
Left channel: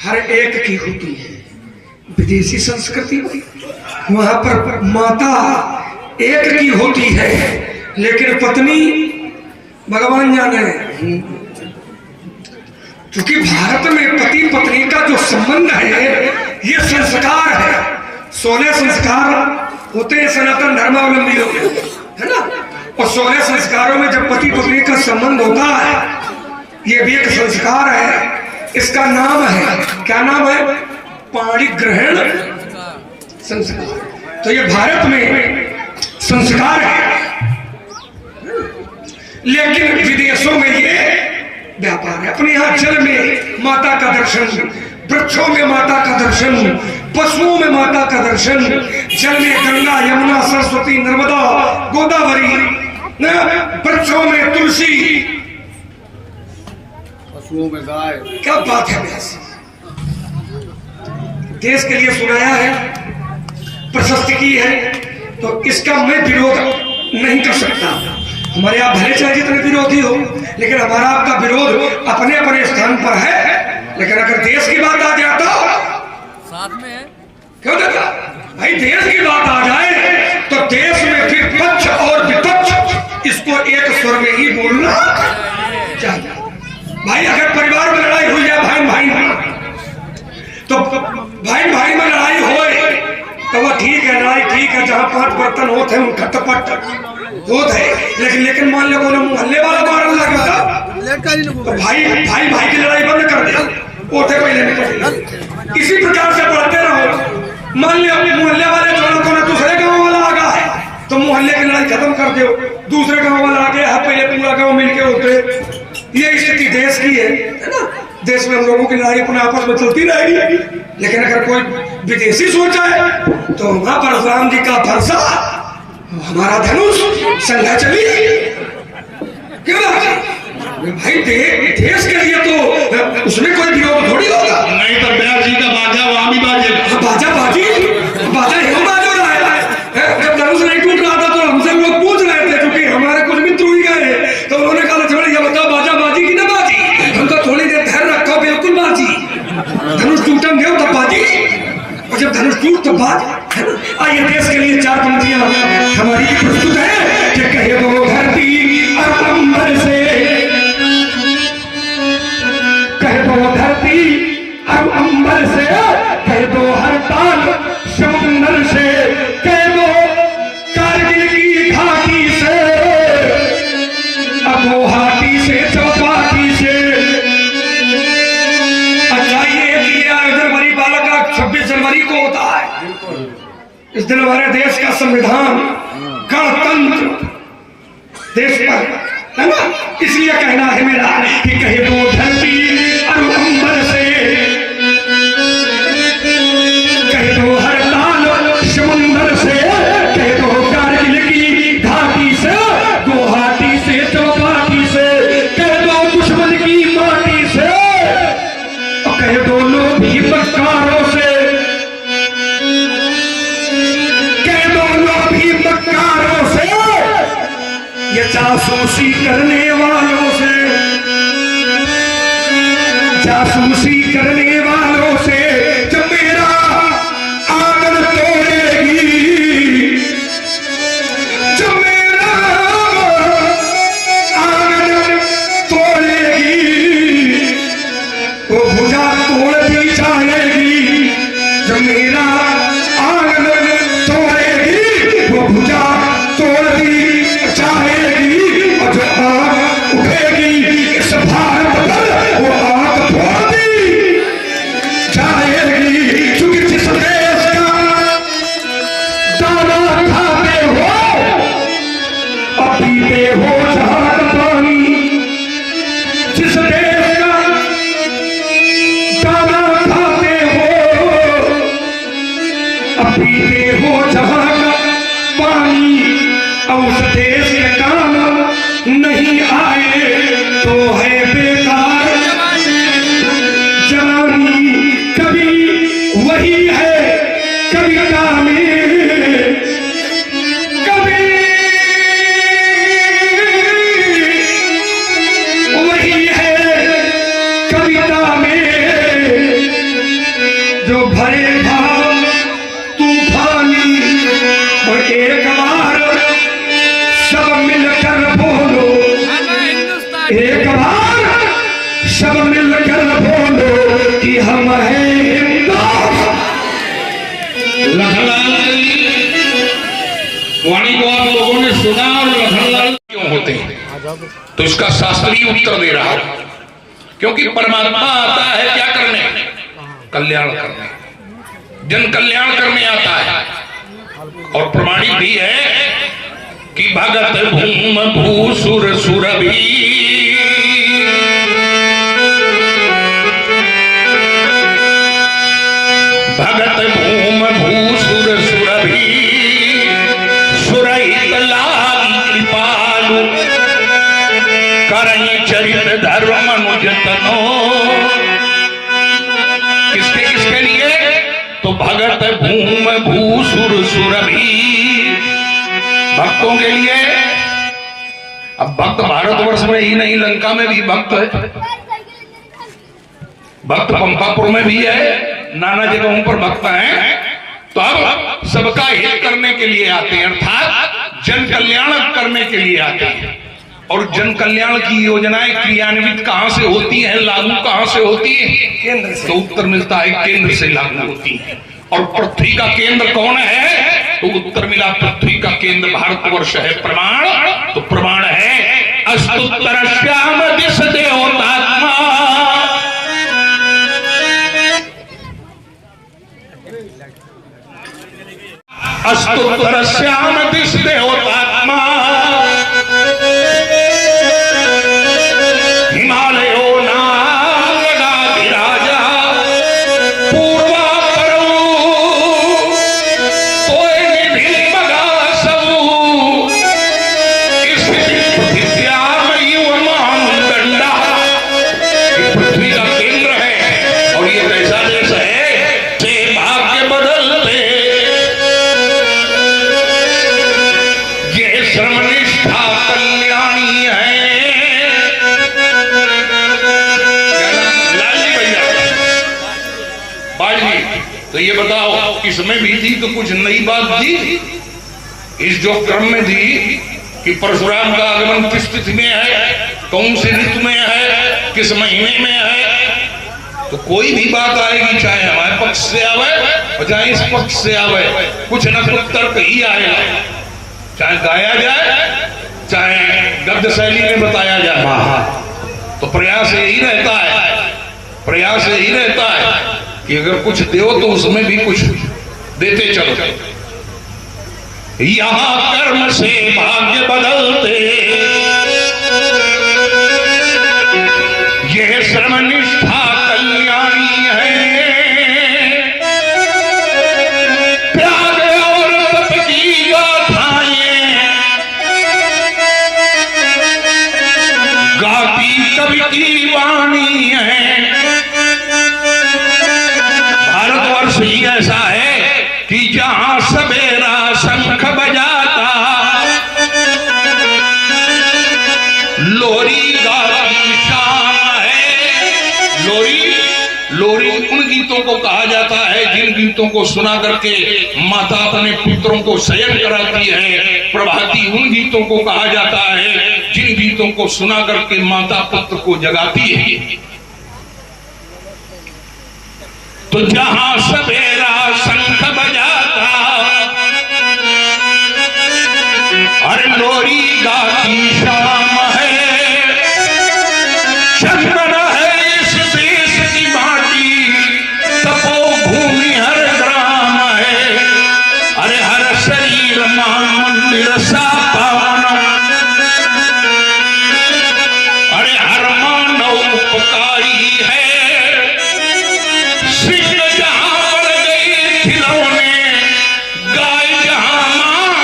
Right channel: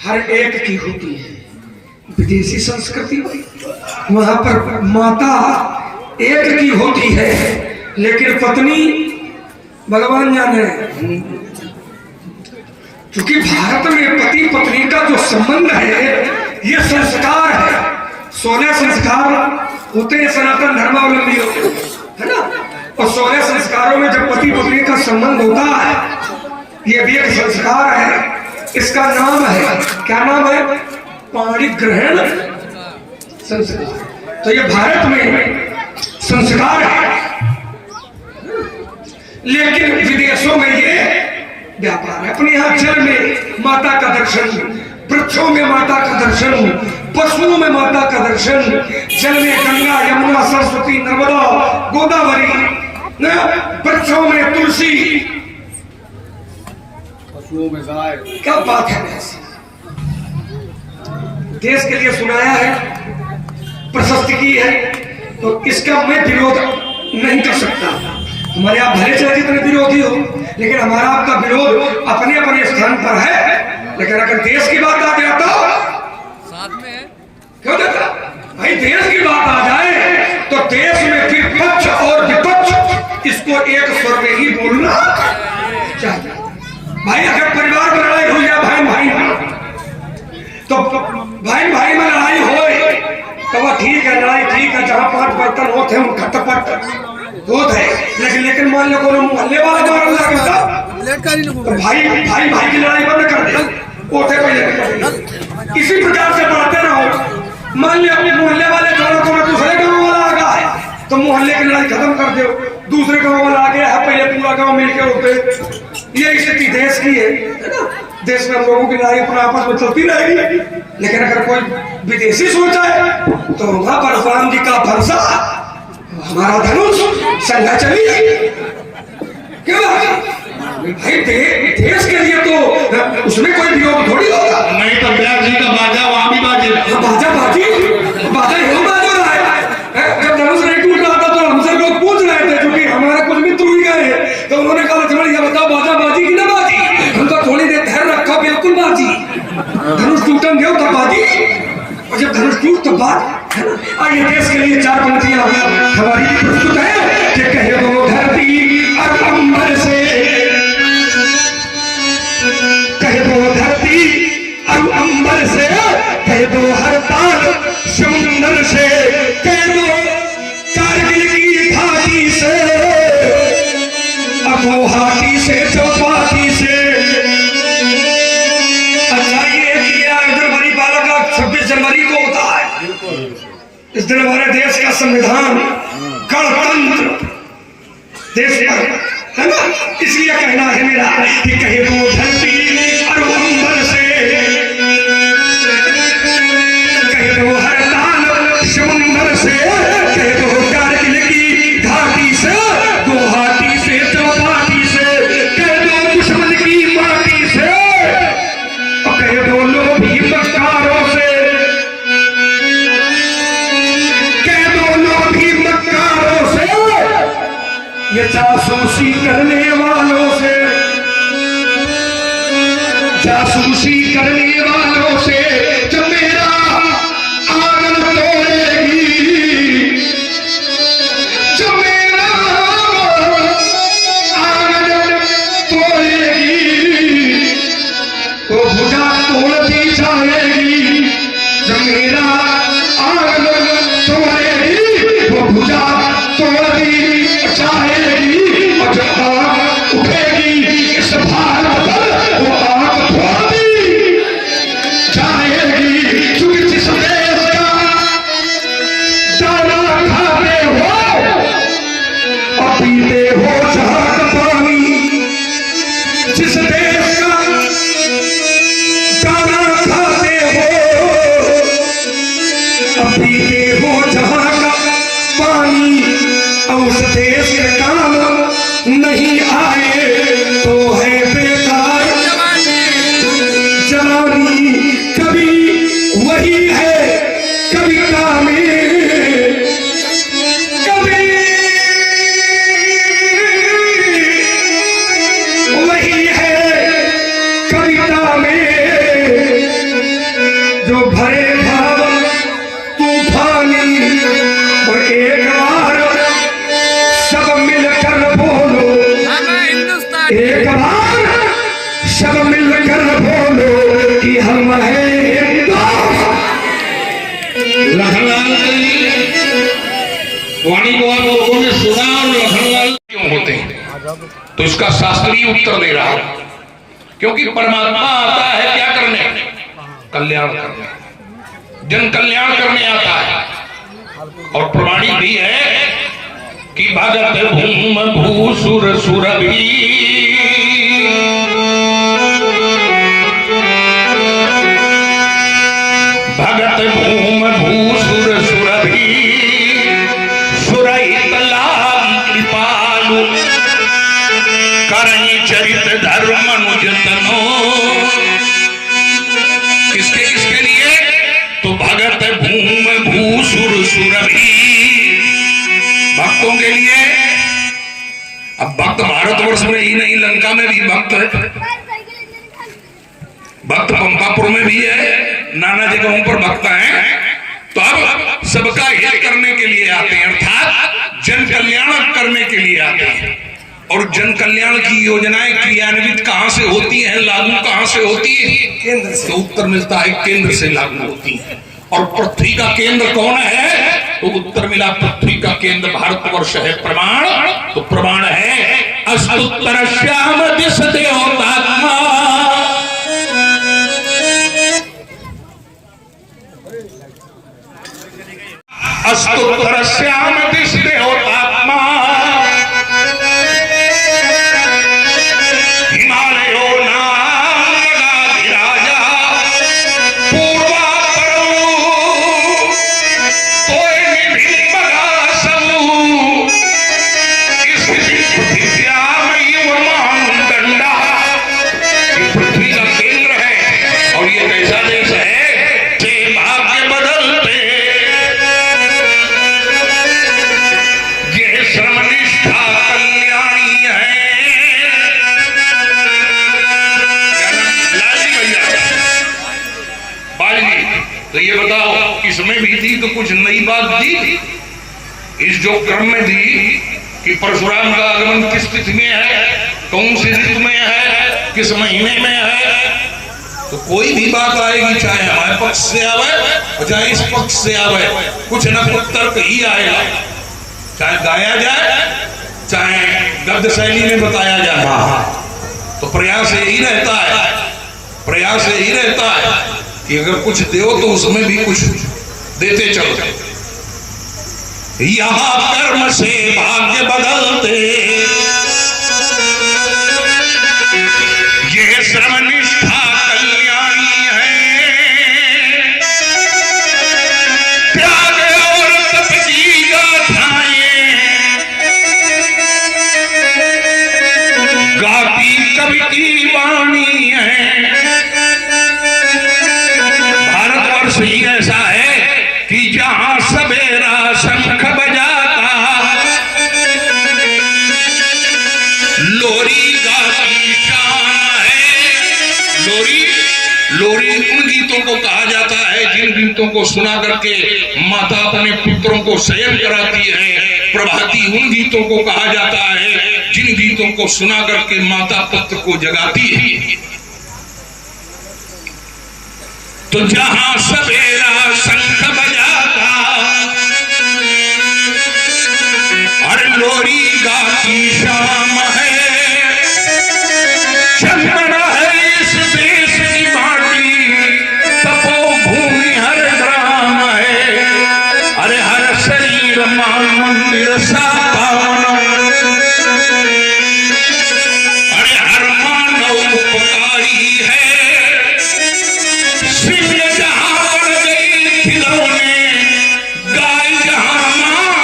हर एक की होती है। विदेशी संस्कृति में वहां पर माता एक की होती है, लेकिन पत्नी भगवान जाने। क्योंकि भारत में पति पत्नी का जो संबंध है ये संस्कार है। 16 संस्कार होते हैं सनातन धर्मावलंबियों में, है ना। और 16 संस्कारों में जब पति पत्नी का संबंध होता है, ये भी एक संस्कार है। इसका नाम है, क्या नाम है? पाणी ग्रहण संस्कार। तो ये भारत में संस्कार है, लेकिन विदेशों में ये व्यापार है। अपने यहाँ जल में माता का दर्शन, वृक्षों में माता का दर्शन, पशुओं में माता का दर्शन, जल में गंगा, यमुना, सरस्वती, नर्मदा, गोदावरी, वृक्षों में तुलसी, पशुओं में गाय। क्या बात है। देश के लिए सुनाया है, प्रशस्ति की है, तो इसका मैं विरोध नहीं कर सकता। हमारे आप भले चाहे जितने विरोधी हो, लेकिन हमारा आपका विरोध अपने अपने स्थान पर है। लेकिन अगर देश की बात आ जाए तो साथ में क्यों देता भाई, देश की बात आ जाए तो देश में फिर पक्ष और विपक्ष इसको एक स्वर में ही बोलना चाहिए। भाई अगर परिवार में लड़ाई हो जाए, भाई भाई तो भाई भाई में लड़ाई हो तो वो ठीक है, लड़ाई ठीक है, जहाँ 5 बर्तन होते हैं उनका टपट होता है। लेकिन मान लो कोई मोहल्ले वाला मारने लगा तो भाई भाई भाई की लड़ाई बंद कर दे, ओठे पहले। इसी प्रकार से बढ़ते रहो। मान लो अपने मोहल्ले वाले को दूसरे गाँव वाला आ गया है तो मोहल्ले की लड़ाई खत्म कर दो, दूसरे गाँव वाला आ गया है, पहले पूरा गाँव मिलकर उठे। ये स्थिति देश की है ना। देश में हम लोगों की लड़ाई अपने आपस में चलती रहेगी। लेकिन अगर कोई विदेशी सोचा है तो वहां पर राम जी का भरसा, हमारा धनुष, संघा चली। क्यों भाई, देश के लिए तो उसमें कोई विरोध थोड़ी होगा। नहीं तो ब्याह जी का बाजा वहां भी बाजे, बाजा बाजी, बाजा ही बाजा रहा है। जब धनुष नहीं टूट रहा था तो हमसे लोग पूछ रहे थे, क्योंकि हमारे कुछ मित्र हुई गए, तो उन्होंने कहा थोड़ी बताओ बाजा बाजी की ना बाजी। हम तो थोड़ी देर धैर्य रखा, बिल्कुल बाजी। धनुष टूटेंगे तो बाजी, और जब धनुष टूट तो बात। आइए देश के लिए 4 पंक्तियां हमारी प्रस्तुत है कि कहे वो धरती और अंबर से, कहे वो धरती और अंबर से, कहे दो हर ताल समुंदर से, कहे दो कारगिल की घाटी से, अब वो हाथी से चौपाटी से। जनवरी बालक का 26 जनवरी को होता है। इस दिन हमारे देश का संविधान, गणतंत्र देश का है ना। इसलिए कहना है मेरा कि कहे वो धरती और अंबर से, कहे दो हर ताल समुंदर से, कहे दो कारगिल की घाटी से, गुवाहाटी से चौपाटी से, कहे दो दुश्मन की माटी से, और कहे दो लोभी मक्कारों से, कहे दो लोभी मक्कारों से, ये जासूसी करने वालों से, जासूसी करने वालों से, जो मेरा आंगन तोड़ेगी, जो मेरा आंगन तोड़ेगी, वो भुजा तोड़ दी जाएगी। जो मेरा आंगन तोड़ेगी, वो भुजा तोड़ दी जाएगी। और जो आग उठेगी इस भारत पर, वो आग फोड़ दी जाएगी। क्योंकि जिस देश का दाना खाते हो और पीते हो जहां का पानी, जिस देश का दाना खाते हो और पीते हो जहां का पानी, और उस देश के काम नहीं आए तो है बेकार जवानी। कभी वही है कविता में, कभी वही है कविता में, जो भरे भाव तूफानी और एक बार को आप लोगों ने सुना और लखनलाल क्यों होते हैं, तो इसका शास्त्रीय उत्तर दे रहा हूं। क्योंकि परमात्मा आता है क्या करने, कल्याण करने, जन कल्याण करने आता है। और प्रमाणित भी है कि भगत भूम भूसुर सुरभि, भगत भूम भूसुर सुरभि, सुरहित लागी कृपालु, करई चरित धर्म अनुजतनो। किसके किसके लिए, तो भगत भूम भूसुर सुरभि, भक्तों के लिए। अब भक्त भारतवर्ष में ही नहीं, लंका में भी भक्त है, भक्त पंपापुर में भी है, नाना जगहों पर भक्त हैं। तो अब सबका हित करने के लिए आते हैं, अर्थात जन कल्याण करने के लिए आते हैं। और जन कल्याण की योजनाएं क्रियान्वित कहां से होती हैं, लागू कहां से होती है, केंद्र से। तो उत्तर मिलता है केंद्र से लागू होती है। और पृथ्वी का केंद्र कौन है, तो उत्तर मिला पृथ्वी का केंद्र भारतवर्ष है। प्रमाण, तो प्रमाण है अस्तुत्तर श्याम दिश देवतात्मा, अस्तुत्तर श्याम दिश देवतात्मा, हिमालयो नागाधिराजा, पूर्वा परो तोय निधि मगा सबू, इस पृथ्व्यामयी वमानुदंडा। ये पृथ्वी का केंद्र है और ये कैसा देश है, जे भाग्य बदलते, ये श्रमनिष्ठा कल्याणी है। लाली भैया बाजनी, तो ये बताओ किसमें भी थी तो कुछ नई बात दी, इस जो क्रम में दी कि परशुराम का आगमन किस तिथि में है, कौन से ऋतु में है, किस महीने में है, तो कोई भी बात आएगी, चाहे हमारे पक्ष से आवे चाहे इस पक्ष से आवे, कुछ न कुछ तर्क ही आएगा, चाहे गाया जाए चाहे गद्य शैली में बताया जाए। तो प्रयास यही रहता है, प्रयास यही रहता है कि अगर कुछ दो तो उसमें भी कुछ देते चलो। यहां कर्म से भाग्य बदलते, ये श्रमनिष्ठा कल्याणी है। त्याग और तप की गाथाएं गाती कवि की वाणी है। भारतवर्ष ही ऐसा है कि जहां सवेरा शंख बजाता, लोरी गाती शाम है। लोरी, लोरी उन गीतों को कहा जाता है जिन गीतों को सुना करके माता अपने पुत्रों को शयन कराती है। प्रभाती उन गीतों को कहा जाता है जिन गीतों को सुना करके माता पुत्र को जगाती है। तो जहां सवेरा शंख बजाता, अरे लोरी गाती शाम है, चंदन है इस देश की माटी, तपोभूमि हर ग्राम है। अरे हर शरीर मां मंदिर सा पावन, अरे हर मानव उपकारी है। सिंह जहां पर गई खिलौने, गाय जहां मां,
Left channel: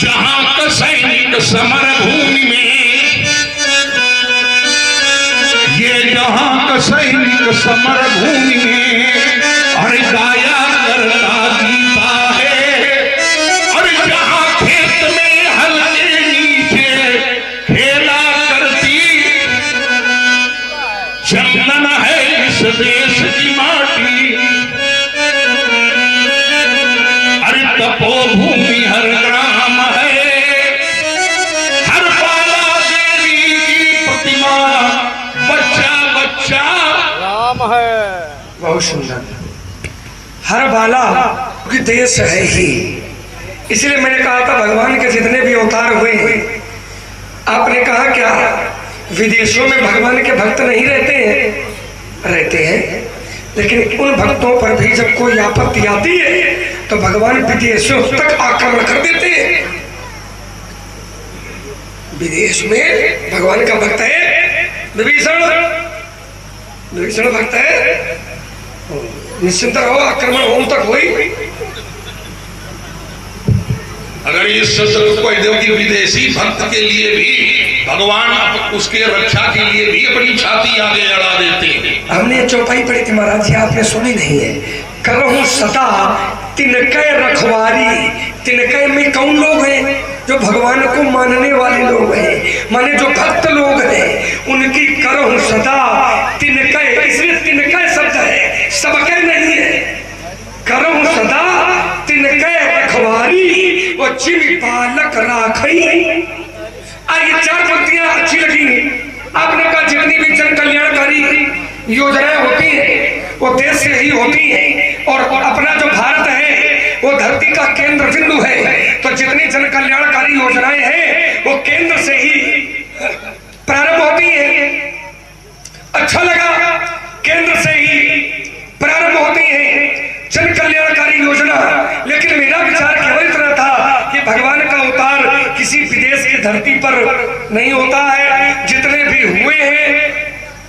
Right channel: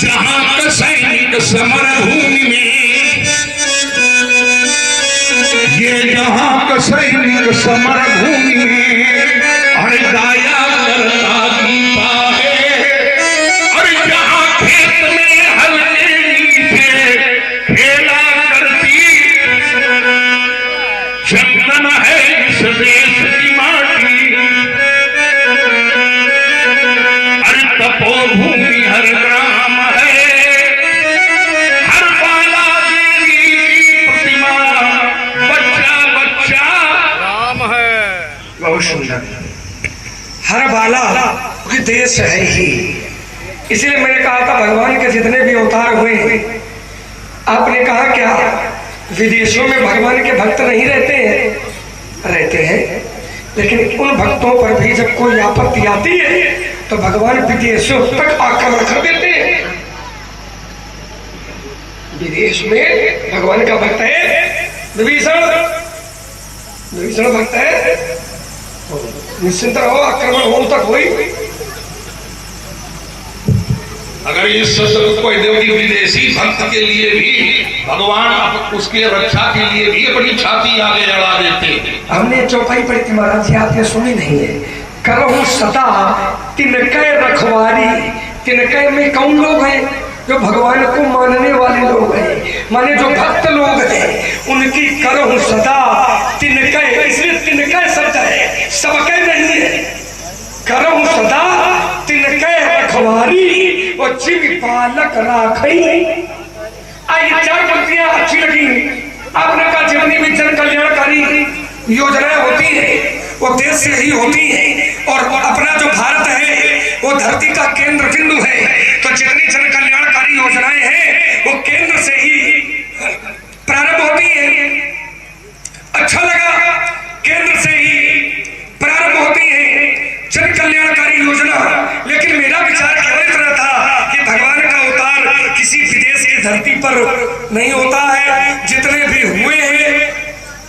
जहां का सैनिक समर भूमि में, ये जहां का सैनिक समर भूमि में, अरे गाया करता दीपा है। अरे जहां खेत में हल के नीचे खेला करती, चंदन है इस देश की माटी, अरे तपोभूमि हर ग्राम है। हर बाला देवी की प्रतिमा, बच्चा बच्चा राम है। बहुत सुंदर। हर बाला क्योंकि देश है ही, इसलिए मैंने कहा था भगवान के जितने भी अवतार हुए हैं, आपने कहा क्या विदेशों में भगवान के भक्त नहीं रहते हैं? रहते हैं, लेकिन उन भक्तों पर भी जब कोई आपत्ति आती है तो भगवान विदेशों तक आक्रमण कर देते हैं। विदेश में भगवान का भक्त है विभीषण, विभीषण भक्त है, निश्चिंत रहो, आक्रमण होम तक हुई। अगर इस शस्त्र को यदि विदेशी भक्त के लिए भी भगवान उसके रक्षा के लिए भी अपनी छाती आगे लड़ा देते हैं। हमने चौपाई पढ़ी थी महाराज जी, आपने सुनी नहीं है। करहु सदा तिनके रखवारी, तिनके में कौन लोग हैं? जो भगवान को मानने वाले लोग हैं, माने जो भक्त लोग हैं, उनकी करहु सदा तिनके, इसलिए तिनके शब्द है, सबके नहीं है। करहु सदा तिनके रखवारी वो चिर पालक राखई। आइए चार पंक्तियां अच्छी लगी। आपने कहा जितनी भी जन कल्याणकारी योजनाएं होती है वो देश से ही होती है, और अपना जो भारत है वो धरती का केंद्र बिंदु है, तो जितनी जन कल्याणकारी योजनाएं हैं वो केंद्र से ही प्रारंभ होती है। अच्छा लगा, केंद्र से ही प्रारंभ होती है जन कल्याणकारी योजना। लेकिन मेरा विचार केवल इतना था कि भगवान का अवतार किसी विदेश की धरती पर नहीं होता है। जितने भी हुए हैं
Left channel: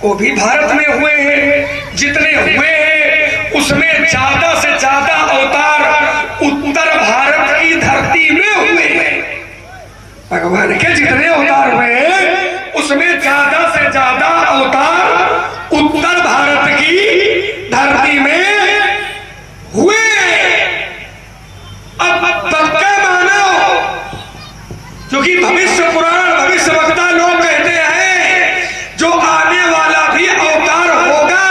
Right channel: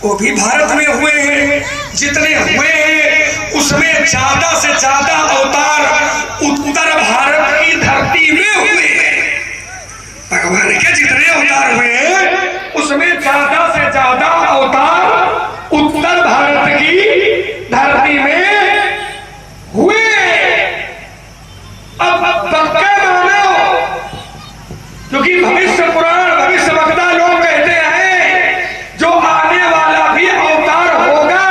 वो भी भारत में हुए हैं। जितने हुए हैं उसमें ज्यादा से ज्यादा अवतार उत्तर भारत की धरती में हुए हैं। भगवान के जितने अवतार हुए हैं उसमें ज्यादा से ज्यादा अवतार उत्तर भारत की धरती में हुए। अब पक्का मानो, क्योंकि भविष्य पुराण भविष्य वक्ता लोग कहते हैं जो आने वाला भी अवतार होगा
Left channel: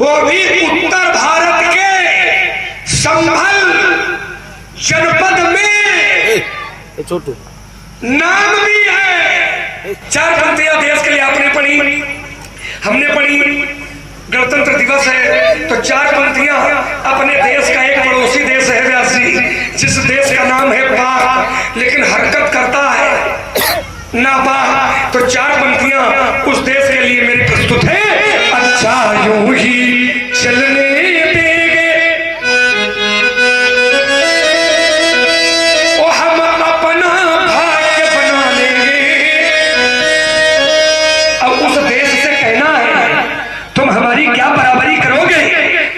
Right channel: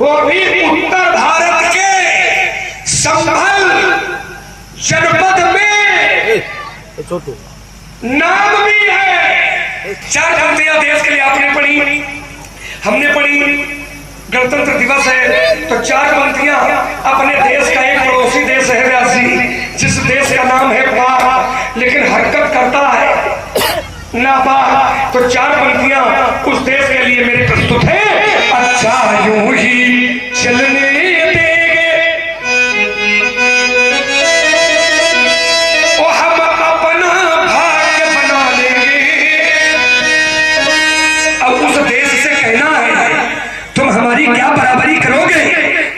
वो भी उत्तर भारत के संभल जनपद में छोटू नाम भी है। चार पंक्तियां देश के लिए आपने पढ़ी, हमने पढ़ी। गणतंत्र दिवस है तो चार पंक्तियां अपने देश का एक पड़ोसी देश है व्यास जी, जिस देश का नाम है पाक, लेकिन हरकत करता है नापाक। तो चार पंक्तियां उस देश के लिए मेरे प्रस्तुत है। अच्छा यूं ही चलने देंगे और हम अपना भाग्य बना लेंगे। अब उस देश से कहना है तुम हमारी क्या बराबरी करोगे?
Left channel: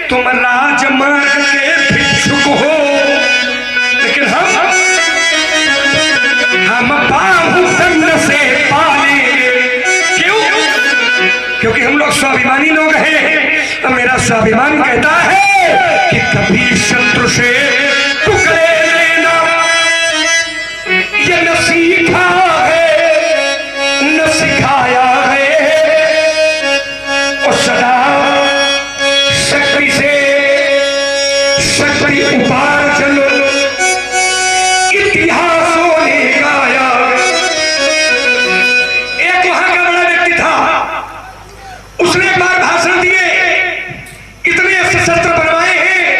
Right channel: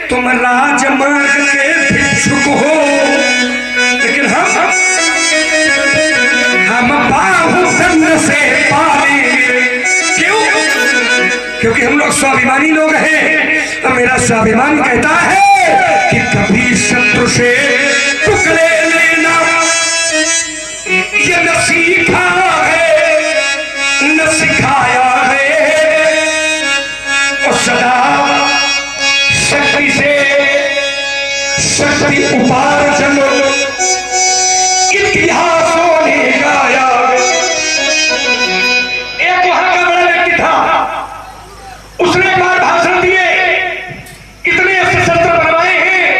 तुम राजमार्ग के भिक्षुक हो, लेकिन हम बाहुबंद से पालेंगे। क्यों? क्योंकि हम लोग स्वाभिमानी लोग हैं। तो मेरा स्वाभिमान कहता है कि कभी शत्रु से टुकड़े लेना ये न सीखा है न सिखाया है, और सदा शक्ति से शक्ति उपार्जन इतिहासों ने गाया। एक वहां का बड़ा व्यक्ति था, उसने एक बार भाषण दिए, इतने ऐसे शस्त्र बनवाए हैं,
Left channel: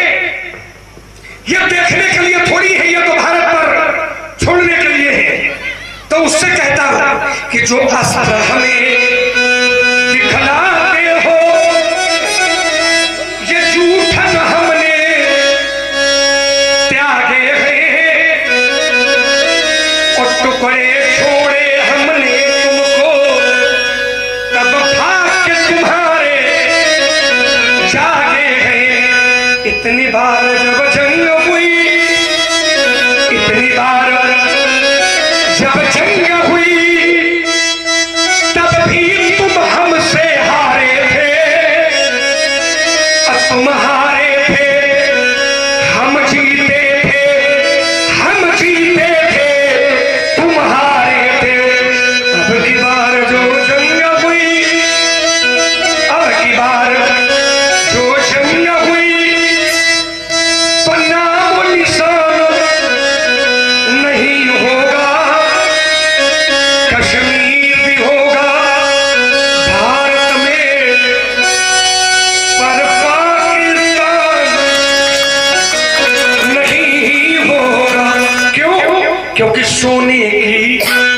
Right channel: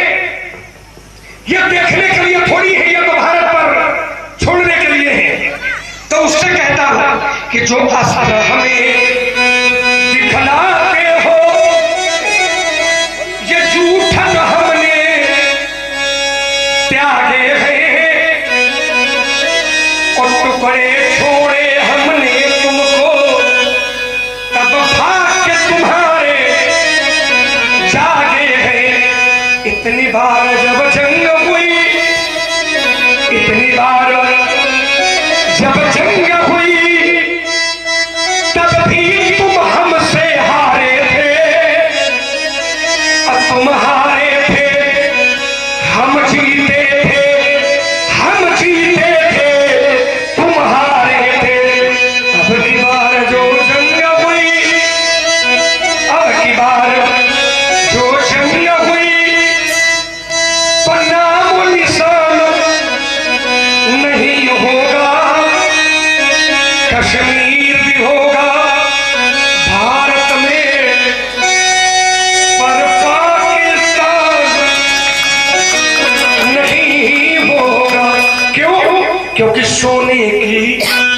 यह देखने के लिए थोड़ी है, यह तो भारत पर छोड़ने के लिए है। तो उससे कहता कि जो अस्त्र हमें दिखलाते हो ये जूठन हमने त्यागे हैं, और टुकड़े छोड़े हमने तुमको, तब भाग्य तुम्हारे जागे हैं। इतनी बार जब जंग हुई, इतनी बार जब जंग हुई, तब भी तुम हमसे हारे थे, अब तुम हारे थे हम जीते थे, हम जीते थे तुम हारे थे। अब की बार जो जंग हुई, अब की बार जो जंग हुई, तो नाम निशान नहीं होगा क्योंकि सोने की